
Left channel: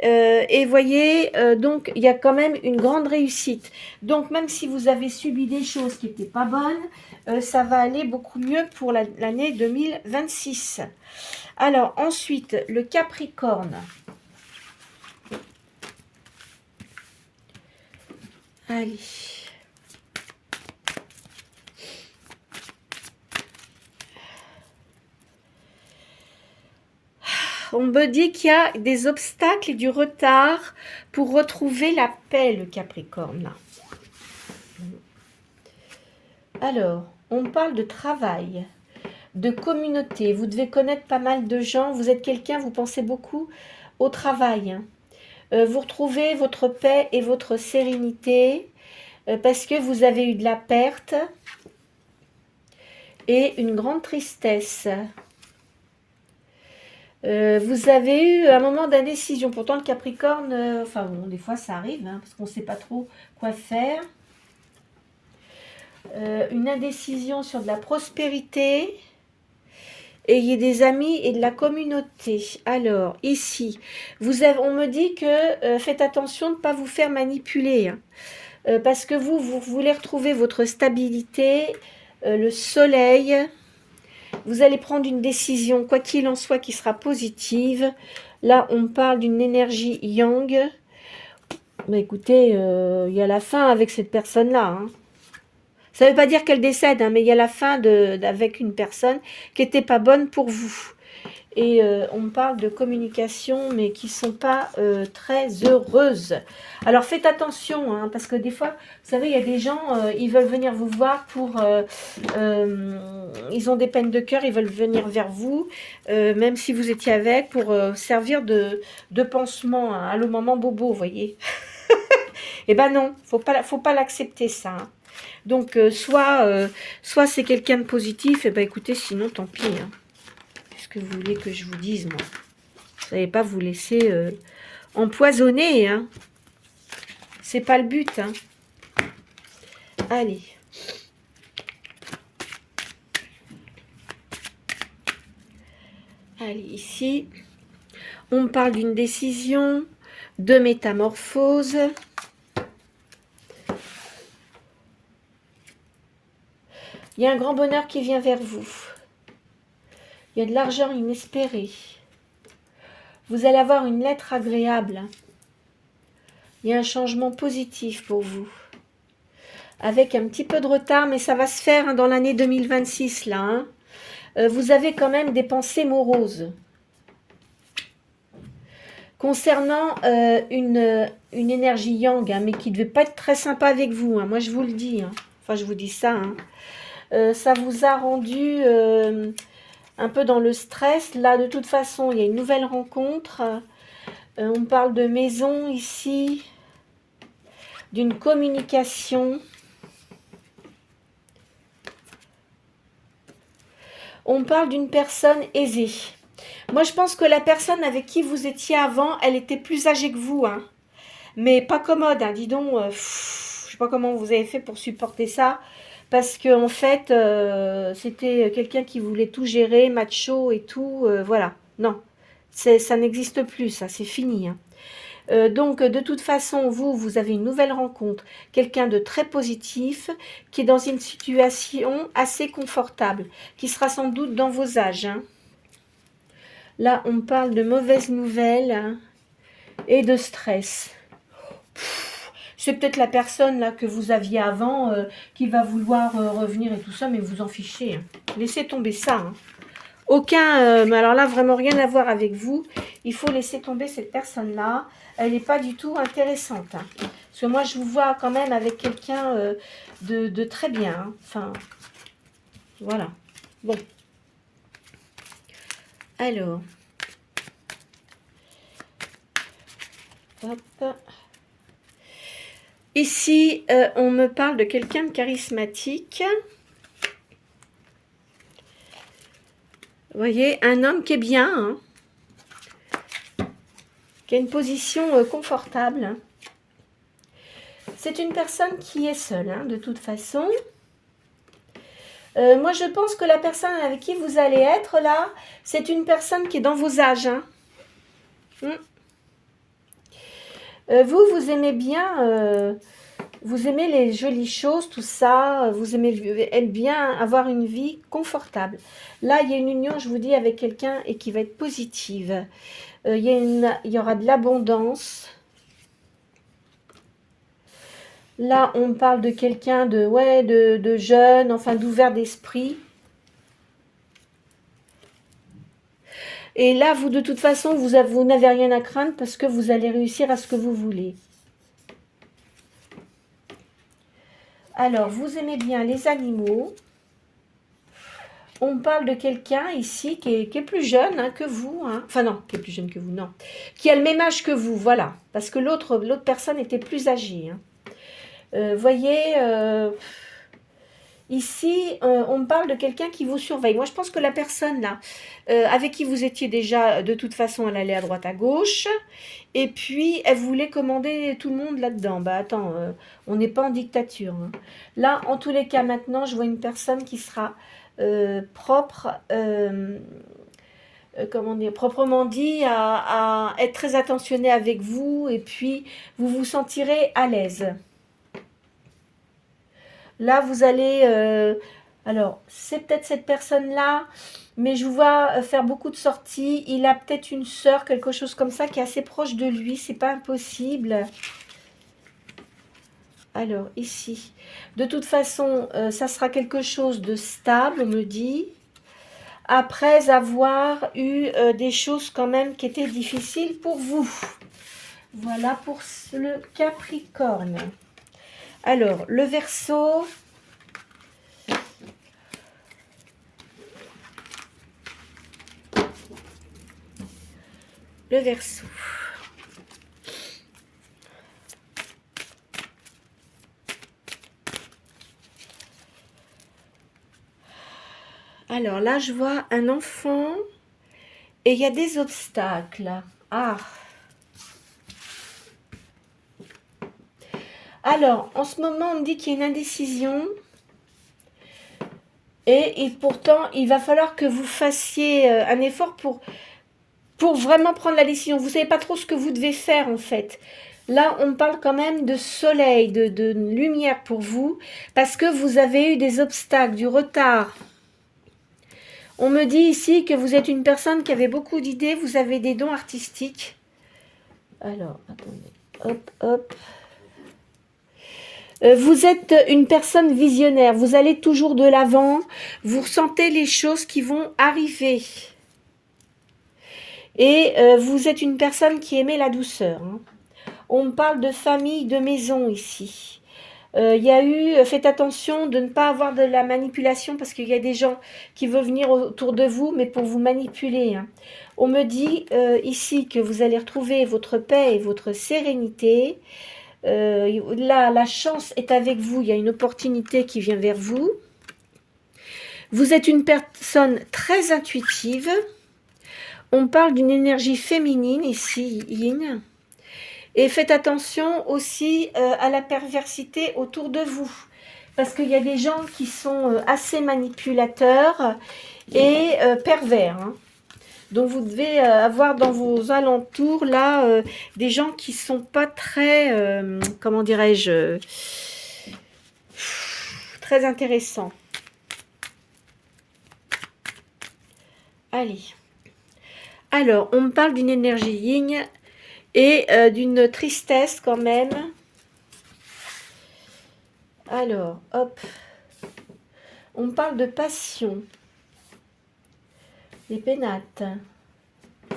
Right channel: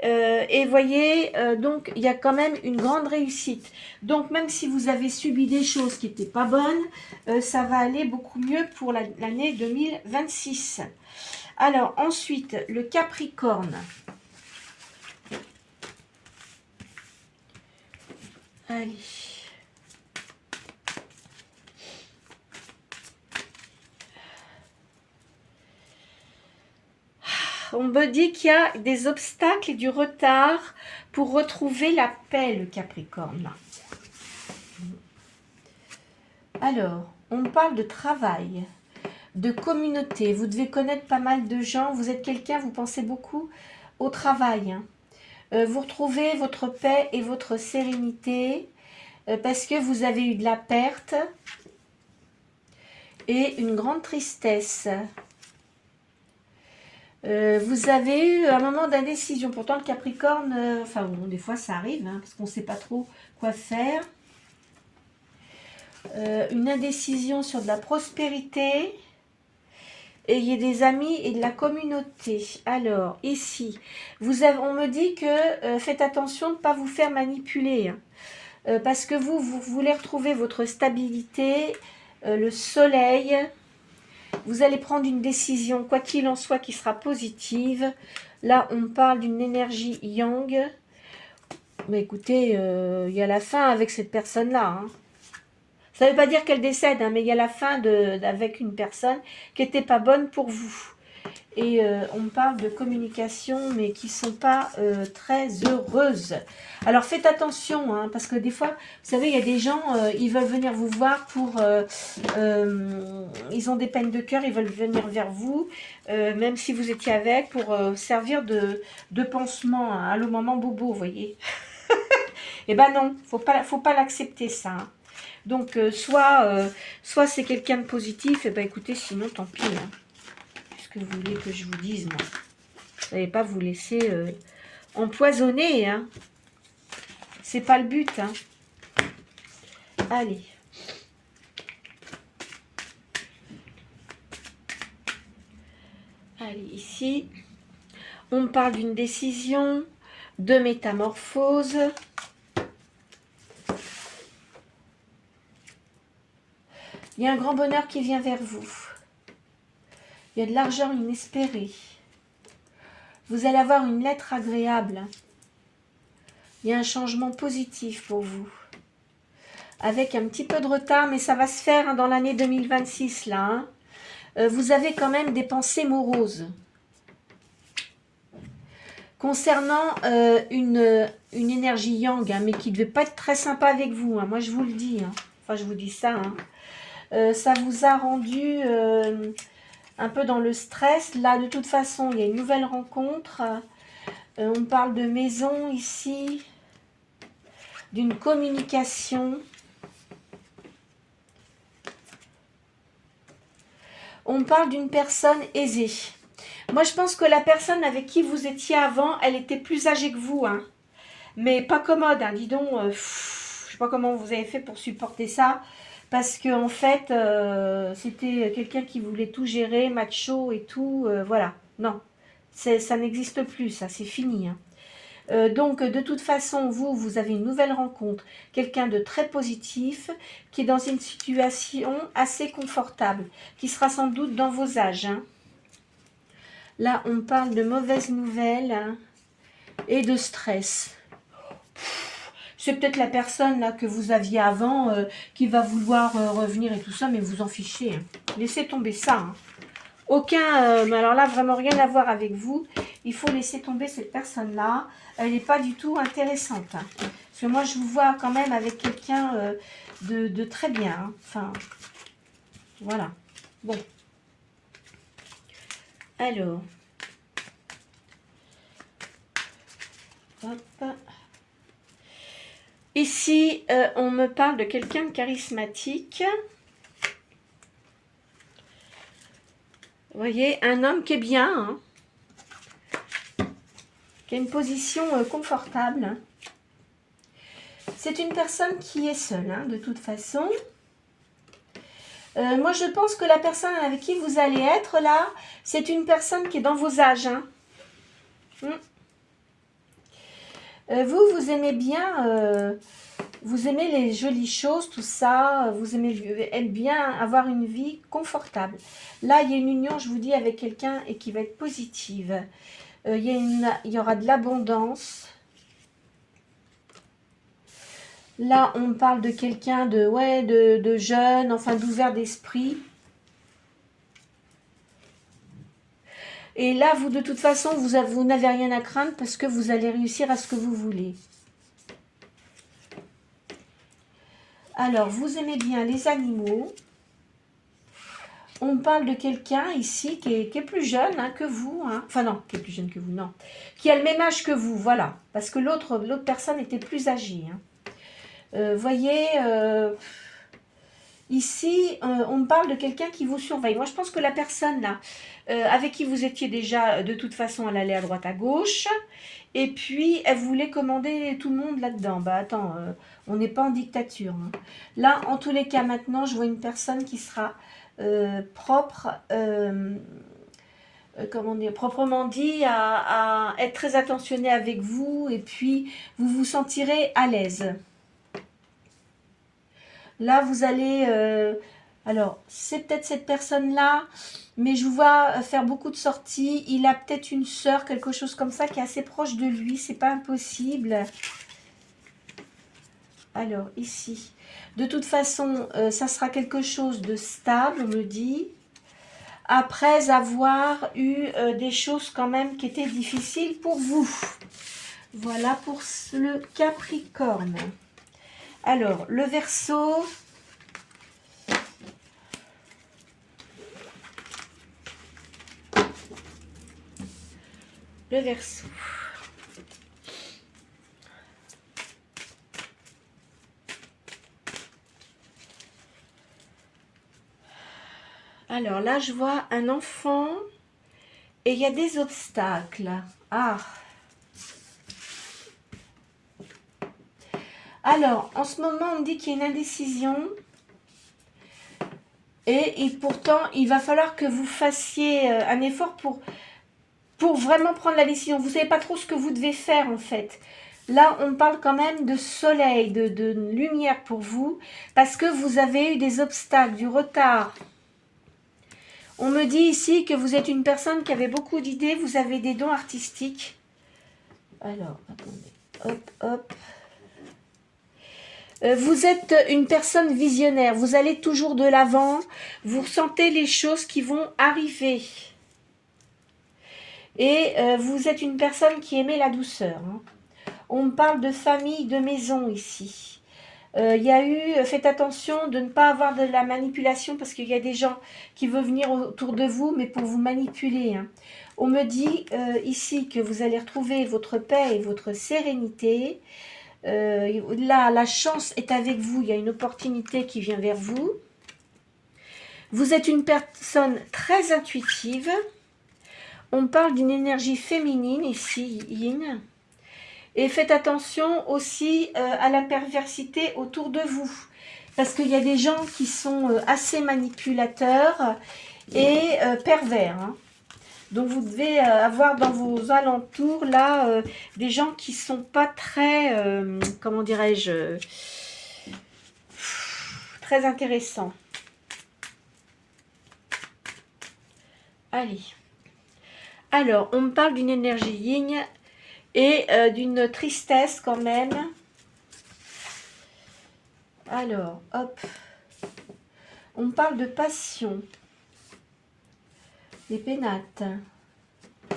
Et voyez, donc, il y a quand même une grande réussite. Donc, même si vous avez subi des choses qui n'étaient pas bonnes, ça va aller beaucoup mieux pour l'année 2026. Alors, ensuite, le Capricorne. Allez. On me dit qu'il y a des obstacles et du retard pour retrouver la paix, le Capricorne. Alors, on parle de travail, de communauté. Vous devez connaître pas mal de gens. Vous êtes quelqu'un, vous pensez beaucoup au travail. Vous retrouvez votre paix et votre sérénité parce que vous avez eu de la perte et une grande tristesse. Vous avez eu un moment d'indécision. Pourtant, le Capricorne, enfin bon, des fois ça arrive, hein, parce qu'on ne sait pas trop quoi faire. Une indécision sur de la prospérité. Ayez des amis et de la communauté. Alors, ici, on me dit que faites attention de ne pas vous faire manipuler. Hein, parce que vous voulez retrouver votre stabilité, le soleil. Vous allez prendre une décision, quoi qu'il en soit, qui sera positive. Là, on parle d'une énergie yang. Mais écoutez, il y a la fin avec cette personne-là. Hein. Ça ne veut pas dire qu'elle décède, hein, mais il y a la fin avec une personne qui n'était pas bonne pour vous. Et on me parle de communication, mais qui ne sont pas très heureuses. Alors faites attention, hein, parce que des fois, vous savez, il y a des gens, ils veulent venir vous voir pour... ils ont des peines de cœur, ils veulent venir vers vous, même si vous étiez avec, pour servir de pansement hein, à le moment bobo, vous voyez. Eh ben non, faut pas l'accepter ça. Hein. Donc, soit c'est quelqu'un de positif, et ben écoutez, sinon, tant pis. Hein. Qu'est-ce que vous voulez que je vous dise, moi? Vous n'allez pas vous laisser empoisonner, hein. C'est pas le but, hein. Allez. Allez, ici, on parle d'une décision, de métamorphose. Il y a un grand bonheur qui vient vers vous. Il y a de l'argent inespéré. Vous allez avoir une lettre agréable. Il y a un changement positif pour vous. Avec un petit peu de retard, mais ça va se faire hein, dans l'année 2026, là. Hein. Vous avez quand même des pensées moroses. concernant une énergie yang, hein, mais qui ne devait pas être très sympa avec vous. Hein, moi, je vous le dis. Hein. Enfin, je vous dis ça. Hein. Ça vous a rendu un peu dans le stress. Là, de toute façon, il y a une nouvelle rencontre. On parle de maison ici, d'une communication. On parle d'une personne aisée. Moi, je pense que la personne avec qui vous étiez avant, elle était plus âgée que vous. Hein. Mais pas commode, hein. Dis donc. Je ne sais pas comment vous avez fait pour supporter ça. Parce qu'en fait, c'était quelqu'un qui voulait tout gérer, macho et tout. Voilà. Non, ça n'existe plus, ça. C'est fini. Hein. Donc, de toute façon, vous avez une nouvelle rencontre. Quelqu'un de très positif, qui est dans une situation assez confortable, qui sera sans doute dans vos âges. Hein. Là, on parle de mauvaises nouvelles hein, et de stress. C'est peut-être la personne là que vous aviez avant qui va vouloir revenir et tout ça, mais vous en fichez. Hein. Laissez tomber ça. Hein. Aucun, mais alors là, vraiment rien à voir avec vous. Il faut laisser tomber cette personne-là. Elle n'est pas du tout intéressante. Hein. Parce que moi, je vous vois quand même avec quelqu'un de très bien. Hein. Enfin, voilà. Bon. Alors. Hop. Ici, on me parle de quelqu'un de charismatique. Vous voyez, un homme qui est bien, hein, qui a une position confortable. C'est une personne qui est seule, hein, de toute façon. Moi, je pense que la personne avec qui vous allez être, là, c'est une personne qui est dans vos âges. Hein. Vous aimez bien... vous aimez les jolies choses, tout ça. Vous aimez bien avoir une vie confortable. Là, il y a une union, je vous dis, avec quelqu'un et qui va être positive. Il y aura de l'abondance. Là, on parle de quelqu'un de jeune, enfin d'ouvert d'esprit. Et là, vous, de toute façon, vous n'avez rien à craindre parce que vous allez réussir à ce que vous voulez. Alors, vous aimez bien les animaux. On parle de quelqu'un ici qui est plus jeune hein, que vous. Hein. Enfin non, qui est plus jeune que vous, non. Qui a le même âge que vous, voilà. Parce que l'autre personne était plus âgée. Hein. Voyez, ici, on me parle de quelqu'un qui vous surveille. Moi, je pense que la personne là, avec qui vous étiez déjà, de toute façon, elle allait à droite, à gauche. Et puis, elle voulait commander tout le monde là-dedans. Bah attends, on n'est pas en dictature. Hein. Là, en tous les cas, maintenant, je vois une personne qui sera propre, comment dire, proprement dit, à être très attentionnée avec vous. Et puis, vous vous sentirez à l'aise. Là, vous allez... alors, c'est peut-être cette personne-là, mais je vous vois faire beaucoup de sorties. Il a peut-être une sœur, quelque chose comme ça, qui est assez proche de lui. C'est pas impossible. Alors, ici. De toute façon, ça sera quelque chose de stable, on me dit. Après avoir eu des choses quand même qui étaient difficiles pour vous. Voilà pour le Capricorne. Alors, le Verseau. Le Verseau. Alors là, je vois un enfant et il y a des obstacles. Ah. Alors, en ce moment, on me dit qu'il y a une indécision. Et pourtant, il va falloir que vous fassiez un effort pour vraiment prendre la décision. Vous ne savez pas trop ce que vous devez faire, en fait. Là, on parle quand même de soleil, de lumière pour vous, parce que vous avez eu des obstacles, du retard. On me dit ici que vous êtes une personne qui avait beaucoup d'idées, vous avez des dons artistiques. Alors, attendez, hop, hop. Vous êtes une personne visionnaire, vous allez toujours de l'avant, vous ressentez les choses qui vont arriver. Et vous êtes une personne qui aimait la douceur. Hein. On parle de famille, de maison ici. Il y a eu, faites attention de ne pas avoir de la manipulation parce qu'il y a des gens qui veulent venir autour de vous, mais pour vous manipuler. Hein. On me dit ici que vous allez retrouver votre paix et votre sérénité. Là, la chance est avec vous, il y a une opportunité qui vient vers vous. Vous êtes une personne très intuitive. On parle d'une énergie féminine ici, yin. Et faites attention aussi à la perversité autour de vous. Parce qu'il y a des gens qui sont assez manipulateurs et pervers. Hein. Donc vous devez avoir dans vos alentours là des gens qui sont pas très, comment dirais-je, très intéressants. Allez. Alors, on me parle d'une énergie yin et d'une tristesse quand même. Alors, hop. On me parle de passion. Les pénates. Vous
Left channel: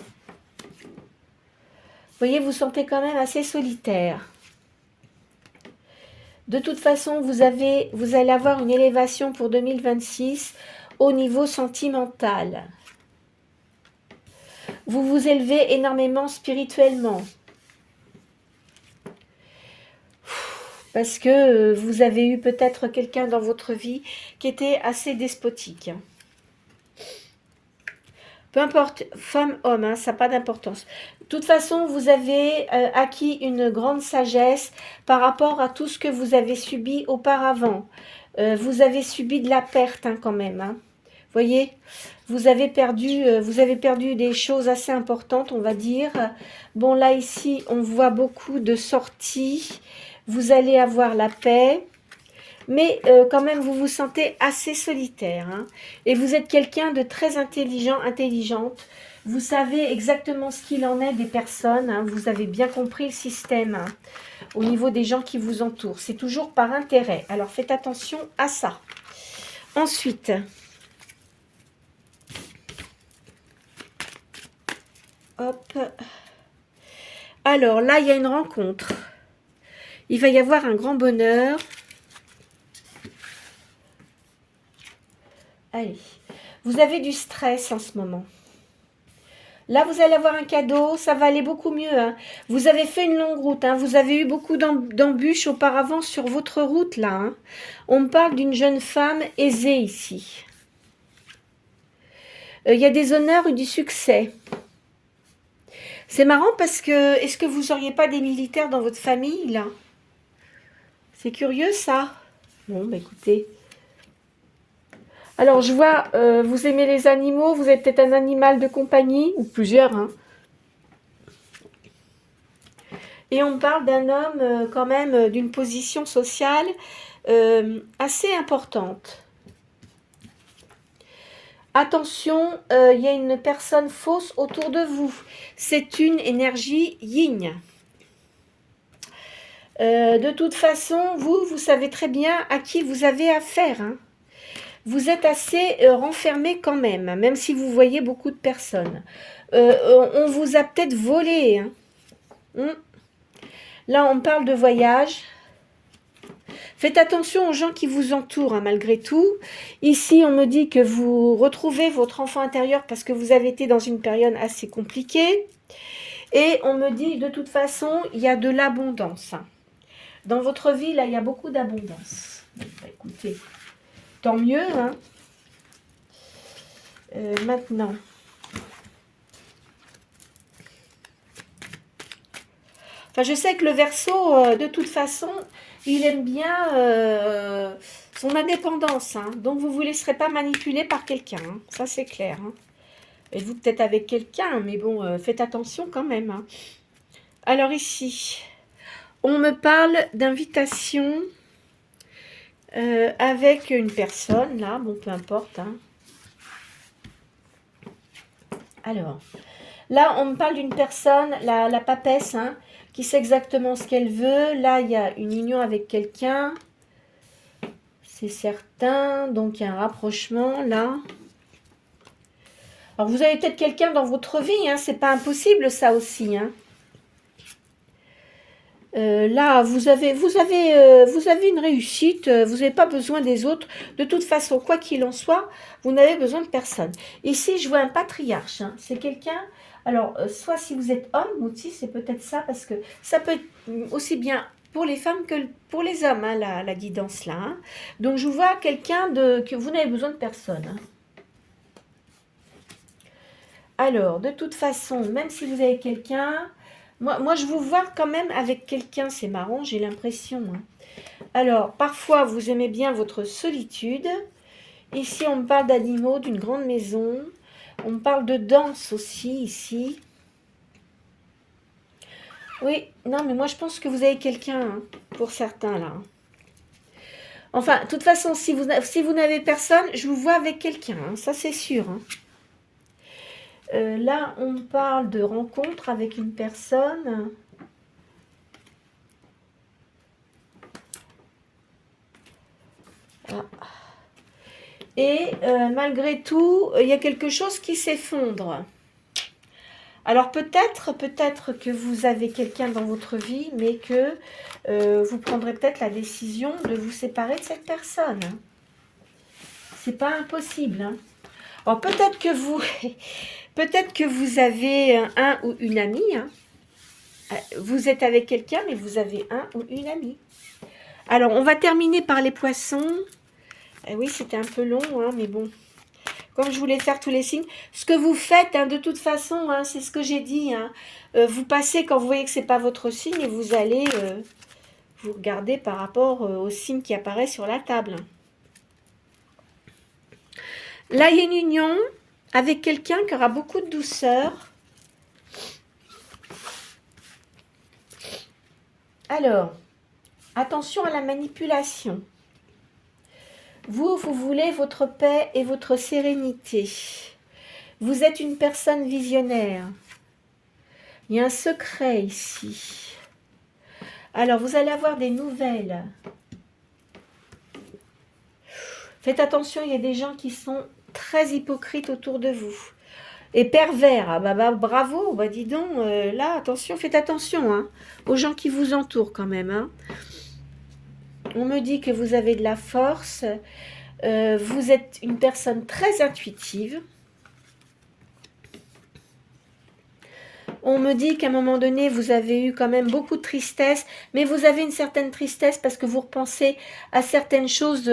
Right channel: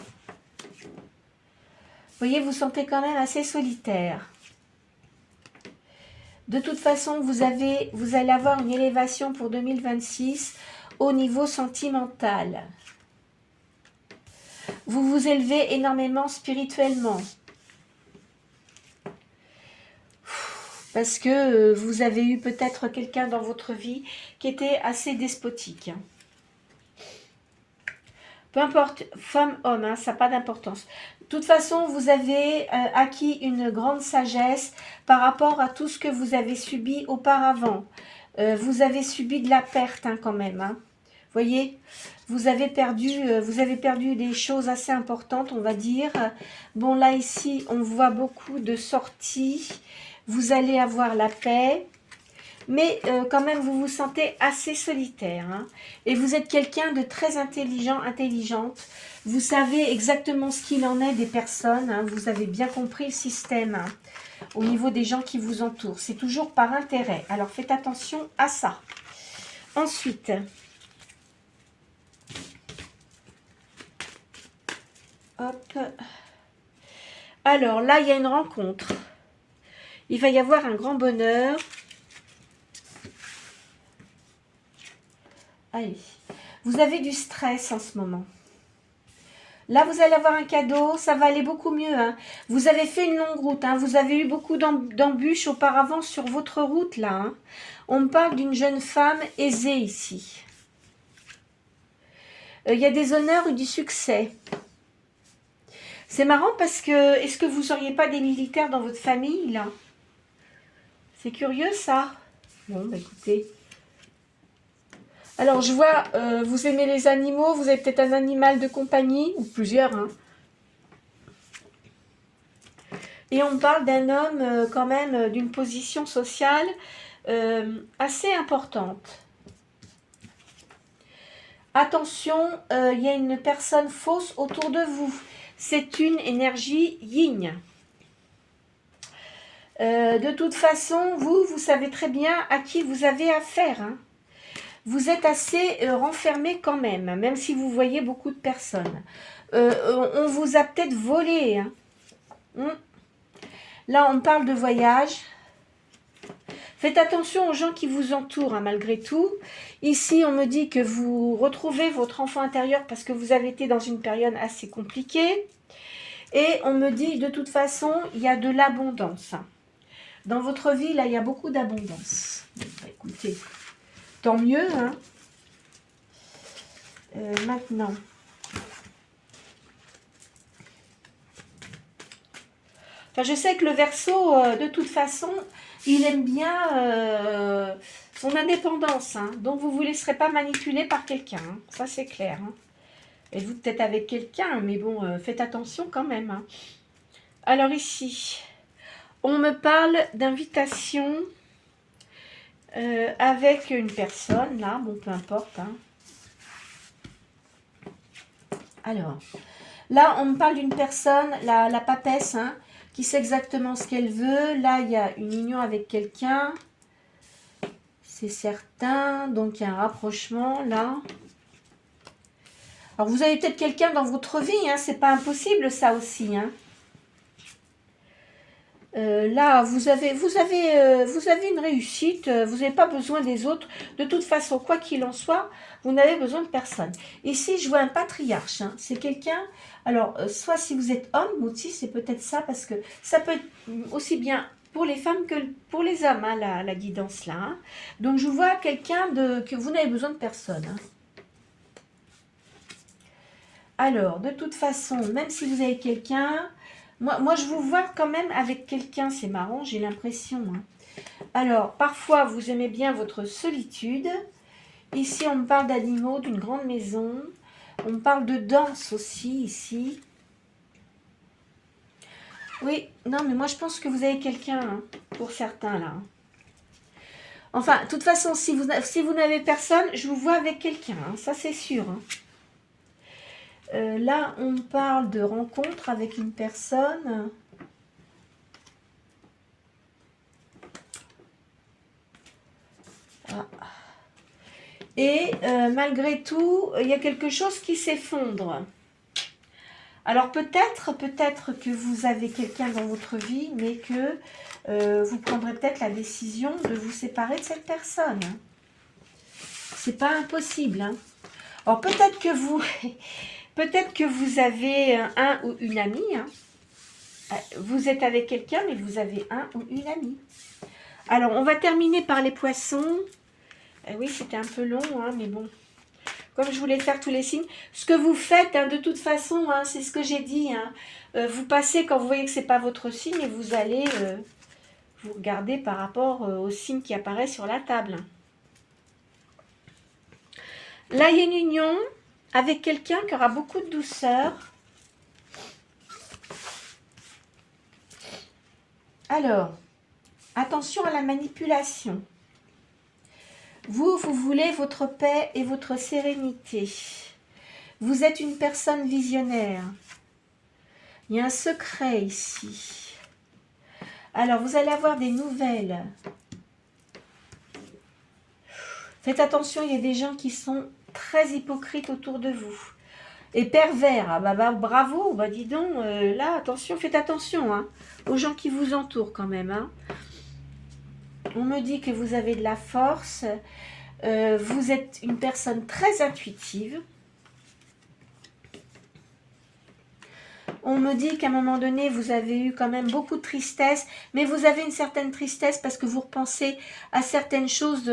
voyez, vous sentez quand même assez solitaire. De toute façon, vous allez avoir une élévation pour 2026 au niveau sentimental. Vous vous élevez énormément spirituellement. Parce que vous avez eu peut-être quelqu'un dans votre vie qui était assez despotique. Peu importe, femme, homme, hein, ça n'a pas d'importance. De toute façon, vous avez acquis une grande sagesse par rapport à tout ce que vous avez subi auparavant. Vous avez subi de la perte hein, quand même. Hein. Voyez, vous avez perdu des choses assez importantes, on va dire. Bon, là, ici, on voit beaucoup de sorties. Vous allez avoir la paix. Mais quand même, vous vous sentez assez solitaire. Hein, et vous êtes quelqu'un de très intelligent, intelligente. Vous savez exactement ce qu'il en est des personnes. Hein, vous avez bien compris le système hein, au niveau des gens qui vous entourent. C'est toujours par intérêt. Alors, faites attention à ça. Ensuite... Hop. Alors là, il y a une rencontre. Il va y avoir un grand bonheur. Allez. Vous avez du stress en ce moment. Là, vous allez avoir un cadeau. Ça va aller beaucoup mieux. Hein. Vous avez fait une longue route. Hein. Vous avez eu beaucoup d'embûches auparavant sur votre route. Là. Hein. On me parle d'une jeune femme aisée ici. Il y a des honneurs et du succès. C'est marrant parce que, est-ce que vous n'auriez pas des militaires dans votre famille, là? C'est curieux, ça. Bon, bah écoutez. Alors, je vois, vous aimez les animaux, vous avez peut-être un animal de compagnie, ou plusieurs, hein. Et on parle d'un homme, quand même, d'une position sociale assez importante. Attention, il y a une personne fausse autour de vous. C'est une énergie yin. De toute façon, vous savez très bien à qui vous avez affaire. Hein. Vous êtes assez renfermé quand même si vous voyez beaucoup de personnes. On vous a peut-être volé. Hein. Là, on parle de voyage. Faites attention aux gens qui vous entourent, hein, malgré tout. Ici, on me dit que vous retrouvez votre enfant intérieur parce que vous avez été dans une période assez compliquée. Et on me dit, de toute façon, il y a de l'abondance. Dans votre vie, là, il y a beaucoup d'abondance. Bah, écoutez, tant mieux. Hein. Maintenant. Enfin, je sais que le Verseau, de toute façon, il aime bien son indépendance. Hein. Donc, vous ne vous laisserez pas manipuler par quelqu'un. Hein. Ça, c'est clair. Hein. Et vous, peut-être avec quelqu'un, mais bon, faites attention quand même. Hein. Alors, ici, on me parle d'invitation avec une personne, là. Bon, peu importe. Hein. Alors, là, on me parle d'une personne, la papesse, hein, qui sait exactement ce qu'elle veut. Là, il y a une union avec quelqu'un. C'est certain. Donc, il y a un rapprochement, là. Alors, vous avez peut-être quelqu'un dans votre vie, hein, c'est pas impossible ça aussi. Hein. Là, vous avez une réussite, vous n'avez pas besoin des autres. De toute façon, quoi qu'il en soit, vous n'avez besoin de personne. Ici, je vois un patriarche. Hein. C'est quelqu'un, alors, soit si vous êtes homme, aussi, c'est peut-être ça, parce que ça peut être aussi bien pour les femmes que pour les hommes, hein, la guidance là. Hein. Donc, je vois quelqu'un que vous n'avez besoin de personne. Hein. Alors, de toute façon, même si vous avez quelqu'un... Moi, je vous vois quand même avec quelqu'un, c'est marrant, j'ai l'impression. Hein. Alors, parfois, vous aimez bien votre solitude. Ici, on me parle d'animaux, d'une grande maison. On me parle de danse aussi, ici. Oui, non, mais moi, je pense que vous avez quelqu'un, hein, pour certains, là. Enfin, de toute façon, si vous n'avez personne, je vous vois avec quelqu'un, hein, ça, c'est sûr. Hein. Là, on parle de rencontre avec une personne. Ah. Et malgré tout, il y a quelque chose qui s'effondre. Alors peut-être que vous avez quelqu'un dans votre vie, mais que vous prendrez peut-être la décision de vous séparer de cette personne. C'est pas impossible. Hein. Alors peut-être que vous... Peut-être que vous avez un ou une amie. Hein. Vous êtes avec quelqu'un, mais vous avez un ou une amie. Alors, on va terminer par les poissons. Oui, c'était un peu long, hein, mais bon. Comme je voulais faire tous les signes. Ce que vous faites, hein, de toute façon, hein, c'est ce que j'ai dit. Hein. Vous passez quand vous voyez que ce n'est pas votre signe et vous allez vous regarder par rapport au signe qui apparaît sur la table. Là, il y a une union avec quelqu'un qui aura beaucoup de douceur. Alors, attention à la manipulation. Vous voulez votre paix et votre sérénité. Vous êtes une personne visionnaire. Il y a un secret ici. Alors, vous allez avoir des nouvelles. Faites attention, il y a des gens qui sont très hypocrites autour de vous. Et pervers, ah bah, bravo, bah dis donc, là, attention, faites attention hein, aux gens qui vous entourent quand même. Hein. On me dit que vous avez de la force, vous êtes une personne très intuitive. On me dit qu'à un moment donné, vous avez eu quand même beaucoup de tristesse, mais vous avez une certaine tristesse parce que vous repensez à certaines choses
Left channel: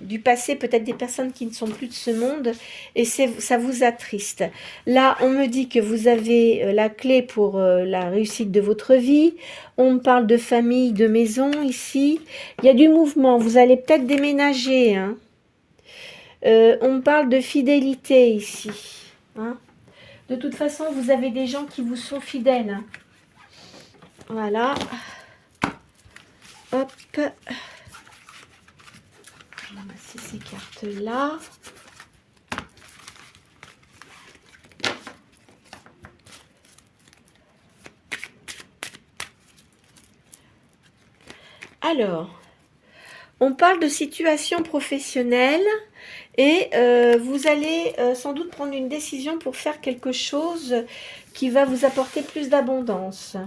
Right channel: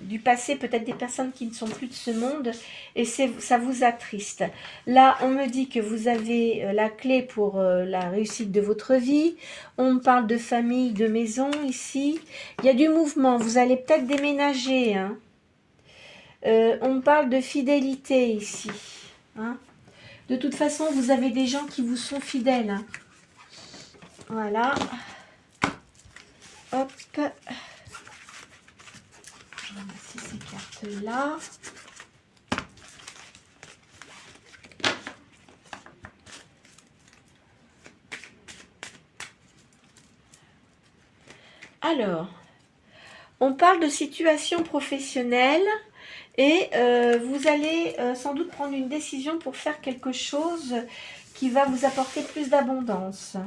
du passé, peut-être des personnes qui ne sont plus de ce monde, et ça vous attriste. Là, on me dit que vous avez la clé pour la réussite de votre vie. On me parle de famille, de maison ici. Il y a du mouvement, vous allez peut-être déménager. Hein. On me parle de fidélité ici. Hein. De toute façon, vous avez des gens qui vous sont fidèles. Hein. Voilà. Hop. Ces cartes-là. Alors, on parle de situation professionnelle et vous allez sans doute prendre une décision pour faire quelque chose qui va vous apporter plus d'abondance.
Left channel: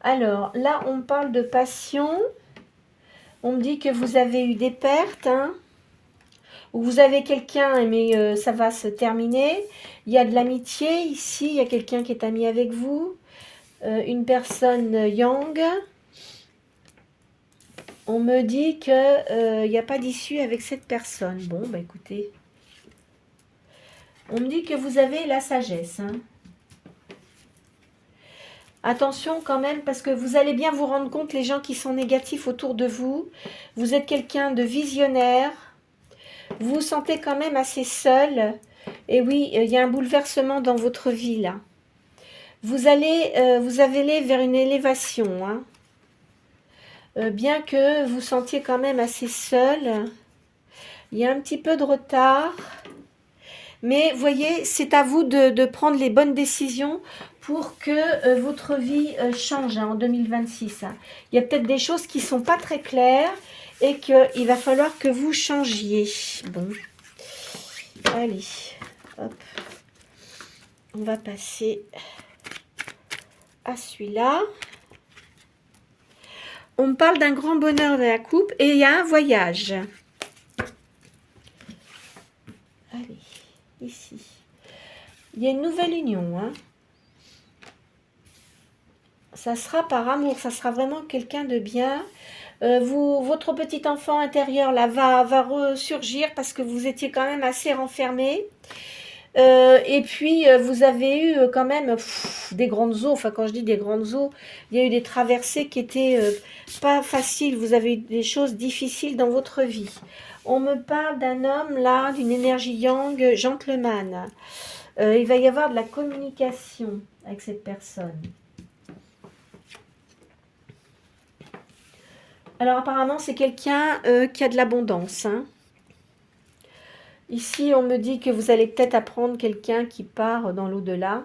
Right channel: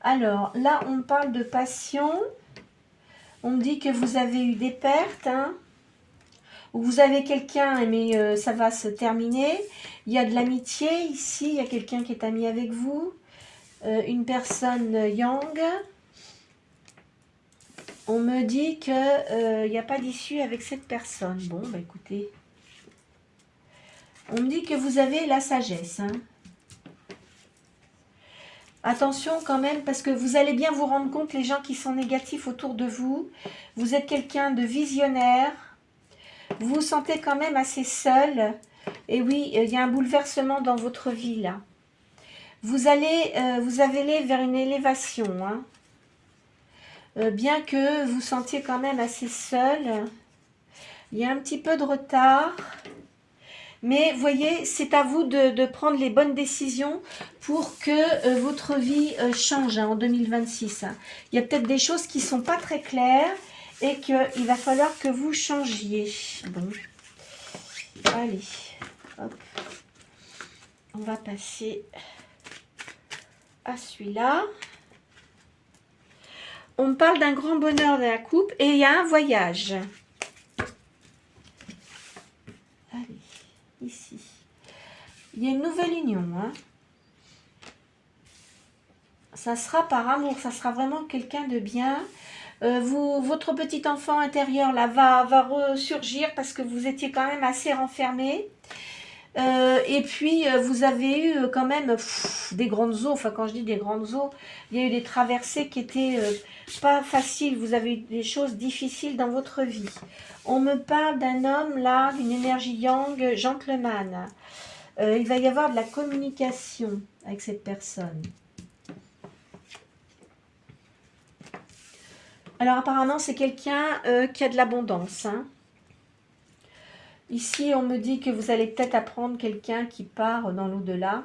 Alors, là, on parle de passion. On me dit que vous avez eu des pertes, hein, ou vous avez quelqu'un, mais ça va se terminer. Il y a de l'amitié ici, il y a quelqu'un qui est ami avec vous, une personne yang. On me dit qu'il n'y a pas d'issue avec cette personne. Bon, bah écoutez. On me dit que vous avez la sagesse, hein. Attention quand même, parce que vous allez bien vous rendre compte, les gens qui sont négatifs autour de vous, vous êtes quelqu'un de visionnaire, vous vous sentez quand même assez seul, et oui, il y a un bouleversement dans votre vie là. Vous allez vers une élévation, hein. Bien que vous sentiez quand même assez seul, il y a un petit peu de retard. Mais voyez, c'est à vous de prendre les bonnes décisions pour que votre vie change hein, en 2026. Hein. Il y a peut-être des choses qui ne sont pas très claires et qu'il va falloir que vous changiez. Bon, allez, Hop. On va passer à celui-là. On me parle d'un grand bonheur de la coupe et il y a un voyage. Allez, ici. Il y a une nouvelle union. Hein. Ça sera par amour, ça sera vraiment quelqu'un de bien. Votre petit enfant intérieur là va ressurgir parce que vous étiez quand même assez renfermé. Et puis, vous avez eu quand même des grandes eaux. Enfin, quand je dis des grandes eaux, il y a eu des traversées qui étaient pas faciles. Vous avez eu des choses difficiles dans votre vie. On me parle d'un homme là, d'une énergie yang, gentleman. Il va y avoir de la communication avec cette personne. Alors, apparemment, c'est quelqu'un qui a de l'abondance, hein. Ici, on me dit que vous allez peut-être apprendre quelqu'un qui part dans l'au-delà.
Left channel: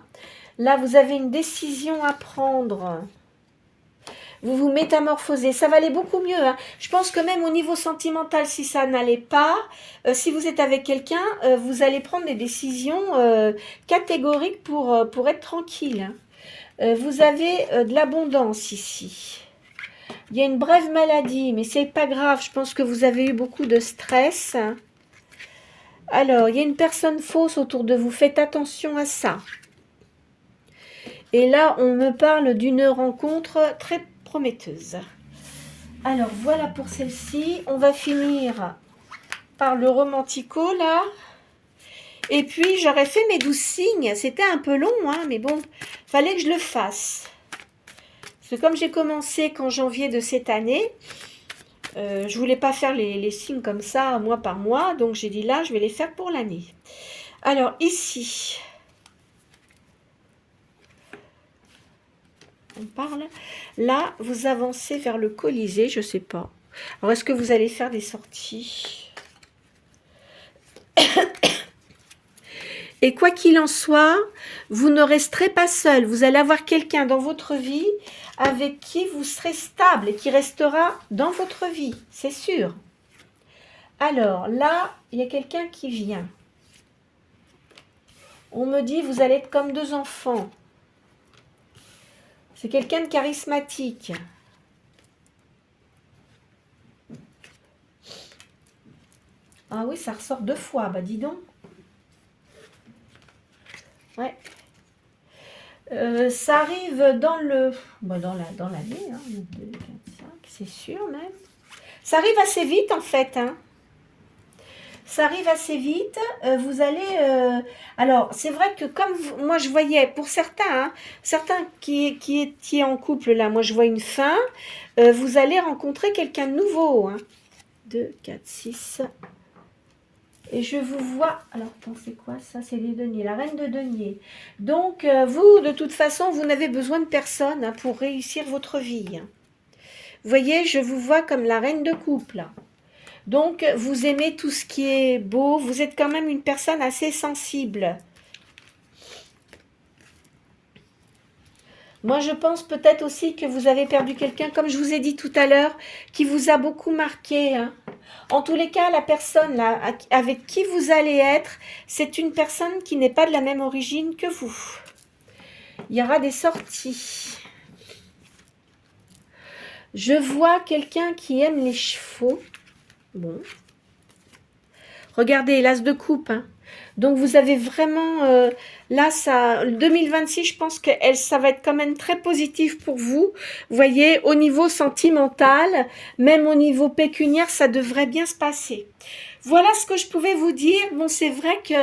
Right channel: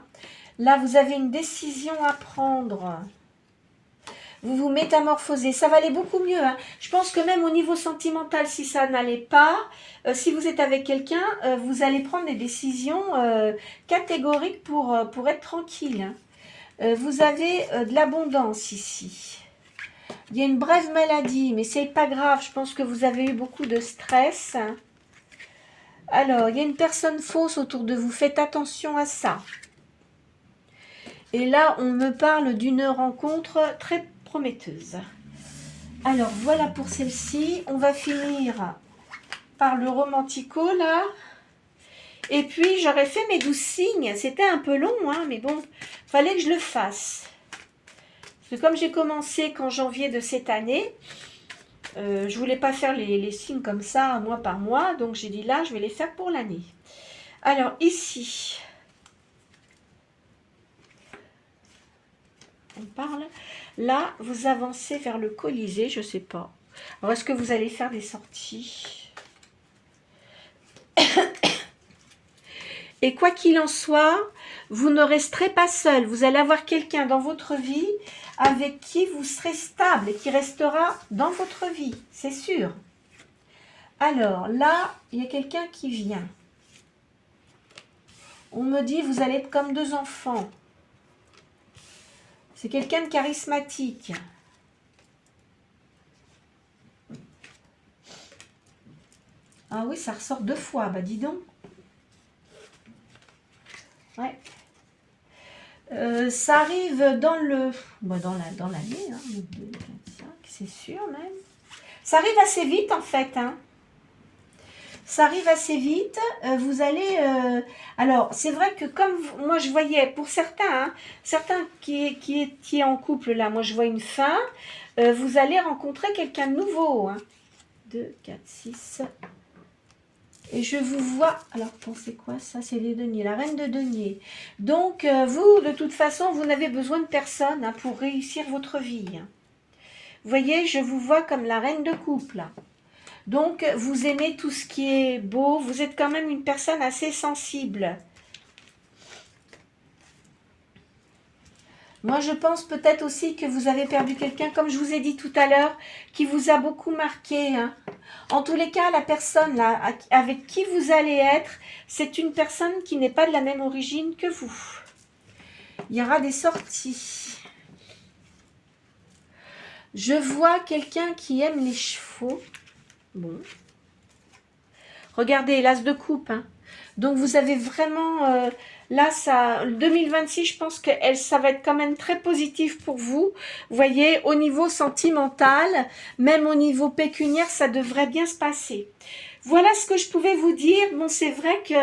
Là, vous avez une décision à prendre. Vous vous métamorphosez. Ça va aller beaucoup mieux. Hein. Je pense que même au niveau sentimental, si ça n'allait pas, si vous êtes avec quelqu'un, vous allez prendre des décisions catégoriques pour être tranquille. Hein. Vous avez de l'abondance ici. Il y a une brève maladie, mais c'est pas grave. Je pense que vous avez eu beaucoup de stress. Alors, il y a une personne fausse autour de vous. Faites attention à ça. Et là, on me parle d'une rencontre très prometteuse. Alors, voilà pour celle-ci. On va finir par le romantico, là. Et puis, j'aurais fait mes 12 signes. C'était un peu long, hein, mais bon, fallait que je le fasse. Parce que comme j'ai commencé qu'en janvier de cette année, je voulais pas faire les signes comme ça, mois par mois. Donc, j'ai dit là, je vais les faire pour l'année. Alors, ici, on parle. Là, vous avancez vers le Colisée, je sais pas. Alors, est-ce que vous allez faire des sorties? Et quoi qu'il en soit, vous ne resterez pas seul. Vous allez avoir quelqu'un dans votre vie avec qui vous serez stable et qui restera dans votre vie, c'est sûr. Alors, là, il y a quelqu'un qui vient. On me dit, vous allez être comme deux enfants. C'est quelqu'un de charismatique. Ah oui, ça ressort 2 fois, bah dis donc. Ouais. Ça arrive dans le... Bah dans l'année, hein, 2025, c'est sûr même. Ça arrive assez vite en fait, hein. Ça arrive assez vite, vous allez... alors, c'est vrai que comme moi je voyais, pour certains, hein, certains qui étaient en couple, là, moi je vois une fin, vous allez rencontrer quelqu'un de nouveau. Hein. 2, 4, 6... Et je vous vois, alors pensez quoi ça? C'est les deniers, la reine de deniers. Donc vous, de toute façon, vous n'avez besoin de personne hein, pour réussir votre vie. Hein. Vous voyez, je vous vois comme la reine de coupe là. Donc vous aimez tout ce qui est beau, vous êtes quand même une personne assez sensible. Moi, je pense peut-être aussi que vous avez perdu quelqu'un, comme je vous ai dit tout à l'heure, qui vous a beaucoup marqué. Hein. En tous les cas, la personne là, avec qui vous allez être, c'est une personne qui n'est pas de la même origine que vous. Il y aura des sorties. Je vois quelqu'un qui aime les chevaux. Bon. Regardez, l'as de coupe. Hein. Donc, vous avez vraiment... là, ça, 2026, je pense que ça va être quand même très positif pour vous. Vous voyez, au niveau sentimental, même au niveau pécuniaire, ça devrait bien se passer. Voilà ce que je pouvais vous dire. Bon, c'est vrai que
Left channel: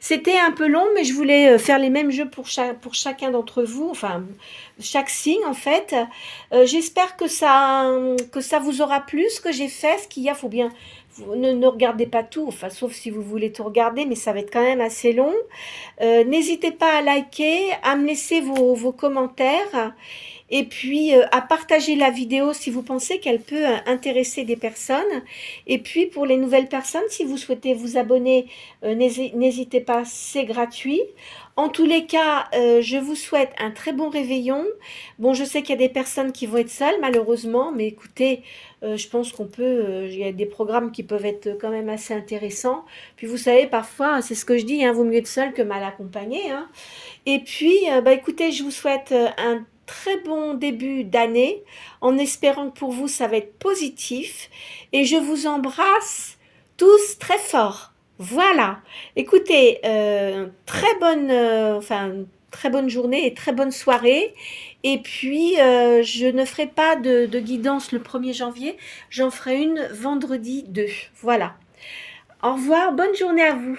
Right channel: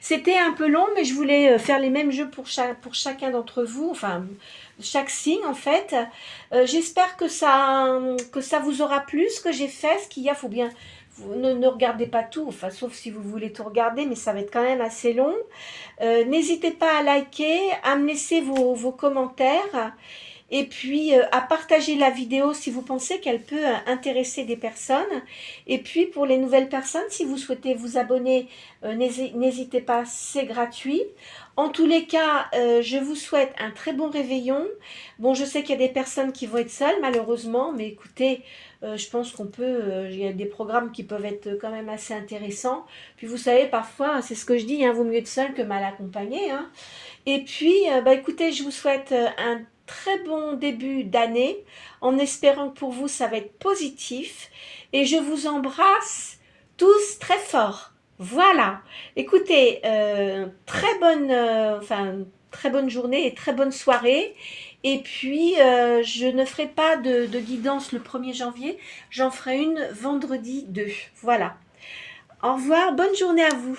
c'était un peu long, mais je voulais faire les mêmes jeux pour chacun d'entre vous. Enfin, chaque signe, en fait. J'espère que ça vous aura plu, ce que j'ai fait. Ce qu'il y a, faut bien... Vous ne regardez pas tout, enfin, sauf si vous voulez tout regarder, mais ça va être quand même assez long. N'hésitez pas à liker, à me laisser vos commentaires et puis à partager la vidéo si vous pensez qu'elle peut intéresser des personnes. Et puis pour les nouvelles personnes, si vous souhaitez vous abonner, n'hésitez pas, c'est gratuit. En tous les cas, je vous souhaite un très bon réveillon. Bon, je sais qu'il y a des personnes qui vont être seules, malheureusement, mais écoutez, je pense qu'on peut, il y a des programmes qui peuvent être quand même assez intéressants. Puis vous savez, parfois, c'est ce que je dis, hein, vaut mieux être seul que mal accompagné, hein. Et puis, bah, écoutez, je vous souhaite un très bon début d'année, en espérant que pour vous, ça va être positif. Et je vous embrasse tous très fort. Voilà. Écoutez, très bonne journée et très bonne soirée. Et puis, je ne ferai pas de guidance le 1er janvier. J'en ferai une vendredi 2. Voilà. Au revoir. Bonne journée à vous.